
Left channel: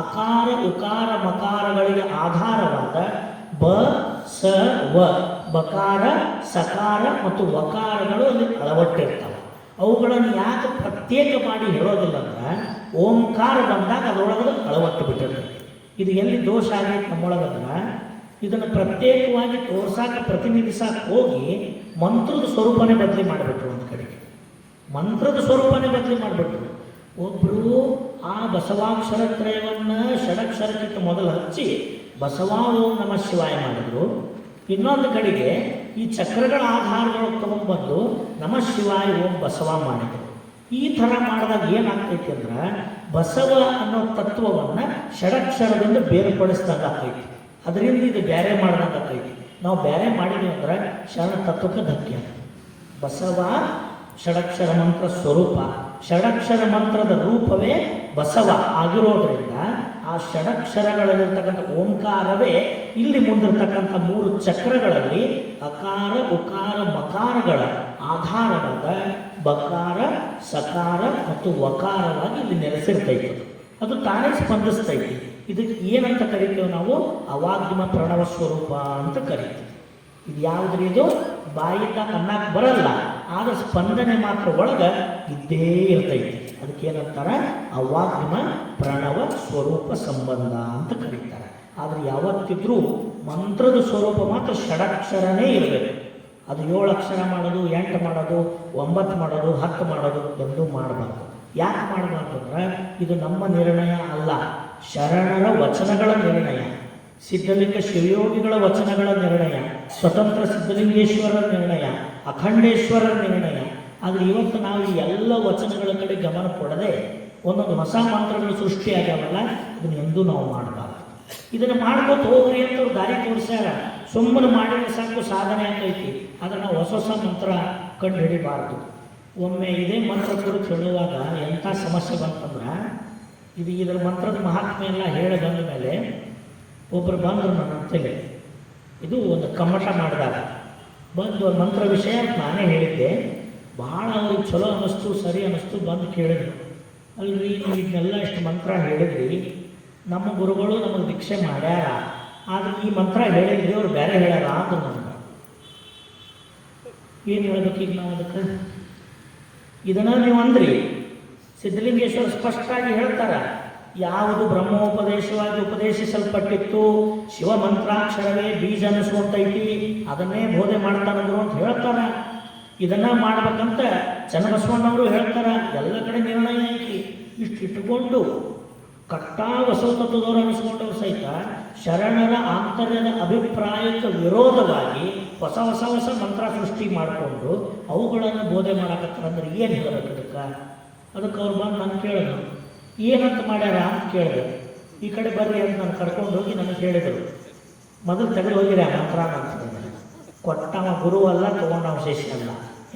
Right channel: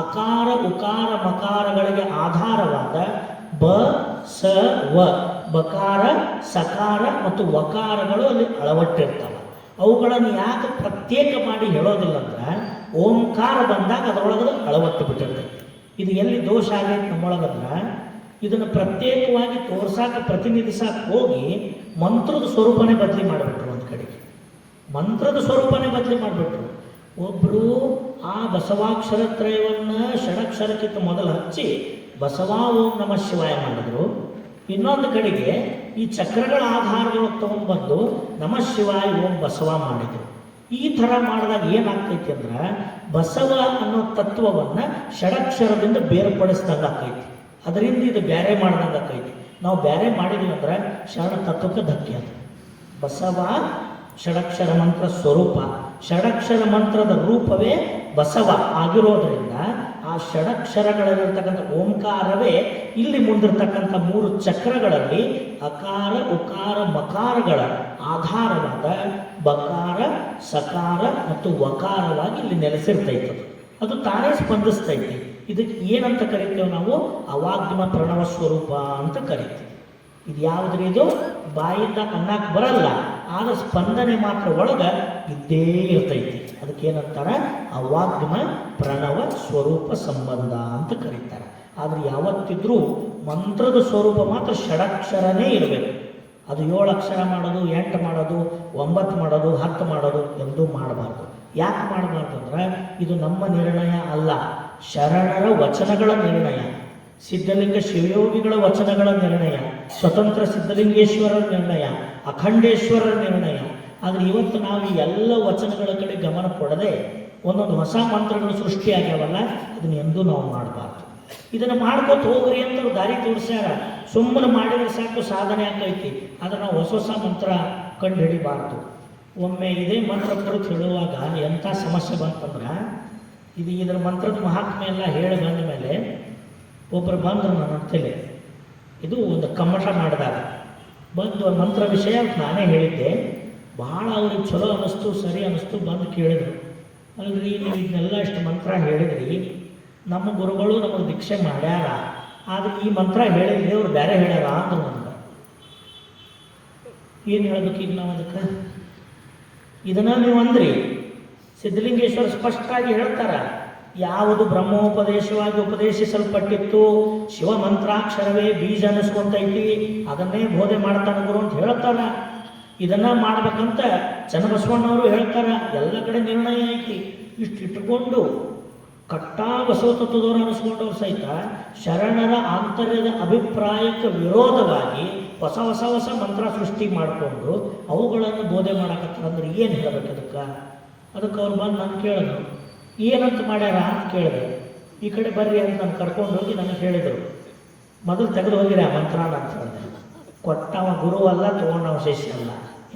ಅಕಾರ ಉಕಾರ ಮಕಾರಗಳಿಗೆ ಆಧಾರವಾದ ಬ ಸ ವ ಬಕಾರ ಸಕಾರ ಮತ್ತು ವಕಾರಗಳು ಅಲ್ಲಿ ಅಳವಟ್ಟಿರ್ತವೆ. ಅವುಗಳನ್ನು ಯಾಕೆ ಪ್ರತ್ಯೇಕ ಮಾಡಿ ಹೇಳೋದಿಲ್ಲ ಅಂದ್ರೆ ಓಂಕಾರ ಬಂದಾಗ ಅದರೊಳಗೆ ಅಳವಟ್ಟು ಬಿಟ್ಟಿರ್ತೈತೆ. ಇದು ಎಲ್ಲಿ ದೋಷ ಆಗೈತೆ ನಮ್ಮೊಳಗಂದ್ರೆ ಇದನ್ನು ಪ್ರತ್ಯೇಕವಾಗಿ ತೋರ್ಸಾಕ ಪ್ರತಿನಿಧಿಸಾಕ ಹೋಗಿ ಮಂತ್ರದ ಸ್ವರೂಪನೇ ಬದಲಿ ಮಾಡಿಬಿಟ್ರು. ಒಂದು ಕಡೆಗೆ ಮಂತ್ರದ ಸ್ವರೂಪನೇ ಬದಲಿ ಮಾಡಿಬಿಟ್ರು. ಒಬ್ಬರು ಆ ಬಸವಾಕ್ಷರತ್ರಯವನ್ನು ಷಡಕ್ಷರಕ್ಕಿಂತ ಮೊದಲು ಹಚ್ಚಿ ಬಸವ ಓಂ ನಮ ಶಿವಾಯ ಮಾಡಿದ್ರು. ಇನ್ನೊಂದು ಕಡೆಗೆ ಈ ಚಕ್ರಗಳ ಆಧಾರಗಳು ತಗೊಂಡ್ಬಂದು ನಮ ಶಿವಾಯ ಓಂ ಬಸವ ಮಾಡಿದ್ರು. ಈ ಥರ ಮಾಡಿದಾಗ ಏನಾಗ್ತೈತಿ ಅಂದ್ರೆ ಬಸವ ಅನ್ನೋ ತತ್ವವನ್ನು ಷಡಕ್ಷರದಿಂದ ಬೇರ್ಪಡಿಸಿದಾಗ ಆಗ್ತೈತಿ. ಅದರಿಂದ ಇದು ಬೇರೆ ಮಾಡಿದಾಗ ಆಗ್ತೈತಿ. ನಾವು ಬೇರೆ ಮಾಡಿದ್ವಿ ಅಂದ್ರೆ ಶರಣ ತತ್ವಕ್ಕೆ ಧಕ್ಕೆ. ಬಸವ ಷಡಕ್ಷರ ಮಂತ್ರ ಸ್ವರೂಪ, ಷಡಕ್ಷರ ಮಂತ್ರದ ರೂಪವೇ ಬಸವ ಆಗಿರೋದ್ರಿಂದ ಆ ಷಡಕ್ಷರಗಳಲ್ಲಿರ್ತಕ್ಕಂಥ ಓಂಕಾರವೇ ಇಲ್ಲಿ ಮುಂದಿರ್ತಕ್ಕಂಥ 3 ಚಕ್ರಗಳಲ್ಲಿ ಅಕಾರ ಉಕಾರ ಮಕಾರಗಳ ಆಧಾರವಾದ ಬಕಾರ ಸಕಾರ ಮತ್ತು ವಕಾರವಾಗಿ ಇಲ್ಲಿ ನೆಲೆಸಿರ್ತೈತಿ. ಅದು ತಾನೇ ಸ್ಪಂದಿಸ್ತೈತಿ. ಇದಕ್ಕೆ ಏನಂತ ಕರಿತೀವಿ ನಾವು? ಅವಾಗ್ಮ ಪ್ರಣವ ಸ್ವರೂಪ ಅಂತ ಕರಿತೀವಿ. ಇದು ಯಾವುದ್ರಿ? ಇದು ಬಾಯಿಂದ ಅನ್ನಕ್ಕೆ ಬರಲ್ಲ, ಆಗ ಸ್ಪಂದನೆ ಮಾತ್ರ ಒಳಗೆ ಇದ್ದೇ ಇರ್ತೈತಿ. ಅದಕ್ಕೆ ಏನಂತಾರೆ? ಅವಾಗ್ಮ ಪ್ರಣವ ಸ್ವರೂಪ ಸಂಬಂಧ ಅಂತ ಕರೀತಾರೆ. ಆದರೆ ಯಾವತ್ತಿದ್ರೂ ಮಂತ್ರದ ಸ್ವರೂಪ ಮಾತ್ರ ಷಡಕ್ಷರನೇ ಇರಬೇಕು. ಅದು 7 ಅಕ್ಷರ ಮಾಡೋದು, 8 ಮಾಡೋದು, 9 ಮಾಡೋದು, 10 ಮಾಡೋದು ಎಂದೂ ಮಾಡಬಾರ್ದು. ಯಾಕೆ ಮಾಡಬಾರ್ದು ಅಂದ್ರೆ ಇದು ನಮ್ಮ ನಿರ್ಣಯ ಅಲ್ಲ, ಶರಣರ ವಚನಗಳ ನಿರ್ಣಯ, ಸಿದ್ಧಲಿಂಗ ಶಿವಯೋಗಿಗಳ ವಚನಗಳ ನಿರ್ಣಯ, ಸ್ವತಂತ್ರ ಸಿದ್ಧಲಿಂಗೇಶ್ವರರ ನಿರ್ಣಯ, ಅಖಂಡೇಶ್ವರರ ನಿರ್ಣಯ. ಆದರೆ ಇವತ್ತು ನಾವು ಎಲ್ಲ ವಚನಗಳ ಕಡೆ ಗಮನ ಕೊಡದೆ ಒಂದೊಂದು ಹೊಸ ಮಂತ್ರಗಳು ಸೃಷ್ಟಿಯಾಗ್ಯಾವಲ್ಲ, ಅದನ್ನ ಎಂದೂ ನಾವು ಮಾಡಬಾರ್ದು. ಇದನ್ನು ಮಾಡ್ಕೊತ ಹೋಗ್ರಿ ಅಂತ ದಾರಿ ತೋರಿಸ್ಯಾರ. ಸುಮ್ಮನೆ ಮಾಡಿದ್ರೆ ಸಾಕು ಸಾಧನೆ ಆಗೈತಿ. ಆದರೆ ನಾವು ಹೊಸ ಹೊಸ ಮಂತ್ರ ಕಂಡು ಹಿಡಿಬಾರ್ದು. ಒಮ್ಮೆ ಇದೇ ಮಂತ್ರ ಹೇಳುವಾಗ ಎಂಥ ಸಮಸ್ಯೆ ಬಂತಂದ್ರೆ, ಇದರ ಮಂತ್ರದ ಮಹಾತ್ಮೆ ಎಲ್ಲ ಹೇಳಿ ಬಂದ ಮೇಲೆ ಒಬ್ಬರು ಬಂದು ನನ್ನ ಅಂತೇಳಿ ಇದು ಒಂದು ಕಮ್ಮಟ ಮಾಡಿದಾಗ ಬಂದು ಮಂತ್ರ ವಿಷಯ ನಾನೇ ಹೇಳಿದ್ದೆ. ಭಾಳ ಅವ್ರಿಗೆ ಚಲೋ ಅನ್ನಿಸ್ತು, ಸರಿ ಅನ್ನಿಸ್ತು. ಬಂದು ಕೇಳಿದ್ರು, ಅಲ್ರಿ ನೀವು ಇದನ್ನೆಲ್ಲ ಇಷ್ಟು ಮಂತ್ರ ಹೇಳಿದ್ರಿ, ನಮ್ಮ ಗುರುಗಳು ನಮಗೆ ದೀಕ್ಷೆ ಮಾಡ್ಯಾರ, ಆದರೆ ಈ ಮಂತ್ರ ಹೇಳಿದ್ರೆ ಅವ್ರು ಬೇರೆ ಹೇಳ್ಯಾರ ಅಂದ್ರು ನನಗೆ. ಏನು ಹೇಳ್ಬೇಕು ಈಗ ನಾವು ಅದಕ್ಕೆ? ಇದನ್ನು ನೀವು ಅಂದ್ರಿ. ಸಿದ್ಧಲಿಂಗೇಶ್ವರ ಸ್ಪಷ್ಟವಾಗಿ ಹೇಳ್ತಾರೆ, ಯಾವುದು ಬ್ರಹ್ಮೋಪದೇಶವಾಗಿ ಉಪದೇಶಿಸಲ್ಪಟ್ಟಿತ್ತು, ಶಿವ ಮಂತ್ರಾಕ್ಷರವೇ ಬೀಜ ಅನಿಸುವಂತೈತಿ, ಅದನ್ನೇ ಬೋಧೆ ಮಾಡ್ತಾನಂದ್ರು ಅಂತ ಹೇಳ್ತಾರ. ಇದನ್ನ ಮಾಡ್ಬೇಕಂತ ಚನ್ನಬಸವಣ್ಣವರು ಹೇಳ್ತಾರ. ಎಲ್ಲ ಕಡೆ ನಿರ್ಣಯ ಐತಿ. ಇಷ್ಟು ಇಟ್ಕೊಂಡು ಕಟ್ಟಾ ಬಸವತತ್ವದವರು ಅನಿಸ್ಕೊಂಡವ್ರು ಸಹಿತ ಶರಣರ ಆಂತರ್ಯದ ಅಭಿಪ್ರಾಯಕ್ಕೆ ವಿರೋಧವಾಗಿ ಹೊಸ ಹೊಸ ಹೊಸ ಮಂತ್ರ ಸೃಷ್ಟಿ ಮಾಡಿಕೊಂಡು ಅವುಗಳನ್ನು ಬೋಧನೆ ಮಾಡಕತ್ತಾರಂದ್ರೆ ಏನು ಹೇಳಬೇಕು ಅದಕ್ಕೆ? ಅದಕ್ಕೆ ಅವ್ರು ಬಂದು ನಾನು ಕೇಳಿದ್ರು, ಏನಂತ ಮಾಡ್ಯಾರ ಅಂತ ಕೇಳಿದೆ. ಈ ಕಡೆ ಬರ್ರಿ ಅಂತ ನಾನು ಕರ್ಕೊಂಡು ಹೋಗಿ ನನಗೆ ಹೇಳಿದರು, ಮೊದಲು ತೆಗೆದು ಹೋಗಿರ ಮಂತ್ರ ಅಂತ. ಕೊಟ್ಟವ ಗುರು ಅಲ್ಲ, ತಗೊಂಡವ ಶಿಷ್ಯ ಅಲ್ಲ.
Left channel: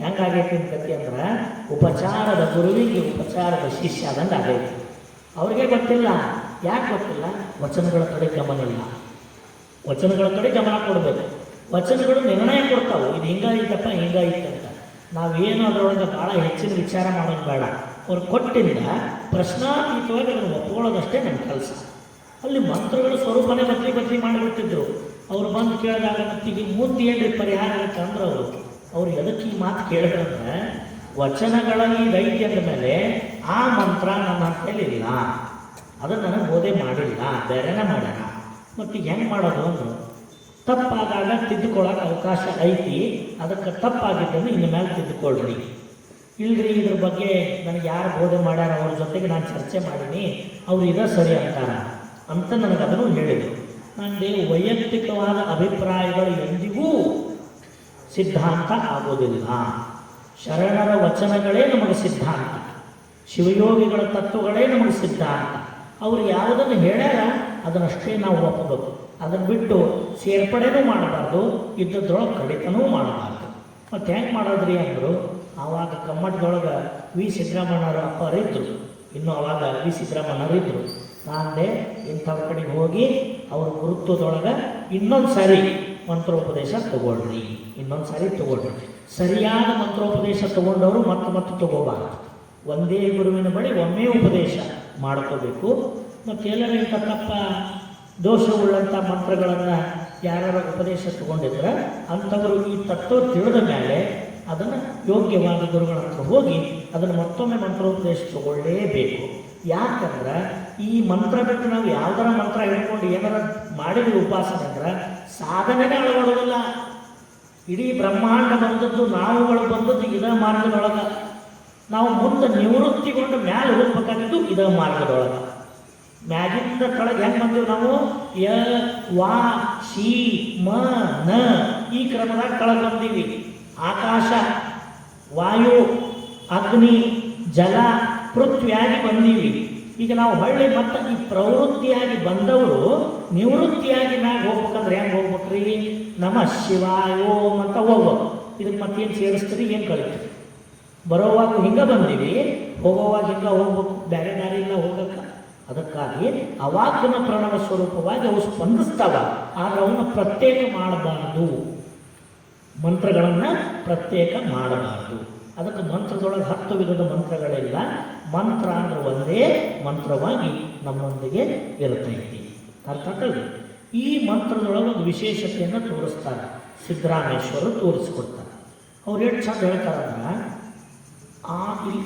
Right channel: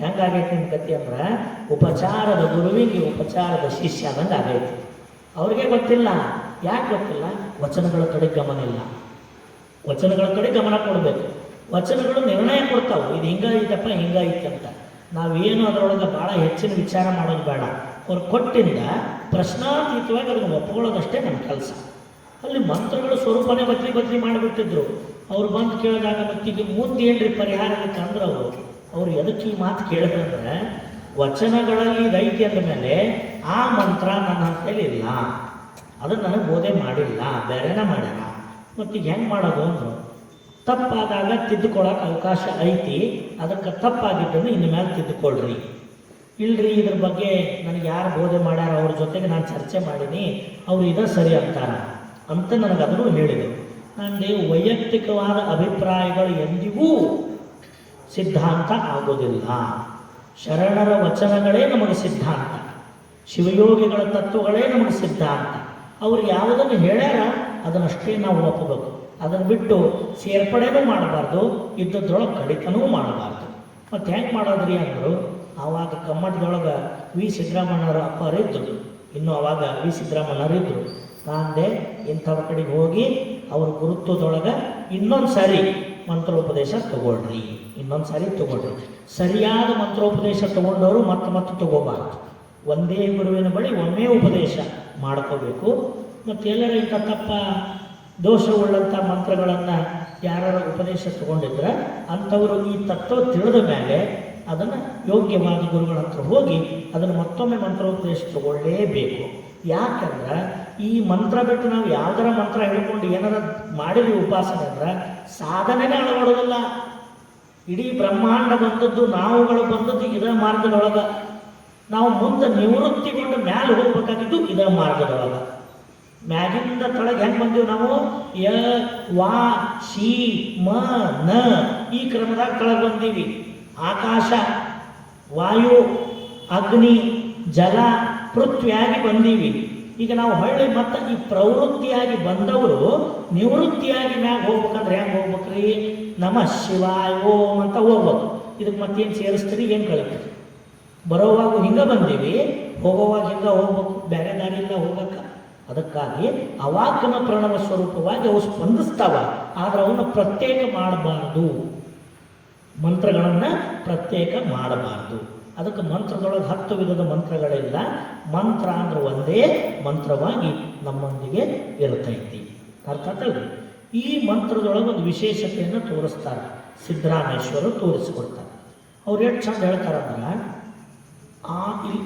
ಹೆಂಗಾಗೈತಿ ಅಂತ ಕತಿ ಅಂದ್ರೆ ಉಪಚಾರದ ಗುರುವಿಗೆ ಉಪಚಾರದ ಶಿಷ್ಯ ಅನ್ನಂಗೆ ಆಗೈತಿ. ಅವ್ರಿಗೆ ಗೊತ್ತಿಲ್ಲ. ಯಾಕೆ ಗೊತ್ತಿಲ್ಲ? ವಚನಗಳ ಕಡೆ ಗಮನ ಇಲ್ಲ. ವಚನಗಳ ಕಡೆ ಗಮನ ಕೊಡಬೇಕು. ವಚನಗಳು ನಿರ್ಣಯ ಕೊಡ್ತಾವೆ, ಇದು ಹಿಂಗಾಯ್ತಪ್ಪ ಹಿಂಗಾಯ್ತಂತ. ನಾವೇನು ಅದರೊಳಗೆ ಭಾಳ ಹೆಚ್ಚಿನ ವಿಚಾರ ಮಾಡೋದು ಬೇಡ. ಅವ್ರು ಕೊಟ್ಟಿಂದ ಪ್ರಶ್ನಾತೀತವಾಗಿ ಅದನ್ನು ಒಪ್ಕೊಳ್ಳೋದಷ್ಟೇ ನಮ್ಮ ಕೆಲಸ. ಅಲ್ಲಿ ಮಂತ್ರಗಳ ಸ್ವರೂಪನೇ ಬದಲಿ ಮಾಡಿಬಿಟ್ಟಿದ್ರು. ಅವ್ರು ಬಂದು ಕೇಳಿದಾಗ ಮತ್ತಿಗೆ ಮುಂದೆ ಏನ್ರಿ ಪರಿಹಾರ ಆಯ್ತು ಅಂದ್ರೆ ಅವ್ರು ಎದಕ್ಕೆ ಈ ಮಾತು ಕೇಳಿದ್ರೆ, ವಚನಗಳಲ್ಲಿ ರೈತಿ ಅಂದ ಮೇಲೆ ಆ ಮಂತ್ರ ನನ್ನ ಹತ್ತಲ್ಲಿ ಇಲ್ಲ, ಅದನ್ನು ನನಗೆ ಬೋಧೆ ಮಾಡಿಲ್ಲ, ಬೇರೆನೇ ಮಾಡ್ಯಾರ. ಮತ್ತೀಗ ಹೆಂಗೆ ಮಾಡೋದು ಅಂದರು. ತಪ್ಪಾದಾಗ ತಿದ್ದುಕೊಳ್ಳೋಕೆ ಅವಕಾಶ ಐತಿ, ಅದಕ್ಕೆ ತಪ್ಪಾಗಿದ್ದನ್ನು ಇನ್ನು ಮೇಲೆ ತಿದ್ದುಕೊಳ್ಳ್ರಿ. ಇಲ್ರಿ ಇದ್ರ ಬಗ್ಗೆ ನನಗೆ ಯಾರು ಬೋಧೆ ಮಾಡ್ಯಾರ ಅವ್ರ ಜೊತೆಗೆ ನಾನು ಚರ್ಚೆ ಮಾಡೀನಿ ಅವ್ರು ಇದ ಸರಿ ಅಂತಾರ ಅಂತ ನನಗೆ ಅದನ್ನು ಹೇಳಿದರು. ನನಗೆ ವೈಯಕ್ತಿಕವಾದ ಅಭಿಪ್ರಾಯಗಳು ಎಂದಿಗೂ ಸಿದ್ಧಾಂತ ಆಗುವುದಿಲ್ಲ. ಶರಣರ ವಚನಗಳೇ ನಮಗೆ ಸಿದ್ಧಾಂತ, ಶಿವಯೋಗಿಗಳ ತತ್ವಗಳೇ ನಮಗೆ ಸಿದ್ಧಾಂತ. ಅವ್ರು ಯಾವುದನ್ನು ಹೇಳ್ಯಾರ ಅದನ್ನಷ್ಟೇ ನಾವು ಒಪ್ಪಬೇಕು. ಅದನ್ನು ಬಿಟ್ಟು ಸೇರ್ಪಡೆನೂ ಮಾಡಬಾರ್ದು, ಇದ್ದದ್ರೊಳಗೆ ಕಡಿತನೂ ಮಾಡಬಾರ್ದು. ಮತ್ತು ಹೆಂಗೆ ಮಾಡೋದ್ರಿ ಅಂದರು, ಆವಾಗ ಕಮ್ಮಟದೊಳಗೆ ವಿ ಸಿದ್ದರಾಮಣ್ಣರ ಅಪ್ಪರಿದ್ದರು. ಇನ್ನು ಆವಾಗ ವಿ ಸಿದ್ದರಾಮಣ್ಣರಿದ್ದರು. ನಾನಂದೆ ಇಂಥವ್ರ ಕಡೆಗೆ ಹೋಗಿ ಅವ್ರ ಗುರುತ್ವದೊಳಗೆ ಇನ್ನೊಂದು ಸಾರಿ ಮಂತ್ರೋಪದೇಶ ತಗೊಳ್ರಿ, ಇನ್ನೊಂದು ಸಾರಿ ತಗೊಳ್ರಿ. ಸರಿಯಾದ ಮಂತ್ರೋಪದೇಶ ತಗೊಂಡವರು ಮತ್ತೆ ತಗೋಬಾರ್ದು. ಒಂದೇ ಗುರುವಿನ ಬಳಿ ಒಮ್ಮೆ ಉಪದೇಶ ಮಾಡ್ಕೋಬೇಕು. ಮತ್ತು ಎಲ್ಲರೂ ಇಂಥ ತಪ್ಪ ದೋಷವುಳ್ಳಂಥ ಮಂತ್ರಗಳನ್ನು ಯಾರು ಉಪದೇಶ ತಗೊಂಡಿದ್ರೆ ಅಂಥವರು ಈ ತತ್ವ ತಿಳಿದ ಮೇಲೆ ಅದನ್ನು ಯೋಗ್ಯವಾದ ಗುರುಗಳ ಹತ್ರ ಹೋಗಿ ಅದನ್ನು ಮತ್ತೊಮ್ಮೆ ಮಂತ್ರೋಪದೇಶ ತಗೊಳ್ಳೇಬೇಕು. ಯಾಕಂದ್ರೆ ಈ ಮಂತ್ರ ಬಿಟ್ಟು ನಾವು ಯಾವ್ದಾರ ಮಂತ್ರ ಹೇಳ್ಕೊಂಡು ಏನಾರ ಮಾಡಿದ್ವಿ ಉಪಾಸನೆ ಅಂದ್ರೆ ಸಾಧನೆನೇ ಒಳಗೊಳ್ಳೋದಿಲ್ಲ. ಇಡೀ ಬ್ರಹ್ಮಾಂಡ ಬಂದದ್ದು, ನಾವುಗಳು ಬಂದದ್ದು ಇದ ಮಾರ್ಗದೊಳಗೆ. ನಾವು ಮುಂದೆ ನಿವೃತ್ತಿಗೊಂಡು ಮ್ಯಾಲೆ ಹೋಗ್ಬೇಕಾಗಿದ್ದು ಇದ ಮಾರ್ಗದೊಳಗೆ. ಮ್ಯಾಗಿಂದ ಕೆಳಗೆ ಹೆಂಗೆ ಬಂದೀವಿ ನಾವು? ಯ ವಾ ಶಿ ಮ ನ ಈ ಕ್ರಮದಾಗ ಕೆಳಗೆ ಬಂದೀವಿ. ಆಕಾಶ, ವಾಯು, ಅಗ್ನಿ, ಜಲ, ಪೃಥ್ವಿಯಾಗಿ ಬಂದೀವಿ. ಈಗ ನಾವು ಹೊಳ್ಳಿ ಮತ್ತೆ ಈ ಪ್ರವೃತ್ತಿಯಾಗಿ ಬಂದವರು ನಿವೃತ್ತಿಯಾಗಿ ಮ್ಯಾಗ ಹೋಗ್ಬೇಕಂದ್ರೆ ಹೆಂಗೆ ಹೋಗ್ಬೇಕ್ರಿ? ನಮಃ ಶಿವಾಯ ಓಂ ಅಂತ ಹೋಗ್ಬೇಕು. ಇದಕ್ಕೆ ಮತ್ತೇನು ಸೇರಿಸ್ತೀರಿ, ಏನು ಕಳಿತೀರಿ? ಬರೋವಾಗ ಹಿಂಗೆ ಬಂದೀವಿ, ಹೋಗೋವಾಗ ಹಿಂಗೆ ಹೋಗ್ಬೇಕು, ಬೇರೆ ದಾರಿಯಿಂದ ಹೋಗ್ಬೇಕು. ಅದಕ್ಕಾಗಿ ಅವಾಕ್ಯನ ಪ್ರಣವ ಸ್ವರೂಪವಾಗಿ ಅವು ಸ್ಪಂದಿಸ್ತಾವ. ಆದರೆ ಅವನ್ನು ಪ್ರತ್ಯೇಕ ಮಾಡಬಾರ್ದು, ಮಂತ್ರಗಳನ್ನು ಪ್ರತ್ಯೇಕ ಮಾಡಬಾರ್ದು. ಅದಕ್ಕೆ ಮಂತ್ರದೊಳಗೆ 10 ವಿಧದ ಮಂತ್ರಗಳಿಲ್ಲ. ಮಂತ್ರ ಅಂದ್ರೆ ಒಂದೇ ಮಂತ್ರವಾಗಿ ನಮ್ಮೊಂದಿಗೆ ಇರುತ್ತೈತಿ. ಅರ್ಥಾತಲ್ರಿ? ಈ ಮಂತ್ರದೊಳಗೆ ಒಂದು ವಿಶೇಷತೆಯನ್ನು ತೋರಿಸ್ತಾರೆ, ಸಿದ್ದರಾಮೇಶ್ವರರು ತೋರಿಸ್ಕೊಡ್ತಾರೆ. ಅವ್ರು ಎಷ್ಟು ಚಂದ ಹೇಳ್ತಾರಂದ್ರೆ,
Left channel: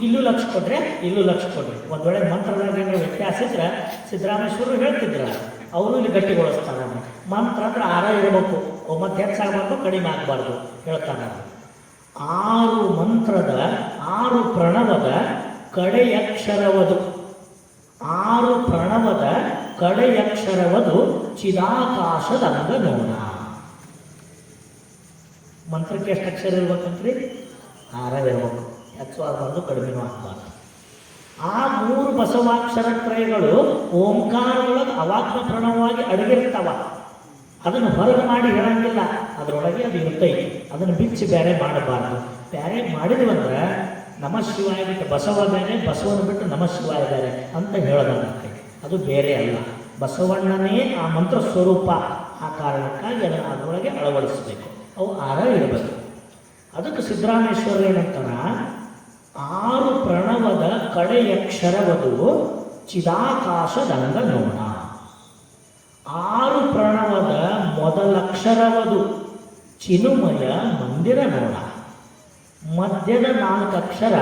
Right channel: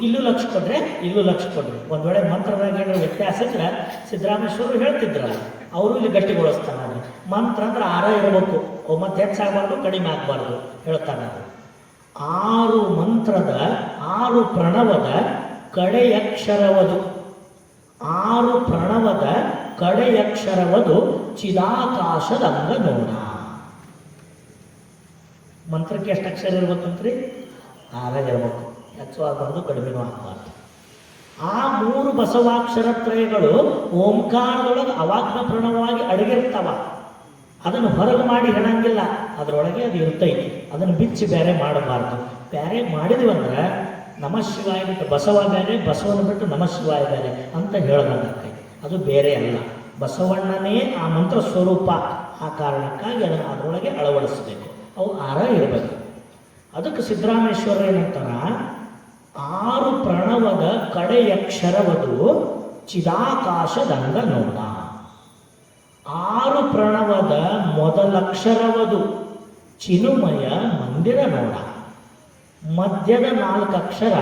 ಇಲ್ಲೂ ಲಕ್ಷ ಕೊಡ್ರೆ ಇಲ್ಲೂ ಲಕ್ಷ ಕೊಡ್ರಿ. ಒಂದು ವೇಳೆ ಮಂತ್ರದಾಗ ಏನು ವ್ಯತ್ಯಾಸ ಇದ್ರೆ ಸಿದ್ದರಾಮೇಶ್ವರರು ಹೇಳ್ತಿದ್ರ, ಅವರು ಇಲ್ಲಿ ಗಟ್ಟಿಗೊಳಿಸ್ತಾರೆ. ಮಂತ್ರ ಅಂದ್ರೆ 6 ಇರಬೇಕು, ಮತ್ತೆ ಹೆಚ್ಚಾಗಬೇಕು, ಕಡಿಮೆ ಆಗಬಾರ್ದು ಹೇಳ್ತಾನೆ. 6 ಮಂತ್ರದ 6 ಪ್ರಣವದ ಕಡೆಯಕ್ಷರವದು, 6 ಪ್ರಣವದ ಕಡೆಯಕ್ಷರವದು ಚಿದಾಕಾಶದಂಗ ನೋಡ. ಮಂತ್ರಕ್ಕೆ ಎಷ್ಟು ಅಕ್ಷರ ಇರ್ಬೇಕಂತ್ರಿ? 6 ಇರಬೇಕು, ಹೆಚ್ಚು ಆಗಬಾರ್ದು, ಕಡಿಮೆನೂ ಆಗಬಾರ್ದು. ಆ 3 ಬಸವಾಕ್ಷರ ತ್ರಯಗಳು ಓಂಕಾರದೊಳಗೆ ಅವಾಕ್ಯ ಪ್ರಣವವಾಗಿ ಅಡಗಿರ್ತಾವ. ಅದನ್ನು ಹೊರಗೆ ಮಾಡಿ ಹೇಳಂಗಿಲ್ಲ, ಅದರೊಳಗೆ ಅದು ಇರ್ತೈತಿ. ಅದನ್ನು ಬಿಚ್ಚಿ ಬೇರೆ ಮಾಡಬಾರ್ದು. ಬೇರೆ ಮಾಡಿದ್ವಿ ಅಂದ್ರೆ ನಮಃ ಶಿವಾಯ ಬಿಟ್ಟು ಬಸವ ಬೇರೆ, ಬಸವನ ಬಿಟ್ಟು ನಮಃ ಶಿವಾಯ ಬೇರೆ ಅಂತ ಹೇಳೋದಾಗುತ್ತೆ. ಅದು ಬೇರೆ ಅಲ್ಲ, ಬಸವಣ್ಣನೇ ಆ ಮಂತ್ರ ಸ್ವರೂಪ. ಆ ಕಾರಣಕ್ಕಾಗಿ ಅದನ್ನು ಅದರೊಳಗೆ ಅಳವಡಿಸಬೇಕು. ಅವು 6 ಇರಬೇಕು. ಅದಕ್ಕೆ ಸಿದ್ದರಾಮೇಶ್ವರ ಏನಂತಾರ, 6 ಪ್ರಣವದ ಕಡೆಯಕ್ಷರವದು ಚಿದಾಕಾಶದಂಗ ನೋಡ. 6 ಪ್ರಣವದ ಮೊದಲಕ್ಷರವದು ಚಿನ್ಮಯ ಮಂದಿರ ನೋಡ. ಮಧ್ಯದ 4 ಅಕ್ಷರ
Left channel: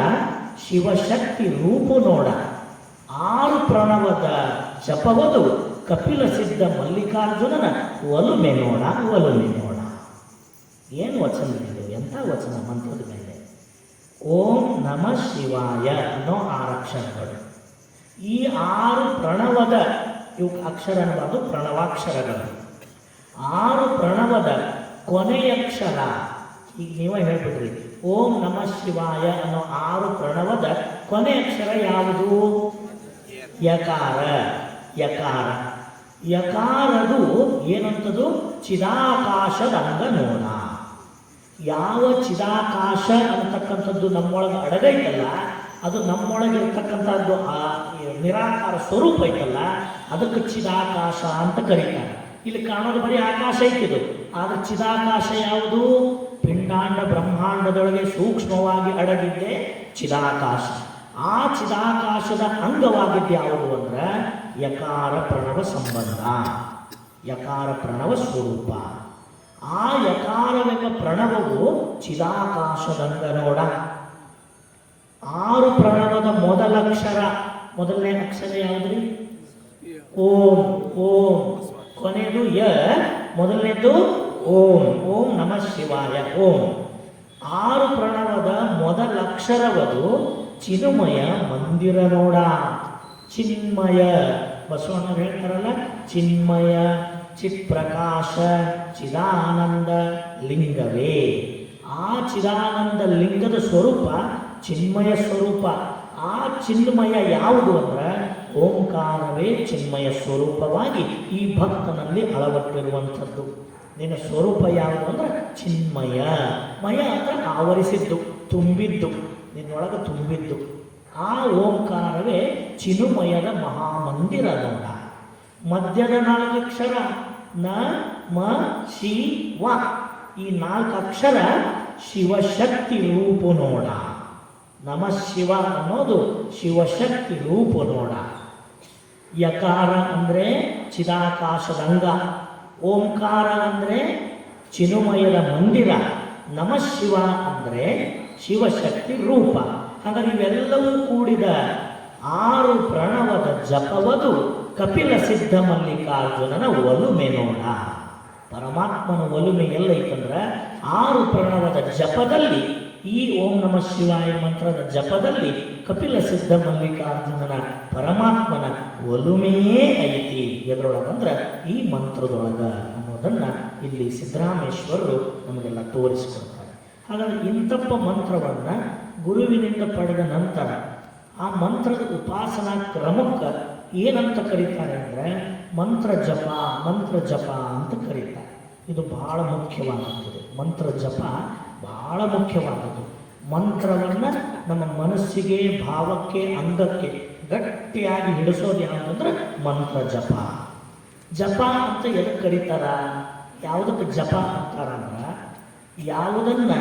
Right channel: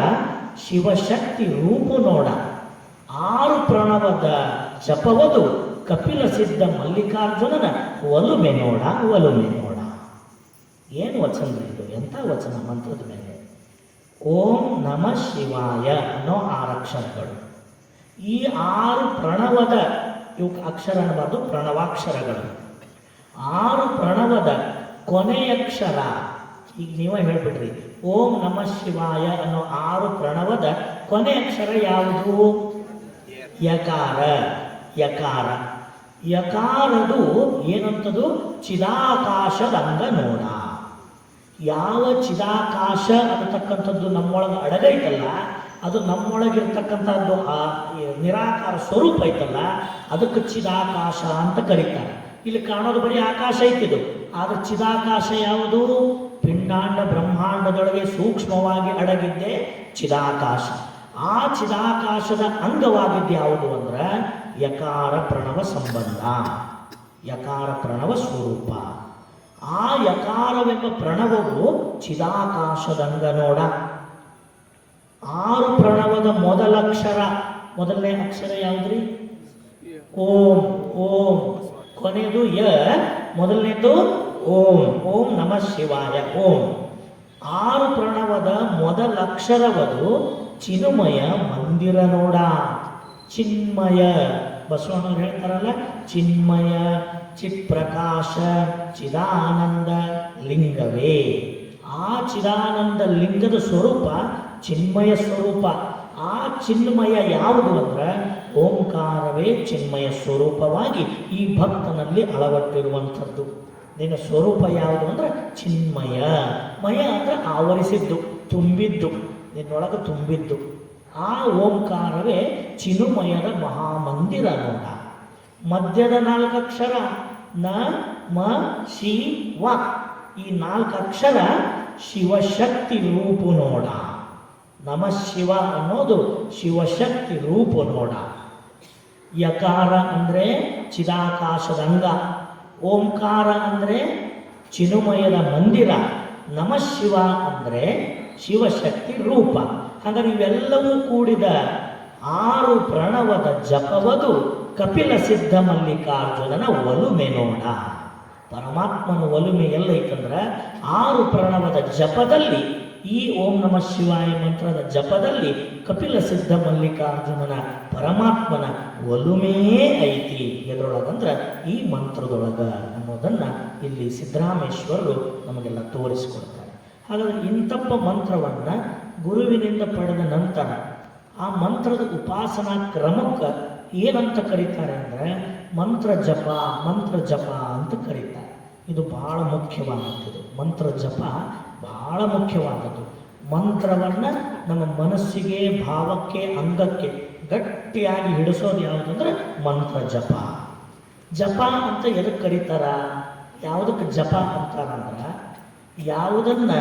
ಶಿವಶಕ್ತಿ ರೂಪು ನೋಡ. 6 ಪ್ರಣವದ ಜಪವದು ಕಪಿಲ ಸಿದ್ಧ ಮಲ್ಲಿಕಾರ್ಜುನನ ಒಲುಮೆ ನೋಡ, ಒಲುಮೆ ನೋಡ. ಏನು ವಚನ ಇದು? ಎಂಥ ವಚನ ಮಂತ್ರದ ಮೇಲೆ. ಓಂ ನಮಃ ಶಿವಾಯ ಅನ್ನೋ 6 ಅಕ್ಷರಗಳು. ಈ 6 ಪ್ರಣವದ ಇವು ಅಕ್ಷರ ಅನ್ನೋದು ಪ್ರಣವಾಕ್ಷರಗಳು. 6 ಪ್ರಣವದ ಕೊನೆಯಕ್ಷರ, ಈಗ ನೀವೇ ಹೇಳ್ಬಿಡ್ರಿ, ಓಂ ನಮಃ ಶಿವಾಯ ಅನ್ನೋ 6 ಪ್ರಣವದ ಕೊನೆ ಅಕ್ಷರ ಯಾವುದು? ಯಕಾರ. ಯಕಾರ. ಯಕಾರದು ಏನಂತದು? ಚಿದಾಕಾಶದಂಗ ನೋಡ. ಯಾವ ಚಿದಾಕಾಶ ಅಂತಕ್ಕಂಥದ್ದು ನಮ್ಮೊಳಗೆ ಅಡಗೈತಲ್ಲ, ಅದು ನಮ್ಮೊಳಗಿರ್ತಕ್ಕಂಥದ್ದು ಆ ನಿರಾಕಾರ ಸ್ವರೂಪ ಐತಲ್ಲ, ಅದಕ್ಕೆ ಚಿದಾಕಾಶ ಅಂತ ಕರೀತಾರೆ. ಇಲ್ಲಿ ಕಾಣೋದು ಬರೀ ಆಕಾಶ ಐತಿದು, ಆದರೆ ಚಿದಾಕಾಶ ಯಾವುದು? ಪಿಂಡಾಂಡ ಬ್ರಹ್ಮಾಂಡದೊಳಗೆ ಸೂಕ್ಷ್ಮವಾಗಿ ಅಡಗಿದ್ದೆ ಚಿದಾಕಾಶ. ಆ ಚಿದಾಕಾಶದ ಅಂಗವಾಗಿದ್ದು ಯಾವುದು ಅಂದ್ರೆ ಯಕಾರ ಪ್ರಣವ ಸಂಬಂಧ, ಯಕಾರ ಪ್ರಣವ ಸ್ವರೂಪ. ಆ ಯಕಾರವೆಂಬ ಪ್ರಣವವು ಚಿದಾಕಾಶದಂಗ ನೋಡ. 6 ಪ್ರಣವದ ಮೊದಲಕ್ಷರ, ಮೊದಲನೇ ಅಕ್ಷರ ಯಾವುದ್ರಿ? ಓಂ. ಓಂ. ಕೊನೆಯದು ಯ, ಮೊದಲನೇದು ಓಂ. ಓಂ ನಮಃ ಶಿವಾಯ ಓಂ. 6 ಪ್ರಣವ ಓಂಕಾರದ ಮೊದಲ ಅಕ್ಷರವದು ಚಿನ್ಮಯ ಮಂದಿರ ನೋಡ. ಚಿನ್ಮಯ ಬಸವಣ್ಣವ್ರು ಹೇಳ್ತಾರಲ್ಲ, ಚಿನ್ಮಯ ಚಿತ್ಪ್ರಕಾಶ ಚಿದಾನಂದ ಲಿಂಗವೇ. ಆ ಚಿದಾನಂದ ಲಿಂಗದ ಸ್ವರೂಪ ಚಿನ್ಮಯ ಸ್ವರೂಪ. ಆ ಚಿನ್ಮಯ ಯಾವುದು ಅಂದ್ರೆ ಓಂಕಾರವೇ ಚಿನ್ಮಯ ಸ್ವರೂಪವಾಗಿ ಈ ಭಕ್ತನಲ್ಲಿ ಅಳವಟ್ಟಿರುವಂಥದ್ದು. ನಿನ್ನ ಸ್ವರೂಪ ಯಾವುದು ಅಂದ್ರೆ ಚಿನ್ಮಯ. ಮಯ ಅಂದ್ರೆ ಆವರಿಸಿದ್ದು, ತುಂಬಿದ್ದು, ನಿನ್ನೊಳಗೆ ತುಂಬಿದ್ದು. ಆ ಓಂಕಾರವೇ ಚಿನ್ಮಯದ ಮಹಾಮಂದಿರ ನೋಡ. ಮಧ್ಯದ 4 ಅಕ್ಷರ ನ ಮ ಶಿ ವ. ಈ 4 ಅಕ್ಷರ ಶಿವಶಕ್ತಿ ರೂಪು ನೋಡ. ನಮಃ ಶಿವ ಅನ್ನೋದು ಶಿವಶಕ್ತಿ ರೂಪು ನೋಡ. ಯಕಾರ ಅಂದರೆ ಚಿದಾಕಾಶದಂಗ, ಓಂಕಾರ ಅಂದರೆ ಚಿನ್ಮಯದ ಮಂದಿರ, ನಮಃ ಶಿವ ಅಂದರೆ ಶಿವಶಕ್ತಿ ರೂಪ. ಹಾಗಾಗಿ ಇವೆಲ್ಲವೂ ಕೂಡಿದ 6 ಪ್ರಣವದ ಜಪವದು ಕಪಿಲ ಸಿದ್ಧ ಮಲ್ಲಿಕಾರ್ಜುನನ ಒಲುಮೆ ನೋಡ. ಪರಮಾತ್ಮನ ಒಲುಮೆ ಎಲ್ಲೈತಂದ್ರೆ 6 ಪ್ರಣವದ ಜಪದಲ್ಲಿ, ಈ ಓಂ ನಮಃ ಶಿವಾಯ ಮಂತ್ರದ ಜಪದಲ್ಲಿ ಕಪಿಲ ಸಿದ್ಧ ಮಲ್ಲಿಕಾರ್ಜುನನ ಪರಮಾತ್ಮನ ಒಲುಮೆಯೇ ಐತಿ. ಎದರೊಳಗಂದ್ರೆ ಈ ಮಂತ್ರದೊಳಗ ಅನ್ನೋದನ್ನ ಇಲ್ಲಿ ಸಿದ್ದರಾಮೇಶ್ವರರು ನಮಗೆಲ್ಲ ತೋರಿಸಿಕೊಡ್ತಾರೆ. ಹಾಗಾದ್ರೆ ಇಂಥಪ್ಪ ಮಂತ್ರವನ್ನು ಗುರುವಿನಿಂದ ಪಡೆದ ನಂತರ ಆ ಮಂತ್ರದ ಉಪಾಸನಾ ಕ್ರಮಕ್ಕೆ ಏನಂತ ಕರೀತಾರೆ ಅಂದರೆ ಮಂತ್ರ ಜಪ ಅಂತ ಕರೀತಾರೆ. ಇದು ಬಹಳ ಮುಖ್ಯವಾದದ್ದು. ಮಂತ್ರ ಜಪ ಬಹಳ ಮುಖ್ಯವಾದದ್ದು. ಮಂತ್ರವನ್ನು ನಮ್ಮ ಮನಸ್ಸಿಗೆ, ಭಾವಕ್ಕೆ, ಅಂಗಕ್ಕೆ ಗಟ್ಟಿಯಾಗಿ ಹಿಡಿಸೋದು ಯಾವುದಂದ್ರೆ ಮಂತ್ರ ಜಪ. ಜಪ ಅಂತ ಎದಕ್ಕೆ ಕರೀತಾರ, ಯಾವುದಕ್ಕೆ ಜಪ ಅಂತಾರಂದ್ರೆ ಯಾವುದನ್ನ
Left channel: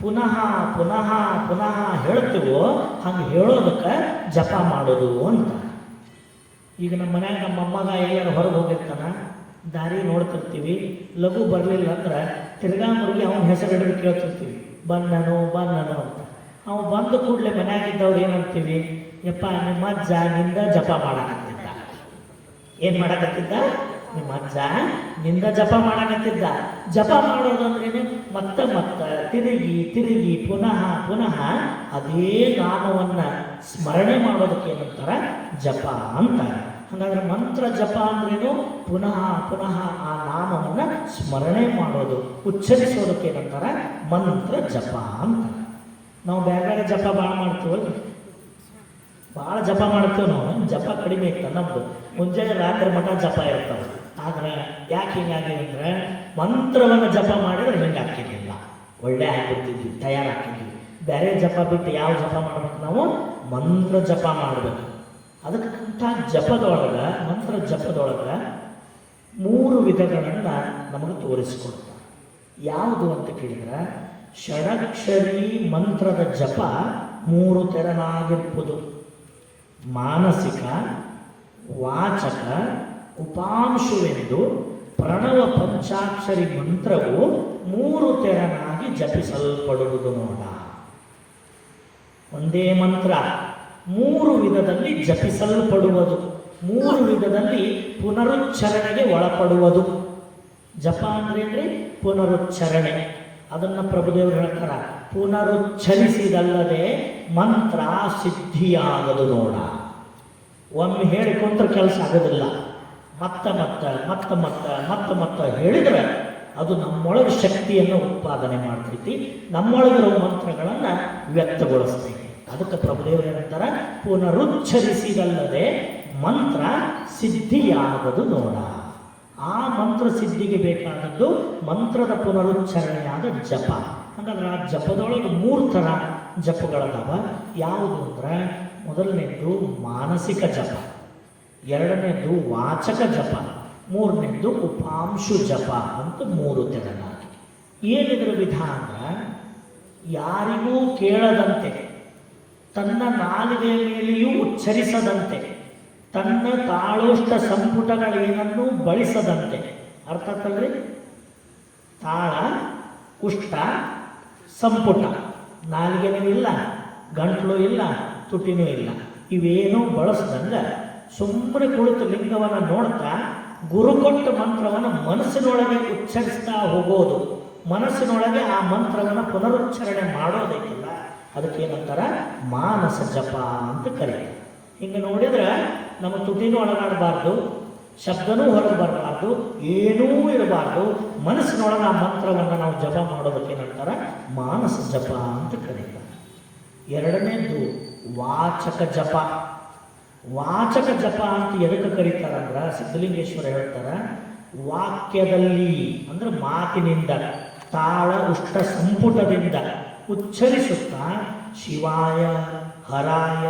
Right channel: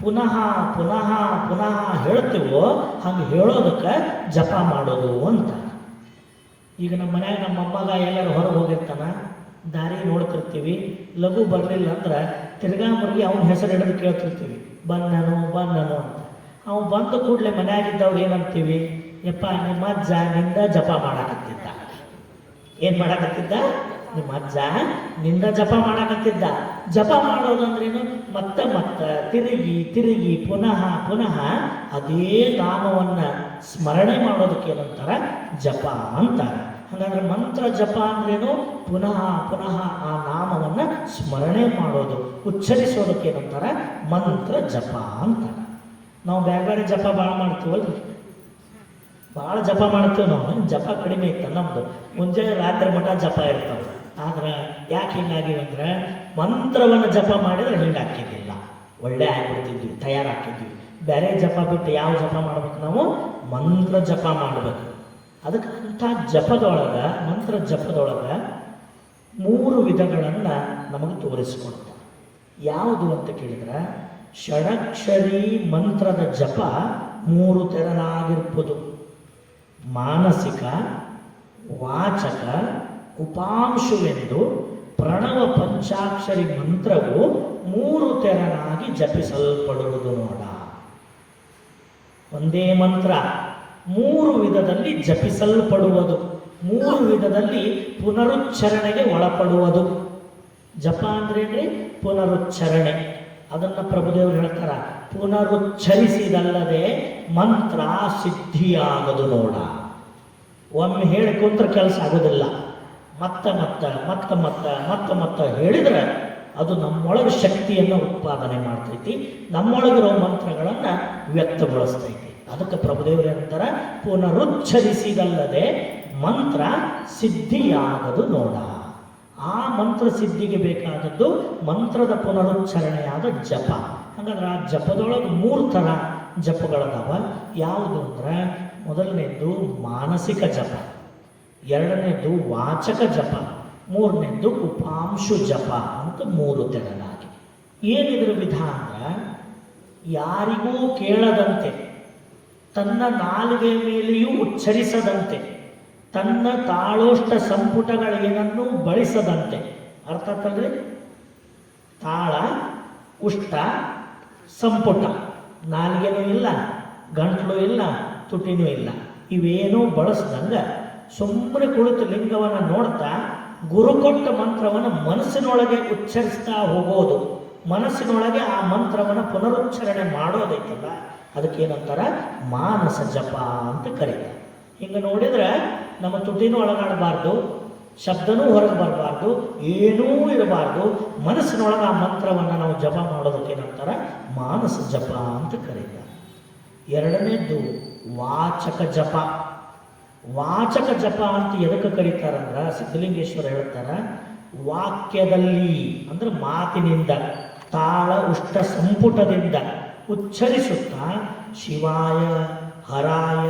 ಪುನಃ ಪುನಃ ಪುನಃ ಹೇಳ್ತೀವೋ ಹಂಗೆ ಹೇಳೋದಕ್ಕೆ ಜಪ ಮಾಡೋದು ಅಂತ. ಈಗ ನಮ್ಮ ಮನ್ಯಾಗ ನಮ್ಮ ಅಮ್ಮಗ ಎಲ್ಲರೂ ಹೊರಗೆ ಹೋಗಿರ್ತಾನ, ದಾರಿ ನೋಡ್ತಿರ್ತೀವಿ, ಲಘು ಬರಲಿಲ್ಲ ಅಂದ್ರೆ ತಿರ್ಗಾ ಮುರುಗಿ ಅವನ ಹೆಸರು ಹಿಡಿದು ಕೇಳ್ತಿರ್ತೀವಿ, ಬಂದನು ಅಂತ. ಅವು ಬಂದ ಕೂಡಲೇ ಮನ್ಯಾಗಿದ್ದವ್ರು ಏನಂತೀವಿ, ಯಪ್ಪ ನಿಮ್ಮ ಅಜ್ಜ ನಿಂದ ಜಪ ಮಾಡಕತ್ತಿದ್ದ. ಏನು ಮಾಡಕತ್ತಿದ್ದ? ನಿಮ್ಮ ಅಜ್ಜ ನಿಂದ ಜಪ ಮಾಡಕತ್ತಿದ್ದ. ಜಪ ಮಾಡೋದಂದ್ರೇನು? ಮತ್ತೆ ತಿರುಗಿ ಪುನಃ ಅದೇ ನಾಮವನ್ನು ಸ್ಮರಣೆ ಮಾಡೋದಕ್ಕೆ ಏನಂತಾರೆ? ಜಪ ಅಂತಾರೆ. ಹಾಗಾದ್ರೆ ಮಂತ್ರ ಜಪ ಅಂದ್ರೇನು? ಪುನಃ ಆ ನಾಮವನ್ನು ಸ್ಮರಣೆ ಮಾಡೋದು, ಉಚ್ಚರಿಸೋದಕ್ಕೆ ಏನಂತಾರೆ? ಮಂತ್ರ ಜಪ ಅಂತಾರೆ. ನಾವು ಬೇರೆ ಜಪ ಭಾಳ ಮಾಡ್ತೀವಿ, ಭಾಳ ಜಪ ಮಾಡ್ತೀವಿ. ನಾವು ಜಪ ಕಡಿಮೆ ಇತ್ತು ನಮ್ಮದು. ಮುಂಜಾನೆ ರಾತ್ರಿ ಮಠ ಜಪ ಇರ್ತದೆ. ಆದ್ರೆ ಯಾಕೆ ಹಿಂಗಾಗಿವೆ ಅಂದ್ರೆ ಮಂತ್ರವನ್ನು ಜಪ ಮಾಡಿದ್ರೆ ಹಿಂಗೆ ಹಾಕಿದ್ದಿಲ್ಲ, ಒಳ್ಳೆ ಆಗಿರ್ತಿದ್ವಿ, ತಯಾರಾಗ್ತಿದ್ವಿ. ಬೇರೆ ಜಪ ಬಿಟ್ಟು ಯಾವ ಜಪ ಮಾಡ್ಬೇಕು? ನಾವು ಮಂತ್ರ ಜಪ ಮಾಡಬೇಕು. ಅದಕ್ಕಂಥ ಜಪದೊಳಗೆ, ಮಂತ್ರ ಜಪದೊಳಗೆ 3 ವಿಧಗಳನ್ನು ನಮಗೆ ತೋರಿಸ್ಕೊಡ್ತಾರೆ. ಯಾವುದು ಅಂತ ಕೇಳಿದ್ರೆ, ಷಡಕ್ಷರಿ ಮಂತ್ರದ ಜಪ 3 ತೆರನಾಗಿರ್ಬೋದು. ಮಾನಸಿಕ, ವಾಚಕ, ಉಪಾಂಶುವೆಂದು ಪ್ರಣವ ಪಂಚಾಕ್ಷರಿ ಮಂತ್ರವು 3 ತೆರನಾಗಿ ಜಪಿಸಲ್ಪಡುವುದು ನೋಡ. ಒಂದೇ ಮಂತ್ರ 3 ವಿಧದಲ್ಲಿ ಜಪಿಸಲ್ಪಡುವುದು, 3 ವಿಧದಲ್ಲಿ ಪುನರುಚ್ಚಾರಣೆಗೆ ಒಳಪಡುವುದು. ಜಪ ಅಂದ್ರೆ ಪುನರುಚ್ಚಾರಣೆ. ಅದನ್ನು ಪ್ರಭುದೇವರು ಹೇಳ್ತಾರ, ಪುನರುಚ್ಚರಿಸಿದಲ್ಲದೆ ಮಂತ್ರ ಸಿದ್ಧಿಯಾಗದು ನೋಡ. ಒಮ್ಮೆ ಹೇಳಿಕೊಂಡ್ರೆ ಕೆಲಸ ಆಗೋದಿಲ್ಲ. ಮತ್ತೆ ಹೇಳಿದ್ರೆ ಅದು ನಮ್ಮೊಳಗೆ ಶಕ್ತಿಯನ್ನು ಉತ್ಪಾದನೆ ಮಾಡ್ತೈತಿ, ನಮ್ಮೊಳಗಿರೋ ಮಂತ್ರಗಳನ್ನು ವ್ಯಕ್ತಗೊಳಿಸ್ತೈತಿ. ಅದಕ್ಕೆ ಪ್ರಭುದೇವರು ಹೇಳ್ತಾರೆ, ಪುನರುಚ್ಚರಿಸಿದಲ್ಲದೆ ಮಂತ್ರ ಸಿದ್ಧಿಯಾಗದು ನೋಡ. ಆ ಮಂತ್ರ ಸಿದ್ಧಿಗೆ ಬೇಕಾದದ್ದು ಮಂತ್ರದ ಪುನರುಚ್ಚಾರಣೆಯಾದ ಜಪ. ಹಾಗಾದ್ರೆ ಆ ಜಪದೊಳಗೆ 3 ಥರ ಜಪಗಳದಾವ. ಯಾವುದು ಅಂದ್ರೆ, ಮೊದಲನೇದು ಮಾನಸಿಕ ಜಪ, ಎರಡನೇದು ವಾಚಕ ಜಪ, ಮೂರನೇದು ಉಪಾಂಶು ಜಪ ಅಂತ 3 ತೆರನಾಗಿ. ಏನಿದ್ರ ವಿಧಾನ? ಯಾರಿಗೂ ಕೇಳದಂತೆ, ತನ್ನ ನಾಲಿಗೆಯ ಮೇಲೆಯೂ ಉಚ್ಚರಿಸದಂತೆ, ತನ್ನ ತಾಳೋಷ್ಟ ಸಂಪುಟಗಳೇನನ್ನು ಬಳಸದಂತೆ. ಅರ್ಥ ಆಗ್ತದ್ರಿ? ತಾಳ, ಉಷ್ಟ, ಸಂಪುಟ. ನಾಲಿಗೆನೂ ಇಲ್ಲ, ಗಂಟಲು ಇಲ್ಲ, ತುಟಿನೂ ಇಲ್ಲ. ಇವೇನೂ ಬಳಸ್ದಂಗೆ ಸುಮ್ಮನೆ ಕುಳಿತು ಲಿಂಗವನ್ನು ನೋಡ್ತಾ ಗುರುಕೊಟ್ಟ ಮಂತ್ರವನ್ನು ಮನಸ್ಸಿನೊಳಗೆ ಉಚ್ಚರಿಸ್ತಾ ಹೋಗೋದು. ಮನಸ್ಸಿನೊಳಗೆ ಆ ಮಂತ್ರವನ್ನು ಪುನರುಚ್ಚಾರಣೆ ಮಾಡೋದೈತಲ್ಲ ಅದಕ್ಕೇನಂತಾರ ಮಾನಸ ಜಪ ಅಂತ ಕರೀತಾರೆ. ಹಿಂಗೆ ನೋಡಿದ್ರೆ ನಮ್ಮ ತುಟಿನೂ ಒಳಗಾಡಬಾರ್ದು, ಶಬ್ದನೂ ಹೊರಗೆ ಬರಬಾರ್ದು, ಏನೂ ಇರಬಾರ್ದು. ಮನಸ್ಸಿನೊಳಗೆ ಆ ಮಂತ್ರವನ್ನು ನಾವು ಜಪ ಮಾಡೋದಕ್ಕೇನಂತಾರ ಮಾನಸ ಜಪ ಅಂತ ಕರೀತಾರೆ. ಎರಡನೇದು ವಾಚಕ ಜಪ. ವಾಚಕ ಜಪ ಅಂತ ಎದಕ್ಕೆ ಕರೀತಾರಂದ್ರೆ ಸಿದ್ಧಲಿಂಗೇಶ್ವರ ಹೇಳ್ತಾರ, ವಾಕ್ಯದಲ್ಲಿ ಅಂದ್ರೆ ಮಾತಿನಿಂದ ತಾಳ ಉಷ್ಟ ಸಂಪುಟದಿಂದ ಉಚ್ಚರಿಸುತ್ತಾ ಶಿವಾಯ ಹರಾಯ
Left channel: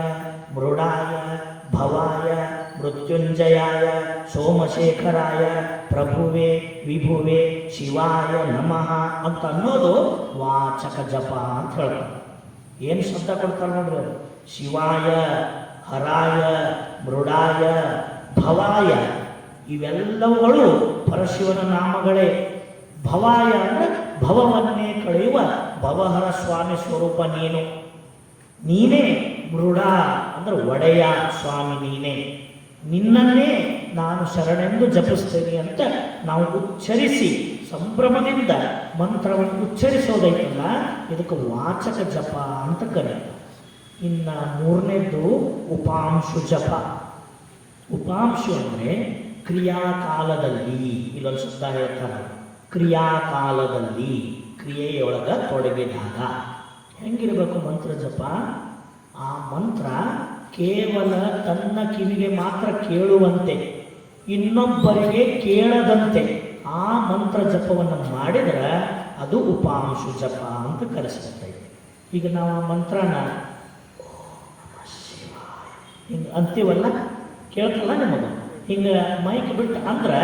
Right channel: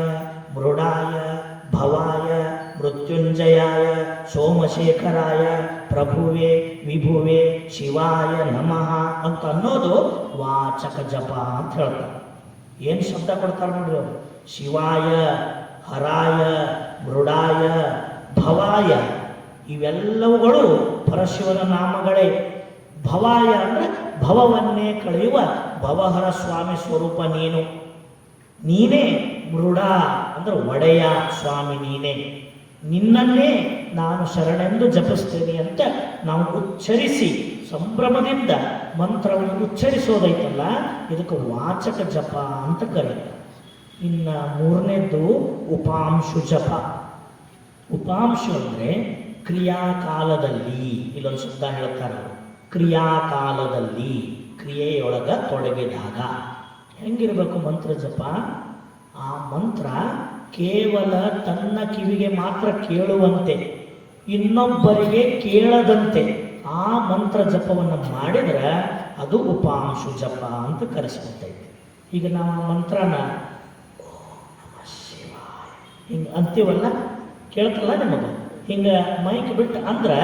ಮೃಡಾಯ ಭವಾಯ ಮೃತ್ಯುಂಜಯಾಯ ಸೋಮಶೇಖರಾಯ ಪ್ರಭುವೇ ವಿಭುವೇ ಶಿವಾಯ ನಮಃ ಅಂತ ಅನ್ನೋದು ವಾಚಕ ಜಪ ಅಂತ ಹೇಳ್ತಾರೆ. ಏನು ಶಬ್ದ ಕೊಡ್ತಾರೆ ನೋಡ್ರಿ, ಶಿವಾಯ ಹರಾಯ ಮೃಡಾಯ ಭವಾಯ ಇವೆಲ್ಲವುಗಳು ಪರಶಿವನ ನಾಮಗಳೇ. ಭವಾಯ ಅಂದರೆ ಭವವನ್ನೇ ಕಳೆಯುವ ಭವಹರ ಸ್ವಾಮಿ ಸ್ವರೂಪ ನೀನು. ನೀನೇ ಮೃಡ ಅಂದ್ರೆ ಒಡೆಯ ಸ್ವಾಮಿ ನೀನೇ. ನಿನ್ನನ್ನೇ ನಾನು ಶರಣೆಂದು ಜಪಿಸ್ತೇನೆ ಅಂತ ನಾವು ಉಚ್ಚರಿಸಿ ಸಂಭ್ರಮದಿಂದ ಮಂತ್ರವನ್ನು ಉಚ್ಚರಿಸೋದೈತಲ್ಲ ಇದಕ್ಕೆ ವಾಚಕ ಜಪ ಅಂತ ಕರೀತಾರೆ. ಇನ್ನು ಮೂರನೇದ್ದು ಉಪಾಂಶು ಜಪ. ಉಪಾಂಶು ಅಂದರೆ ಕ್ರಿಯಾಕಾಲದಲ್ಲಿ, ಇಲ್ಲೊಂದು ಶಬ್ದ ಹೇಳ್ತಾರೆ, ಕ್ರಿಯಾಕಾಲದಲ್ಲಿ ಕ್ರಿಯೆಯೊಳಗ ತೊಡಗಿದಾಗ ಹೆಂಗಿರಬೇಕು ಮಂತ್ರ ಜಪ. ಆ ಮಂತ್ರ ಕೇವಲ ತನ್ನ ಕಿವಿಗೆ ಮಾತ್ರ ಕೇಳುವಂತೆ, ಇನ್ನೊಬ್ಬರಿಗೆ ಕೇಳದಂತೆ ಆ ಮಂತ್ರ ಜಪವನ್ನು ಮಾಡಿದರೆ ಅದು ಉಪಾಂಶು ಜಪ ಅಂತ ಕರೆಸ್ಬಿಟ್ಟೈತೆ. ಈಗ ನಾವು ಆ ಮಂತ್ರನ ಹಿಂಗೆ ಅಂತೀವಲ್ಲ, ಕೇಳ್ತಲ್ಲ ನಮಗೆ, ಹಿಂಗೆ ಮೈಕ್ ಬಿಟ್ಟು ಅಂದ್ರೆ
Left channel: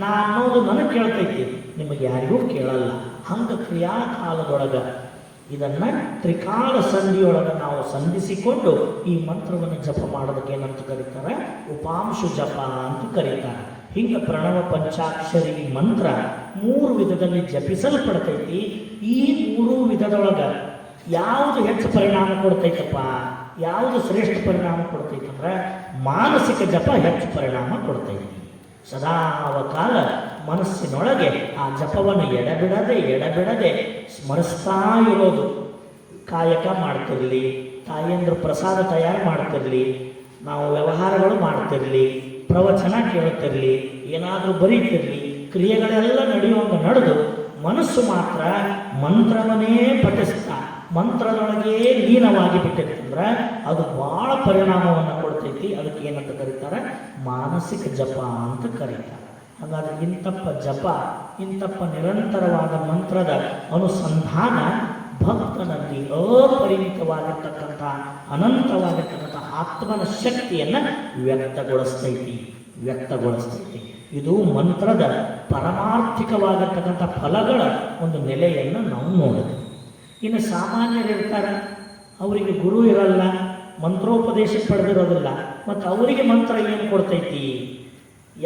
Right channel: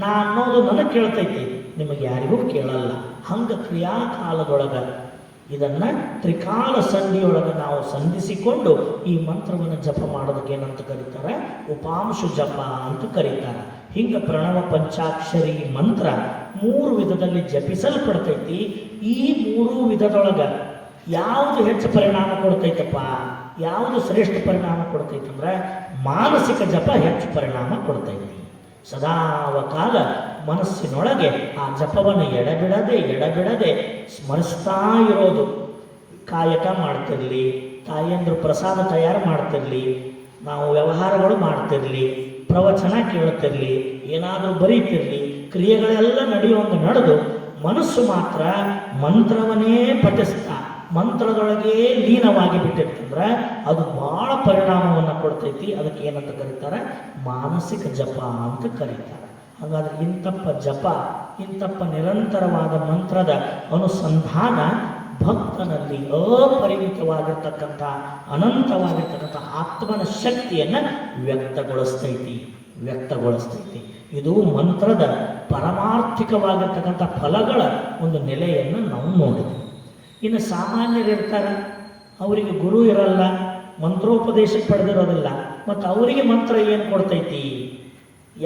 ನಾ ಅನ್ನೋದು ನನಗೆ ಕೇಳ್ತೈತಿ, ನಿಮಗೆ ಯಾರಿಗೂ ಕೇಳಲ್ಲ. ಹಂಗೆ ಕ್ರಿಯಾಕಾಲದೊಳಗೆ ಇದನ್ನು ತ್ರಿಕಾಲ ಸಂಧಿಯೊಳಗೆ ನಾವು ಸಂಧಿಸಿಕೊಂಡು ಈ ಮಂತ್ರವನ್ನು ಜಪ ಮಾಡೋದಕ್ಕೆ ಏನಂತ ಕರೀತಾರೆ ಉಪಾಂಶು ಜಪ ಅಂತ ಕರೀತಾರೆ. ಹಿಂಗೆ ಪ್ರಣವ ಪಂಚಾಕ್ಷರಿ ಮಂತ್ರ 3 ವಿಧದಲ್ಲಿ ಜಪಿಸಲ್ಪಡ್ತೈತಿ. ಈ 3 ವಿಧದೊಳಗೆ ಯಾವುದು ಹೆಚ್ಚು ಪರಿಣಾಮ ಕೊಡ್ತೈತಪ್ಪ, ಯಾವುದು ಶ್ರೇಷ್ಠ ಪರಿಣಾಮ ಕೊಡ್ತೈತಿ ಅಂದ್ರೆ ಮಾನಸಿಕ ಜಪ ಹೆಚ್ಚು ಪರಿಣಾಮ ಕೊಡ್ತೈತಿ. ಸದಾಕಾಲ ಮನಸ್ಸಿನೊಳಗೆ ಆ ಜಪವನ್ನು ಎಡಬಿಡದೆ ಸ್ಮರಿಸ್ತಾ ಇರೋದು. ಕಾಯಕ ಮಾಡ್ತಿರಲಿ, ತಾಯಿಯಂದ್ರು ಪ್ರಸಾದ ತಯಾರು ಮಾಡ್ತಿರಲಿ, ನಾವು ವ್ಯವಹಾರಗಳು ಮಾಡ್ತಿರಲಿ, ಪ್ರವಚನ ಕೇಳ್ತಿರಲಿ, ಏನಾದರೂ ಬರೀತಿರಲಿ, ಕ್ರಿಯೆಗಳೆಲ್ಲ ನಡೆಯುವಂಗೆ ನಡೆದು ಮನಸ್ಸು ಮಾತ್ರ ಮಂತ್ರವನ್ನೇ ಪಠಿಸ್ತಾ ಮಂತ್ರದೊಳಗೆ ಲೀನವಾಗಿ ಬಿಟ್ಟಿರ್ತಂದ್ರೆ ಅದು ಬಹಳ ಪರಿಣಾಮವನ್ನು ಕೊಡ್ತೈತಿ. ಅದಕ್ಕೆ ಏನಂತ ಕರೀತಾರೆ ಮಾನಸಿಕ ಜಪ ಅಂತ ಕರೀತಾರೆ. ಹಾಗಾದ್ರೆ ಇಂತಪ್ಪ ಜಪ, ಇಂತಪ್ಪ ನಿರಂತರವಾದ ಮಂತ್ರದ ಅನುಸಂಧಾನ ಭಕ್ತನಲ್ಲಿ ಅಪರಿಮಿತವಾಗಿರ್ತಕ್ಕಂಥ ಅನಂತವಾಗಿರ್ತಕ್ಕಂಥ ಆತ್ಮನ ಶಕ್ತಿಯನ್ನು ವ್ಯಕ್ತಗೊಳಿಸ್ತೈತಿ. ಇದು ಮಂತ್ರದ ಪರಮಾರ್ಥಿಕವಾಗಿರ್ತಕ್ಕಂಥ ಫಲಗಳ ಒಂದು ನೆಲೆಯನ್ನು ನಾವು ನೋಡಿದೆ. ಇನ್ನು ಸಾಮಾನ್ಯರಿರ್ತಾರೆ, ಅವರಿಗೆ ಗುರು ಇರಲ್ಲ, ಮಂತ್ರೋಪದೇಶ ಪಡೆದಿರೋದಿಲ್ಲ, ಮತ್ತು ಅವರಿಗೆ ಮಂತ್ರ ಏನು ಕೊಡ್ತೈತಿ?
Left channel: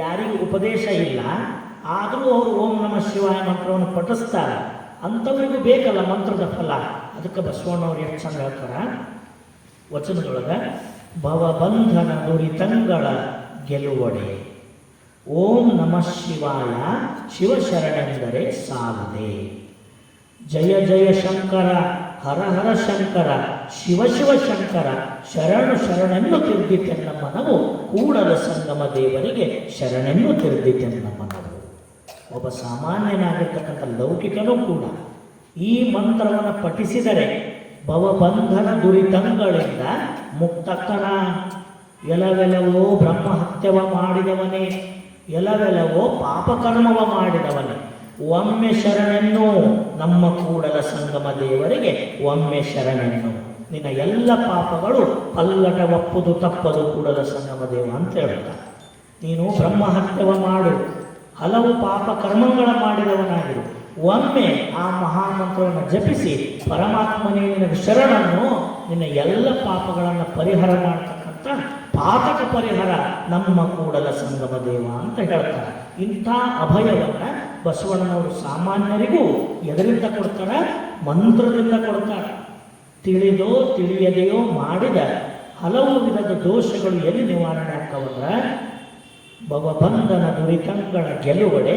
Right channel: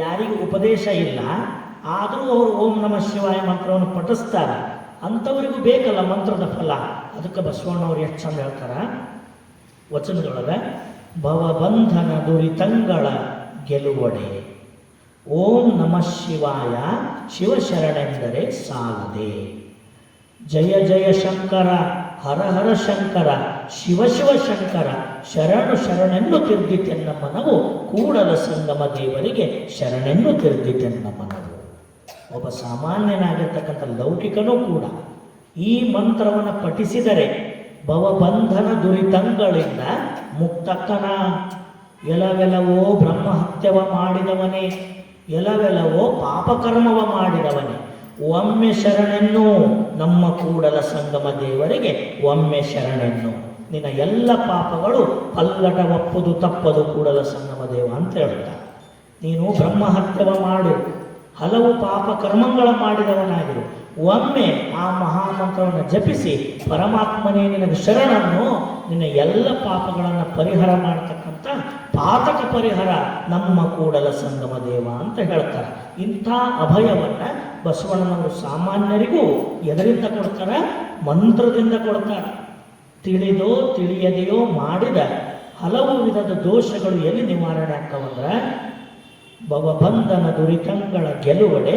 ಯಾರಿಗೆ ಉಪದೇಶ ಇಲ್ಲ ಆದರೂ ಅವರು ಓಂ ನಮಃ ಶಿವಾಯ ಮಂತ್ರವನ್ನು ಪಠಿಸ್ತಾರೆ, ಅಂಥವರಿಗೂ ಬೇಕಲ್ಲ ಮಂತ್ರದ ಫಲ. ಅದಕ್ಕೆ ಬಸವಣ್ಣವ್ರು ಎಷ್ಟು ಚಂದ ಹೇಳ್ತಾರ ವಚನದೊಳಗೆ, ಭವಬಂಧನ ದುರಿತಂಗಳ ಗೆಲುವಡೆ ಓಂ ನಮಃ ಶಿವಾಯ ಶಿವಶರಣೆಂದರೆ ಸಾಲದೆ. ಜಯ ಜಯ ಶಂಕರ ಹರ ಹರ ಶಂಕರ ಶಿವ ಶಿವ ಶಂಕರ ಶರಣೆಂದು ತಿರುಗಿತೆನ್ನ ಮನವು ಕೂಡಲ ಸಂಗಮ ದೇವರಿಗೆ ಶರಣೆಂದು ತಿರುಗಿತೆನ್ನ ಮನವು. ಒಬ್ಬ ಸಾಮಾನ್ಯನಾಗಿರ್ತಕ್ಕಂಥ ಲೌಕಿಕನೂ ಕೂಡ ಈ ಮಂತ್ರವನ್ನು ಪಠಿಸಿದರೆ ಭವಬಂಧನ ದುರಿತಂಗಳಿಂದ ಮುಕ್ತಕ್ಕನ. ಎಲವೆಲವೋ ಬ್ರಹ್ಮಹತ್ಯವ ಮಾಡಿದವನೇ, ಎಲವೆಲವೋ ಪಾಪಕರ್ಮವ ಮಾಡಿದವನೇ, ಒಮ್ಮೆ ಶರಣೆನ್ನು ನಮ್ಮ ಕೂಡಲ ಸಂಗಮ ದೇವರಿಗೆ ಒಮ್ಮೆ ಶರಣೆನ್ನು. ನಿನ್ನ ಎಲ್ಲ ಪಾಪಗಳು ಪಲ್ಲಟ ಒಪ್ಪುದು ತಪ್ಪದು ಕೂಡಲ ಸಂಗಮ ದೇವ ಅಂತ ಹೇಳ್ತಾರೆ. ನೀನು ಬ್ರಹ್ಮಹತ್ಯವ ಮಾಡು, ಹಲವು ಪಾಪ ಕರ್ಮಗಳ ಮಾಡಿದವನಾಗಿರು, ಒಮ್ಮೆ ಆ ಮಹಾಮಂತ್ರವನ್ನು ಜಪಿಸಿ ಪರಮಾತ್ಮನೇ ನಿನಗೆ ಶರಣನು, ನಿನ್ನ ಎಲ್ಲ ಪಾಪಗಳನ್ನು ಪರಿಹಾರ ಮಾಡತಕ್ಕಂಥ ಪಾತಕ ಪರಿಹಾರ ನಮ್ಮ ಕೂಡಲ ಸಂಗಮ ದೇವ ಅಂತ ಹೇಳ್ತಾರೆ. ಇಂಥ ಅಭಯವನ್ನು ಬಸವಣ್ಣನವರು ಸಾಮಾನ್ಯರಿಗೂ ಎದರಿಂದ ಕೊಡ್ತಾರೆ? ಮಂತ್ರದಿಂದ ಕೊಡ್ತಾರೆ. ತಿಳಿದೋ ತಿಳಿಯದೆಯೋ ಮಾಡಿದ ಹಲವು ವಿಧದ ದೋಷಗಳು ಎಲ್ಲಿ ನಿವಾರಣೆ ಆಗ್ತಾವಂದ್ರೆ ಭವಬಂಧನ ದುರಿತಂಗಳ ಗೆಲುವಡೆ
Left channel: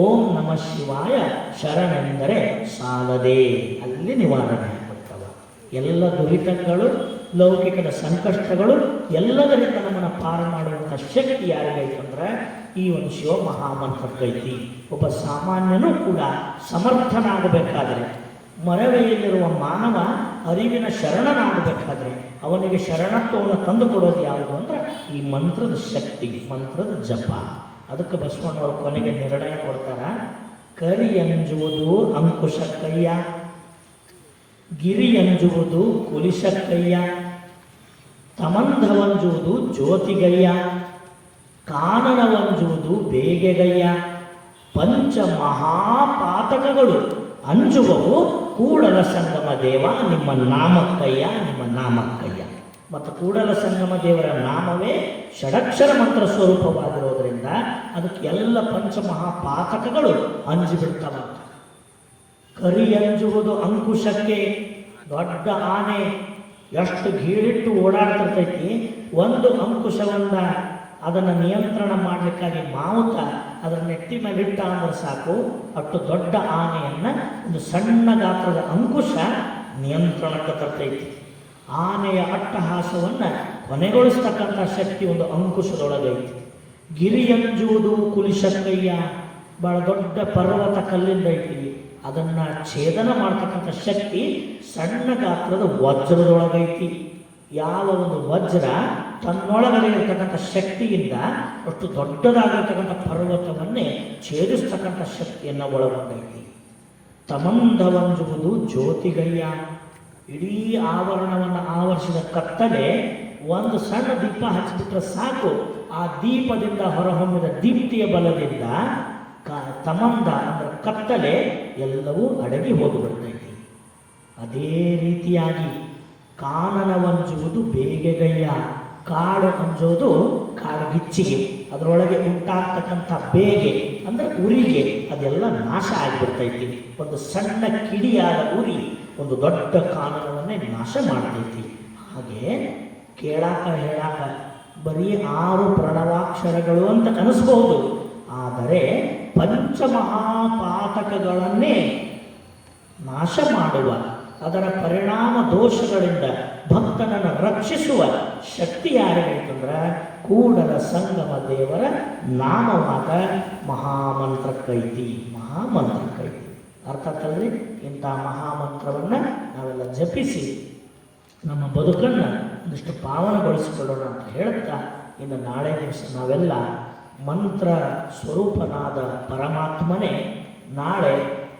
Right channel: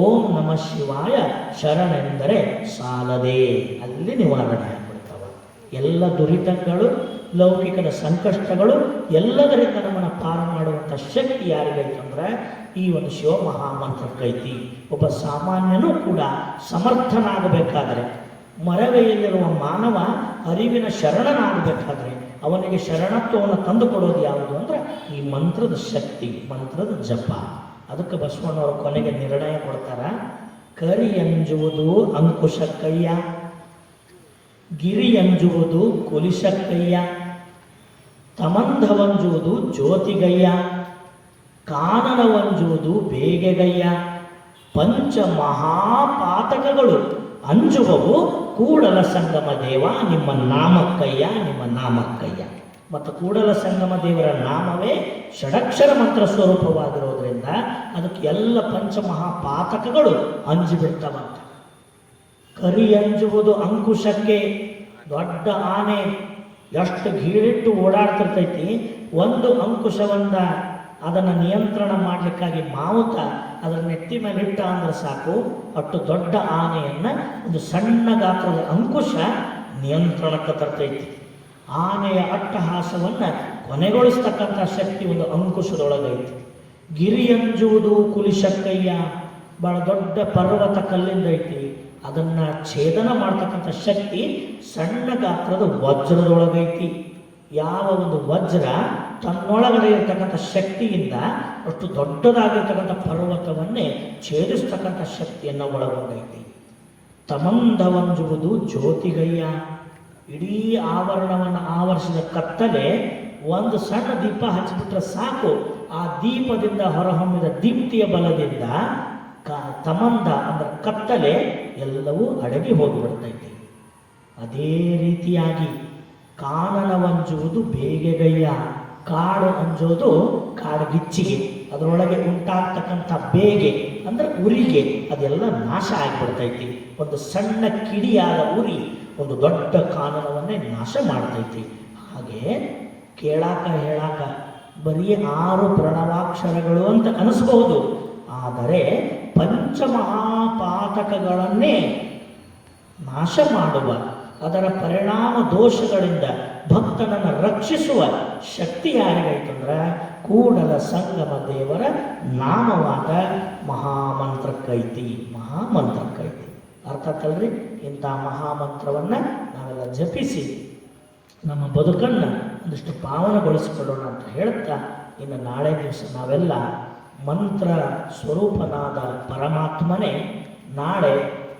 ಓಂ ನಮಃ ಶಿವಾಯ ಶರಣೆಂದರೆ ಸಾಲದೆ, ಅಲ್ಲಿ ನಿವಾರಣೆ ಆಗ್ಬಿಡ್ತವೆ. ಎಲ್ಲ ದುರಿತಗಳು, ಲೌಕಿಕದ ಸಂಕಷ್ಟಗಳು ಎಲ್ಲದರಿಂದ ನಮ್ಮನ್ನು ಪಾರು ಮಾಡುವಂಥ ಶಕ್ತಿ ಯಾರಿಗೈತಂದ್ರೆ ಈ ಒಂದು ಶಿವ ಮಹಾಮಂತ್ರಕ್ಕೈತಿ. ಒಬ್ಬ ಸಾಮಾನ್ಯನೂ ಕೂಡ ಸಮರ್ಥನಾಗಬೇಕಾದರೆ, ಮರವೆಯಲ್ಲಿರುವ ಮಾನವ ಅರಿವಿನ ಶರಣನಾಗಬೇಕಾದ್ರೆ ಅವನಿಗೆ ಶರಣತ್ವವನ್ನು ತಂದುಕೊಡೋದು ಯಾವುದು ಅಂದರೆ ಈ ಮಂತ್ರದ ಶಕ್ತಿ, ಮಂತ್ರದ ಜಪ. ಅದಕ್ಕೆ ಬಸವಣ್ಣವರು ಕೊನೆಗೆ ನಿರ್ಣಯ ಕೊಡ್ತಾರ, ಕರಿ ಅಂಜುವುದು ಅಂಕುಶಕ್ಕಯ್ಯ, ಗಿರಿ ಅಂಜುವುದು ಕುಲಿಶಕ್ಕಯ್ಯ, ತಮಂಧವಂಜುವುದು ಜ್ಯೋತಿಗಯ್ಯ, ಕಾನನವಂಜುವುದು ಬೇಗೆಗಯ್ಯ, ಪಂಚ ಮಹಾಪಾತಕಗಳು ಅಂಜುವವು ಕೂಡಲ ಸಂಗಮ ದೇವ ನಿಮ್ಮ ನಾಮಕ್ಕಯ್ಯ, ನಿಮ್ಮ ನಾಮಕ್ಕಯ್ಯ. ಮತ್ತು ಕೂಡಲ ಸಂಗಮ ದೇವರ ನಾಮವೇ ಷಡಕ್ಷರ ಮಂತ್ರ ಸ್ವರೂಪವಾಗಿರೋದ್ರಿಂದ ಅದಕ್ಕೆ ಎಲ್ಲ ಪಂಚಮಹಾಪಾತಕಗಳು ಅಂಜಿಬಿಡ್ತವಂತೆ. ಕರಿ ಅಂಜುವುದು ಅಂಕುಶಕ್ಕೆ, ದೊಡ್ಡ ಆನೆ ಎಷ್ಟು ಗೀಳಿಟ್ಟು ಓಡಾಡ್ತಿರ್ತೈತಿ, ಒಂದು ಅಂಕುಶವನ್ನ ಅದನ್ನು ನಿಯಂತ್ರಣ ಮಾಡಲಿಕ್ಕಾಗಿ ಮಾವುತ ಅದರ ನೆಟ್ಟಿ ಮೇಲೆ ಇಟ್ಟ ಅಂದ್ರೆ ಸಾಕು, ಅಷ್ಟು ದೊಡ್ಡ ಆನೆಯನ್ನ ಒಂದು ಸಣ್ಣ ಗಾತ್ರದ ಅಂಕುಶ ನಿಯಂತ್ರಣಕ್ಕೆ ತರ್ತೈತಿ. ಆನೆಯ ಅಟ್ಟಹಾಸವನ್ನು ಕೊನೆಗೊಳಿಸ್ತಕ್ಕಂಥ ಶಕ್ತಿ ಒಂದು ಅಂಕುಶದೊಳಗೈತಿ. ಗಿರಿಯಂಜುವುದು ಕುಲಿಶಕ್ಕಯ್ಯ, ಬಹಳ ದೊಡ್ಡ ಪರ್ವತ ಕಲ್ಲಿಂದ ಐತಿ, ಅದನ್ನ ಛೇದನ ಮಾಡ್ತಕ್ಕಂಥ ಶಕ್ತಿ ಸಣ್ಣ ಗಾತ್ರದ ವಜ್ರದೊಳಗೈತಿ. ಯಾವ ಒಂದು ವಜ್ರ ತನ್ನೊಳಗಡೆ ಇರತಕ್ಕಂಥ ಶಕ್ತಿಯಿಂದ ಅಷ್ಟು ದೊಡ್ಡದಾಗಿರ್ತಕ್ಕಂಥ ಪರ್ವತವನ್ನೇ ಛೇದಿಸ್ತಕ್ಕಂಥ ಶಕ್ತಿಯನ್ನು ಒಳಗೊಂಡೈತಿ. ತಮಂಧವಂಜುವುದು ಜ್ಯೋತಿಗಯ್ಯ, ಇಡೀ ಆವರಣವನ್ನು ಆವರಿಸಿದ ಕತ್ತಲೆ ಒಂದು ಸಣ್ಣ ದೀಪ ಹಚ್ಚಿಬಿಟ್ರೆ ಸಾಕು, ಆ ದೀಪದಿಂದ ಹೊರಹೊಮ್ಮಿದ ದೀಪ್ತಿಯ ಬಲದಿಂದ ತಮಂಧ ಅಂದ್ರೆ ಕತ್ತಲೆ ಎಲ್ಲವೂ ಅಡಗಿ ಹೋಗಿಬಿಡ್ತೈತಿ. ಅದೇ ರೀತಿಯಾಗಿ ಕಾನನವಂಜುವುದು ಬೇಗೆಗಯ್ಯ, ಕಾಡು ಅಂಜೋದು ಕಾಡುಗಿಚ್ಚಿಗೆ, ಅದರೊಳಗೆ ಉಂಟಾಗ್ತಕ್ಕಂಥ ಬೇಗೆ ಅಂದರೆ ಉರಿಗೆ ಅದೆಲ್ಲ ನಾಶ ಆಗಿಬಿಡ್ತೈತಿ. ಒಂದು ಸಣ್ಣ ಕಿಡಿಯಾದ ಉರಿ ಒಂದು ದೊಡ್ಡ ಕಾನನವನ್ನೇ ನಾಶ ಮಾಡ್ತೈತಿ. ಹಾಗೆ ಕೇಳಾಕ ಹೇಳಾಕ ಬರೀ 6 ಪ್ರಣವಾಕ್ಷರಗಳು ಅಂತ ಅನಿಸ್ಬಹುದು, ಆದರೆ ಪಂಚಮಹಾಪಾತಕಗಳನ್ನೇ ನಾಶ ಮಾಡುವ, ಅದರ ಪರಿಣಾಮ ದೋಷಗಳಿಂದ ಭಕ್ತನನ್ನು ರಕ್ಷಿಸುವ ಶಕ್ತಿ ಯಾರಿಗೈತಂದ್ರೆ ಕೂಡಲ ಸಂಗಮ ದೇವರ ನಾಮವಾದ ಮಹಾಮಂತ್ರಕ್ಕೈತಿ, ಮಹಾಮಂತ್ರಕ್ಕೈತಿ. ಅರ್ಥಕ್ಕಲ್ರಿ? ಇಂಥ ಮಹಾಮಂತ್ರವನ್ನು ನಾವೆಲ್ಲ ಜಪಿಸಿ ನಮ್ಮ ಬದುಕನ್ನು ಒಂದಿಷ್ಟು ಪಾವನಗೊಳಿಸಿಕೊಳ್ಳೋಣ ಅಂತ ಹೇಳ್ತಾ, ಇನ್ನು ನಾಳೆ ದಿವಸ ನಾವೆಲ್ಲ ಮಂತ್ರ ಸ್ವರೂಪನಾದ ಪರಮಾತ್ಮನೇ ನಾಳೆ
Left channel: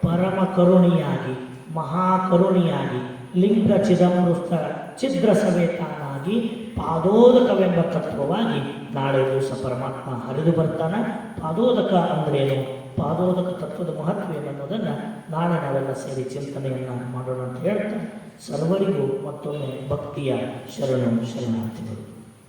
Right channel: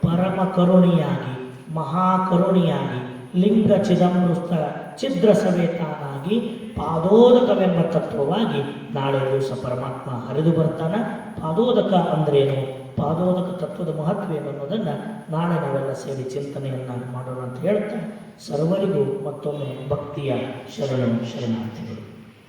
ಪರಮ ಕರುಣಿಯಾಗಿ, ಮಹಾಕರುಣಿಯಾಗಿ, ಲಿಂಗ ಚಿದಂಬೃತ ಛಿದ್ರ ಸಮೇತನಾಗಿ, ಪಾದೋದಕವೆಂಬ ತತ್ವವಾಗಿ ನಾಳೆ ದಿವಸ ಪರಮಾತ್ಮ ಹರಿದು ಬರ್ತಾನೆ. ಪಾದೋದಕ ಅಂದ್ರೇನು, ಪಾದೋದಕ ತತ್ವದ ಮಹತ್ವ ಏನು ಅನ್ನೋದನ್ನು ನಾಳೆ ನಾವೆಲ್ಲ ಸೇರಿ ಚಿಂತನೆಯನ್ನು ಮಾಡೋಣ ಅಂತ ಹೇಳ್ತಾ ಸರ್ವರಿಗೂ ಮತ್ತೊಮ್ಮೆ ಭಕ್ತಿಯ ಶರಣಂ ಶರಣಾರ್ಥಿಗಳು.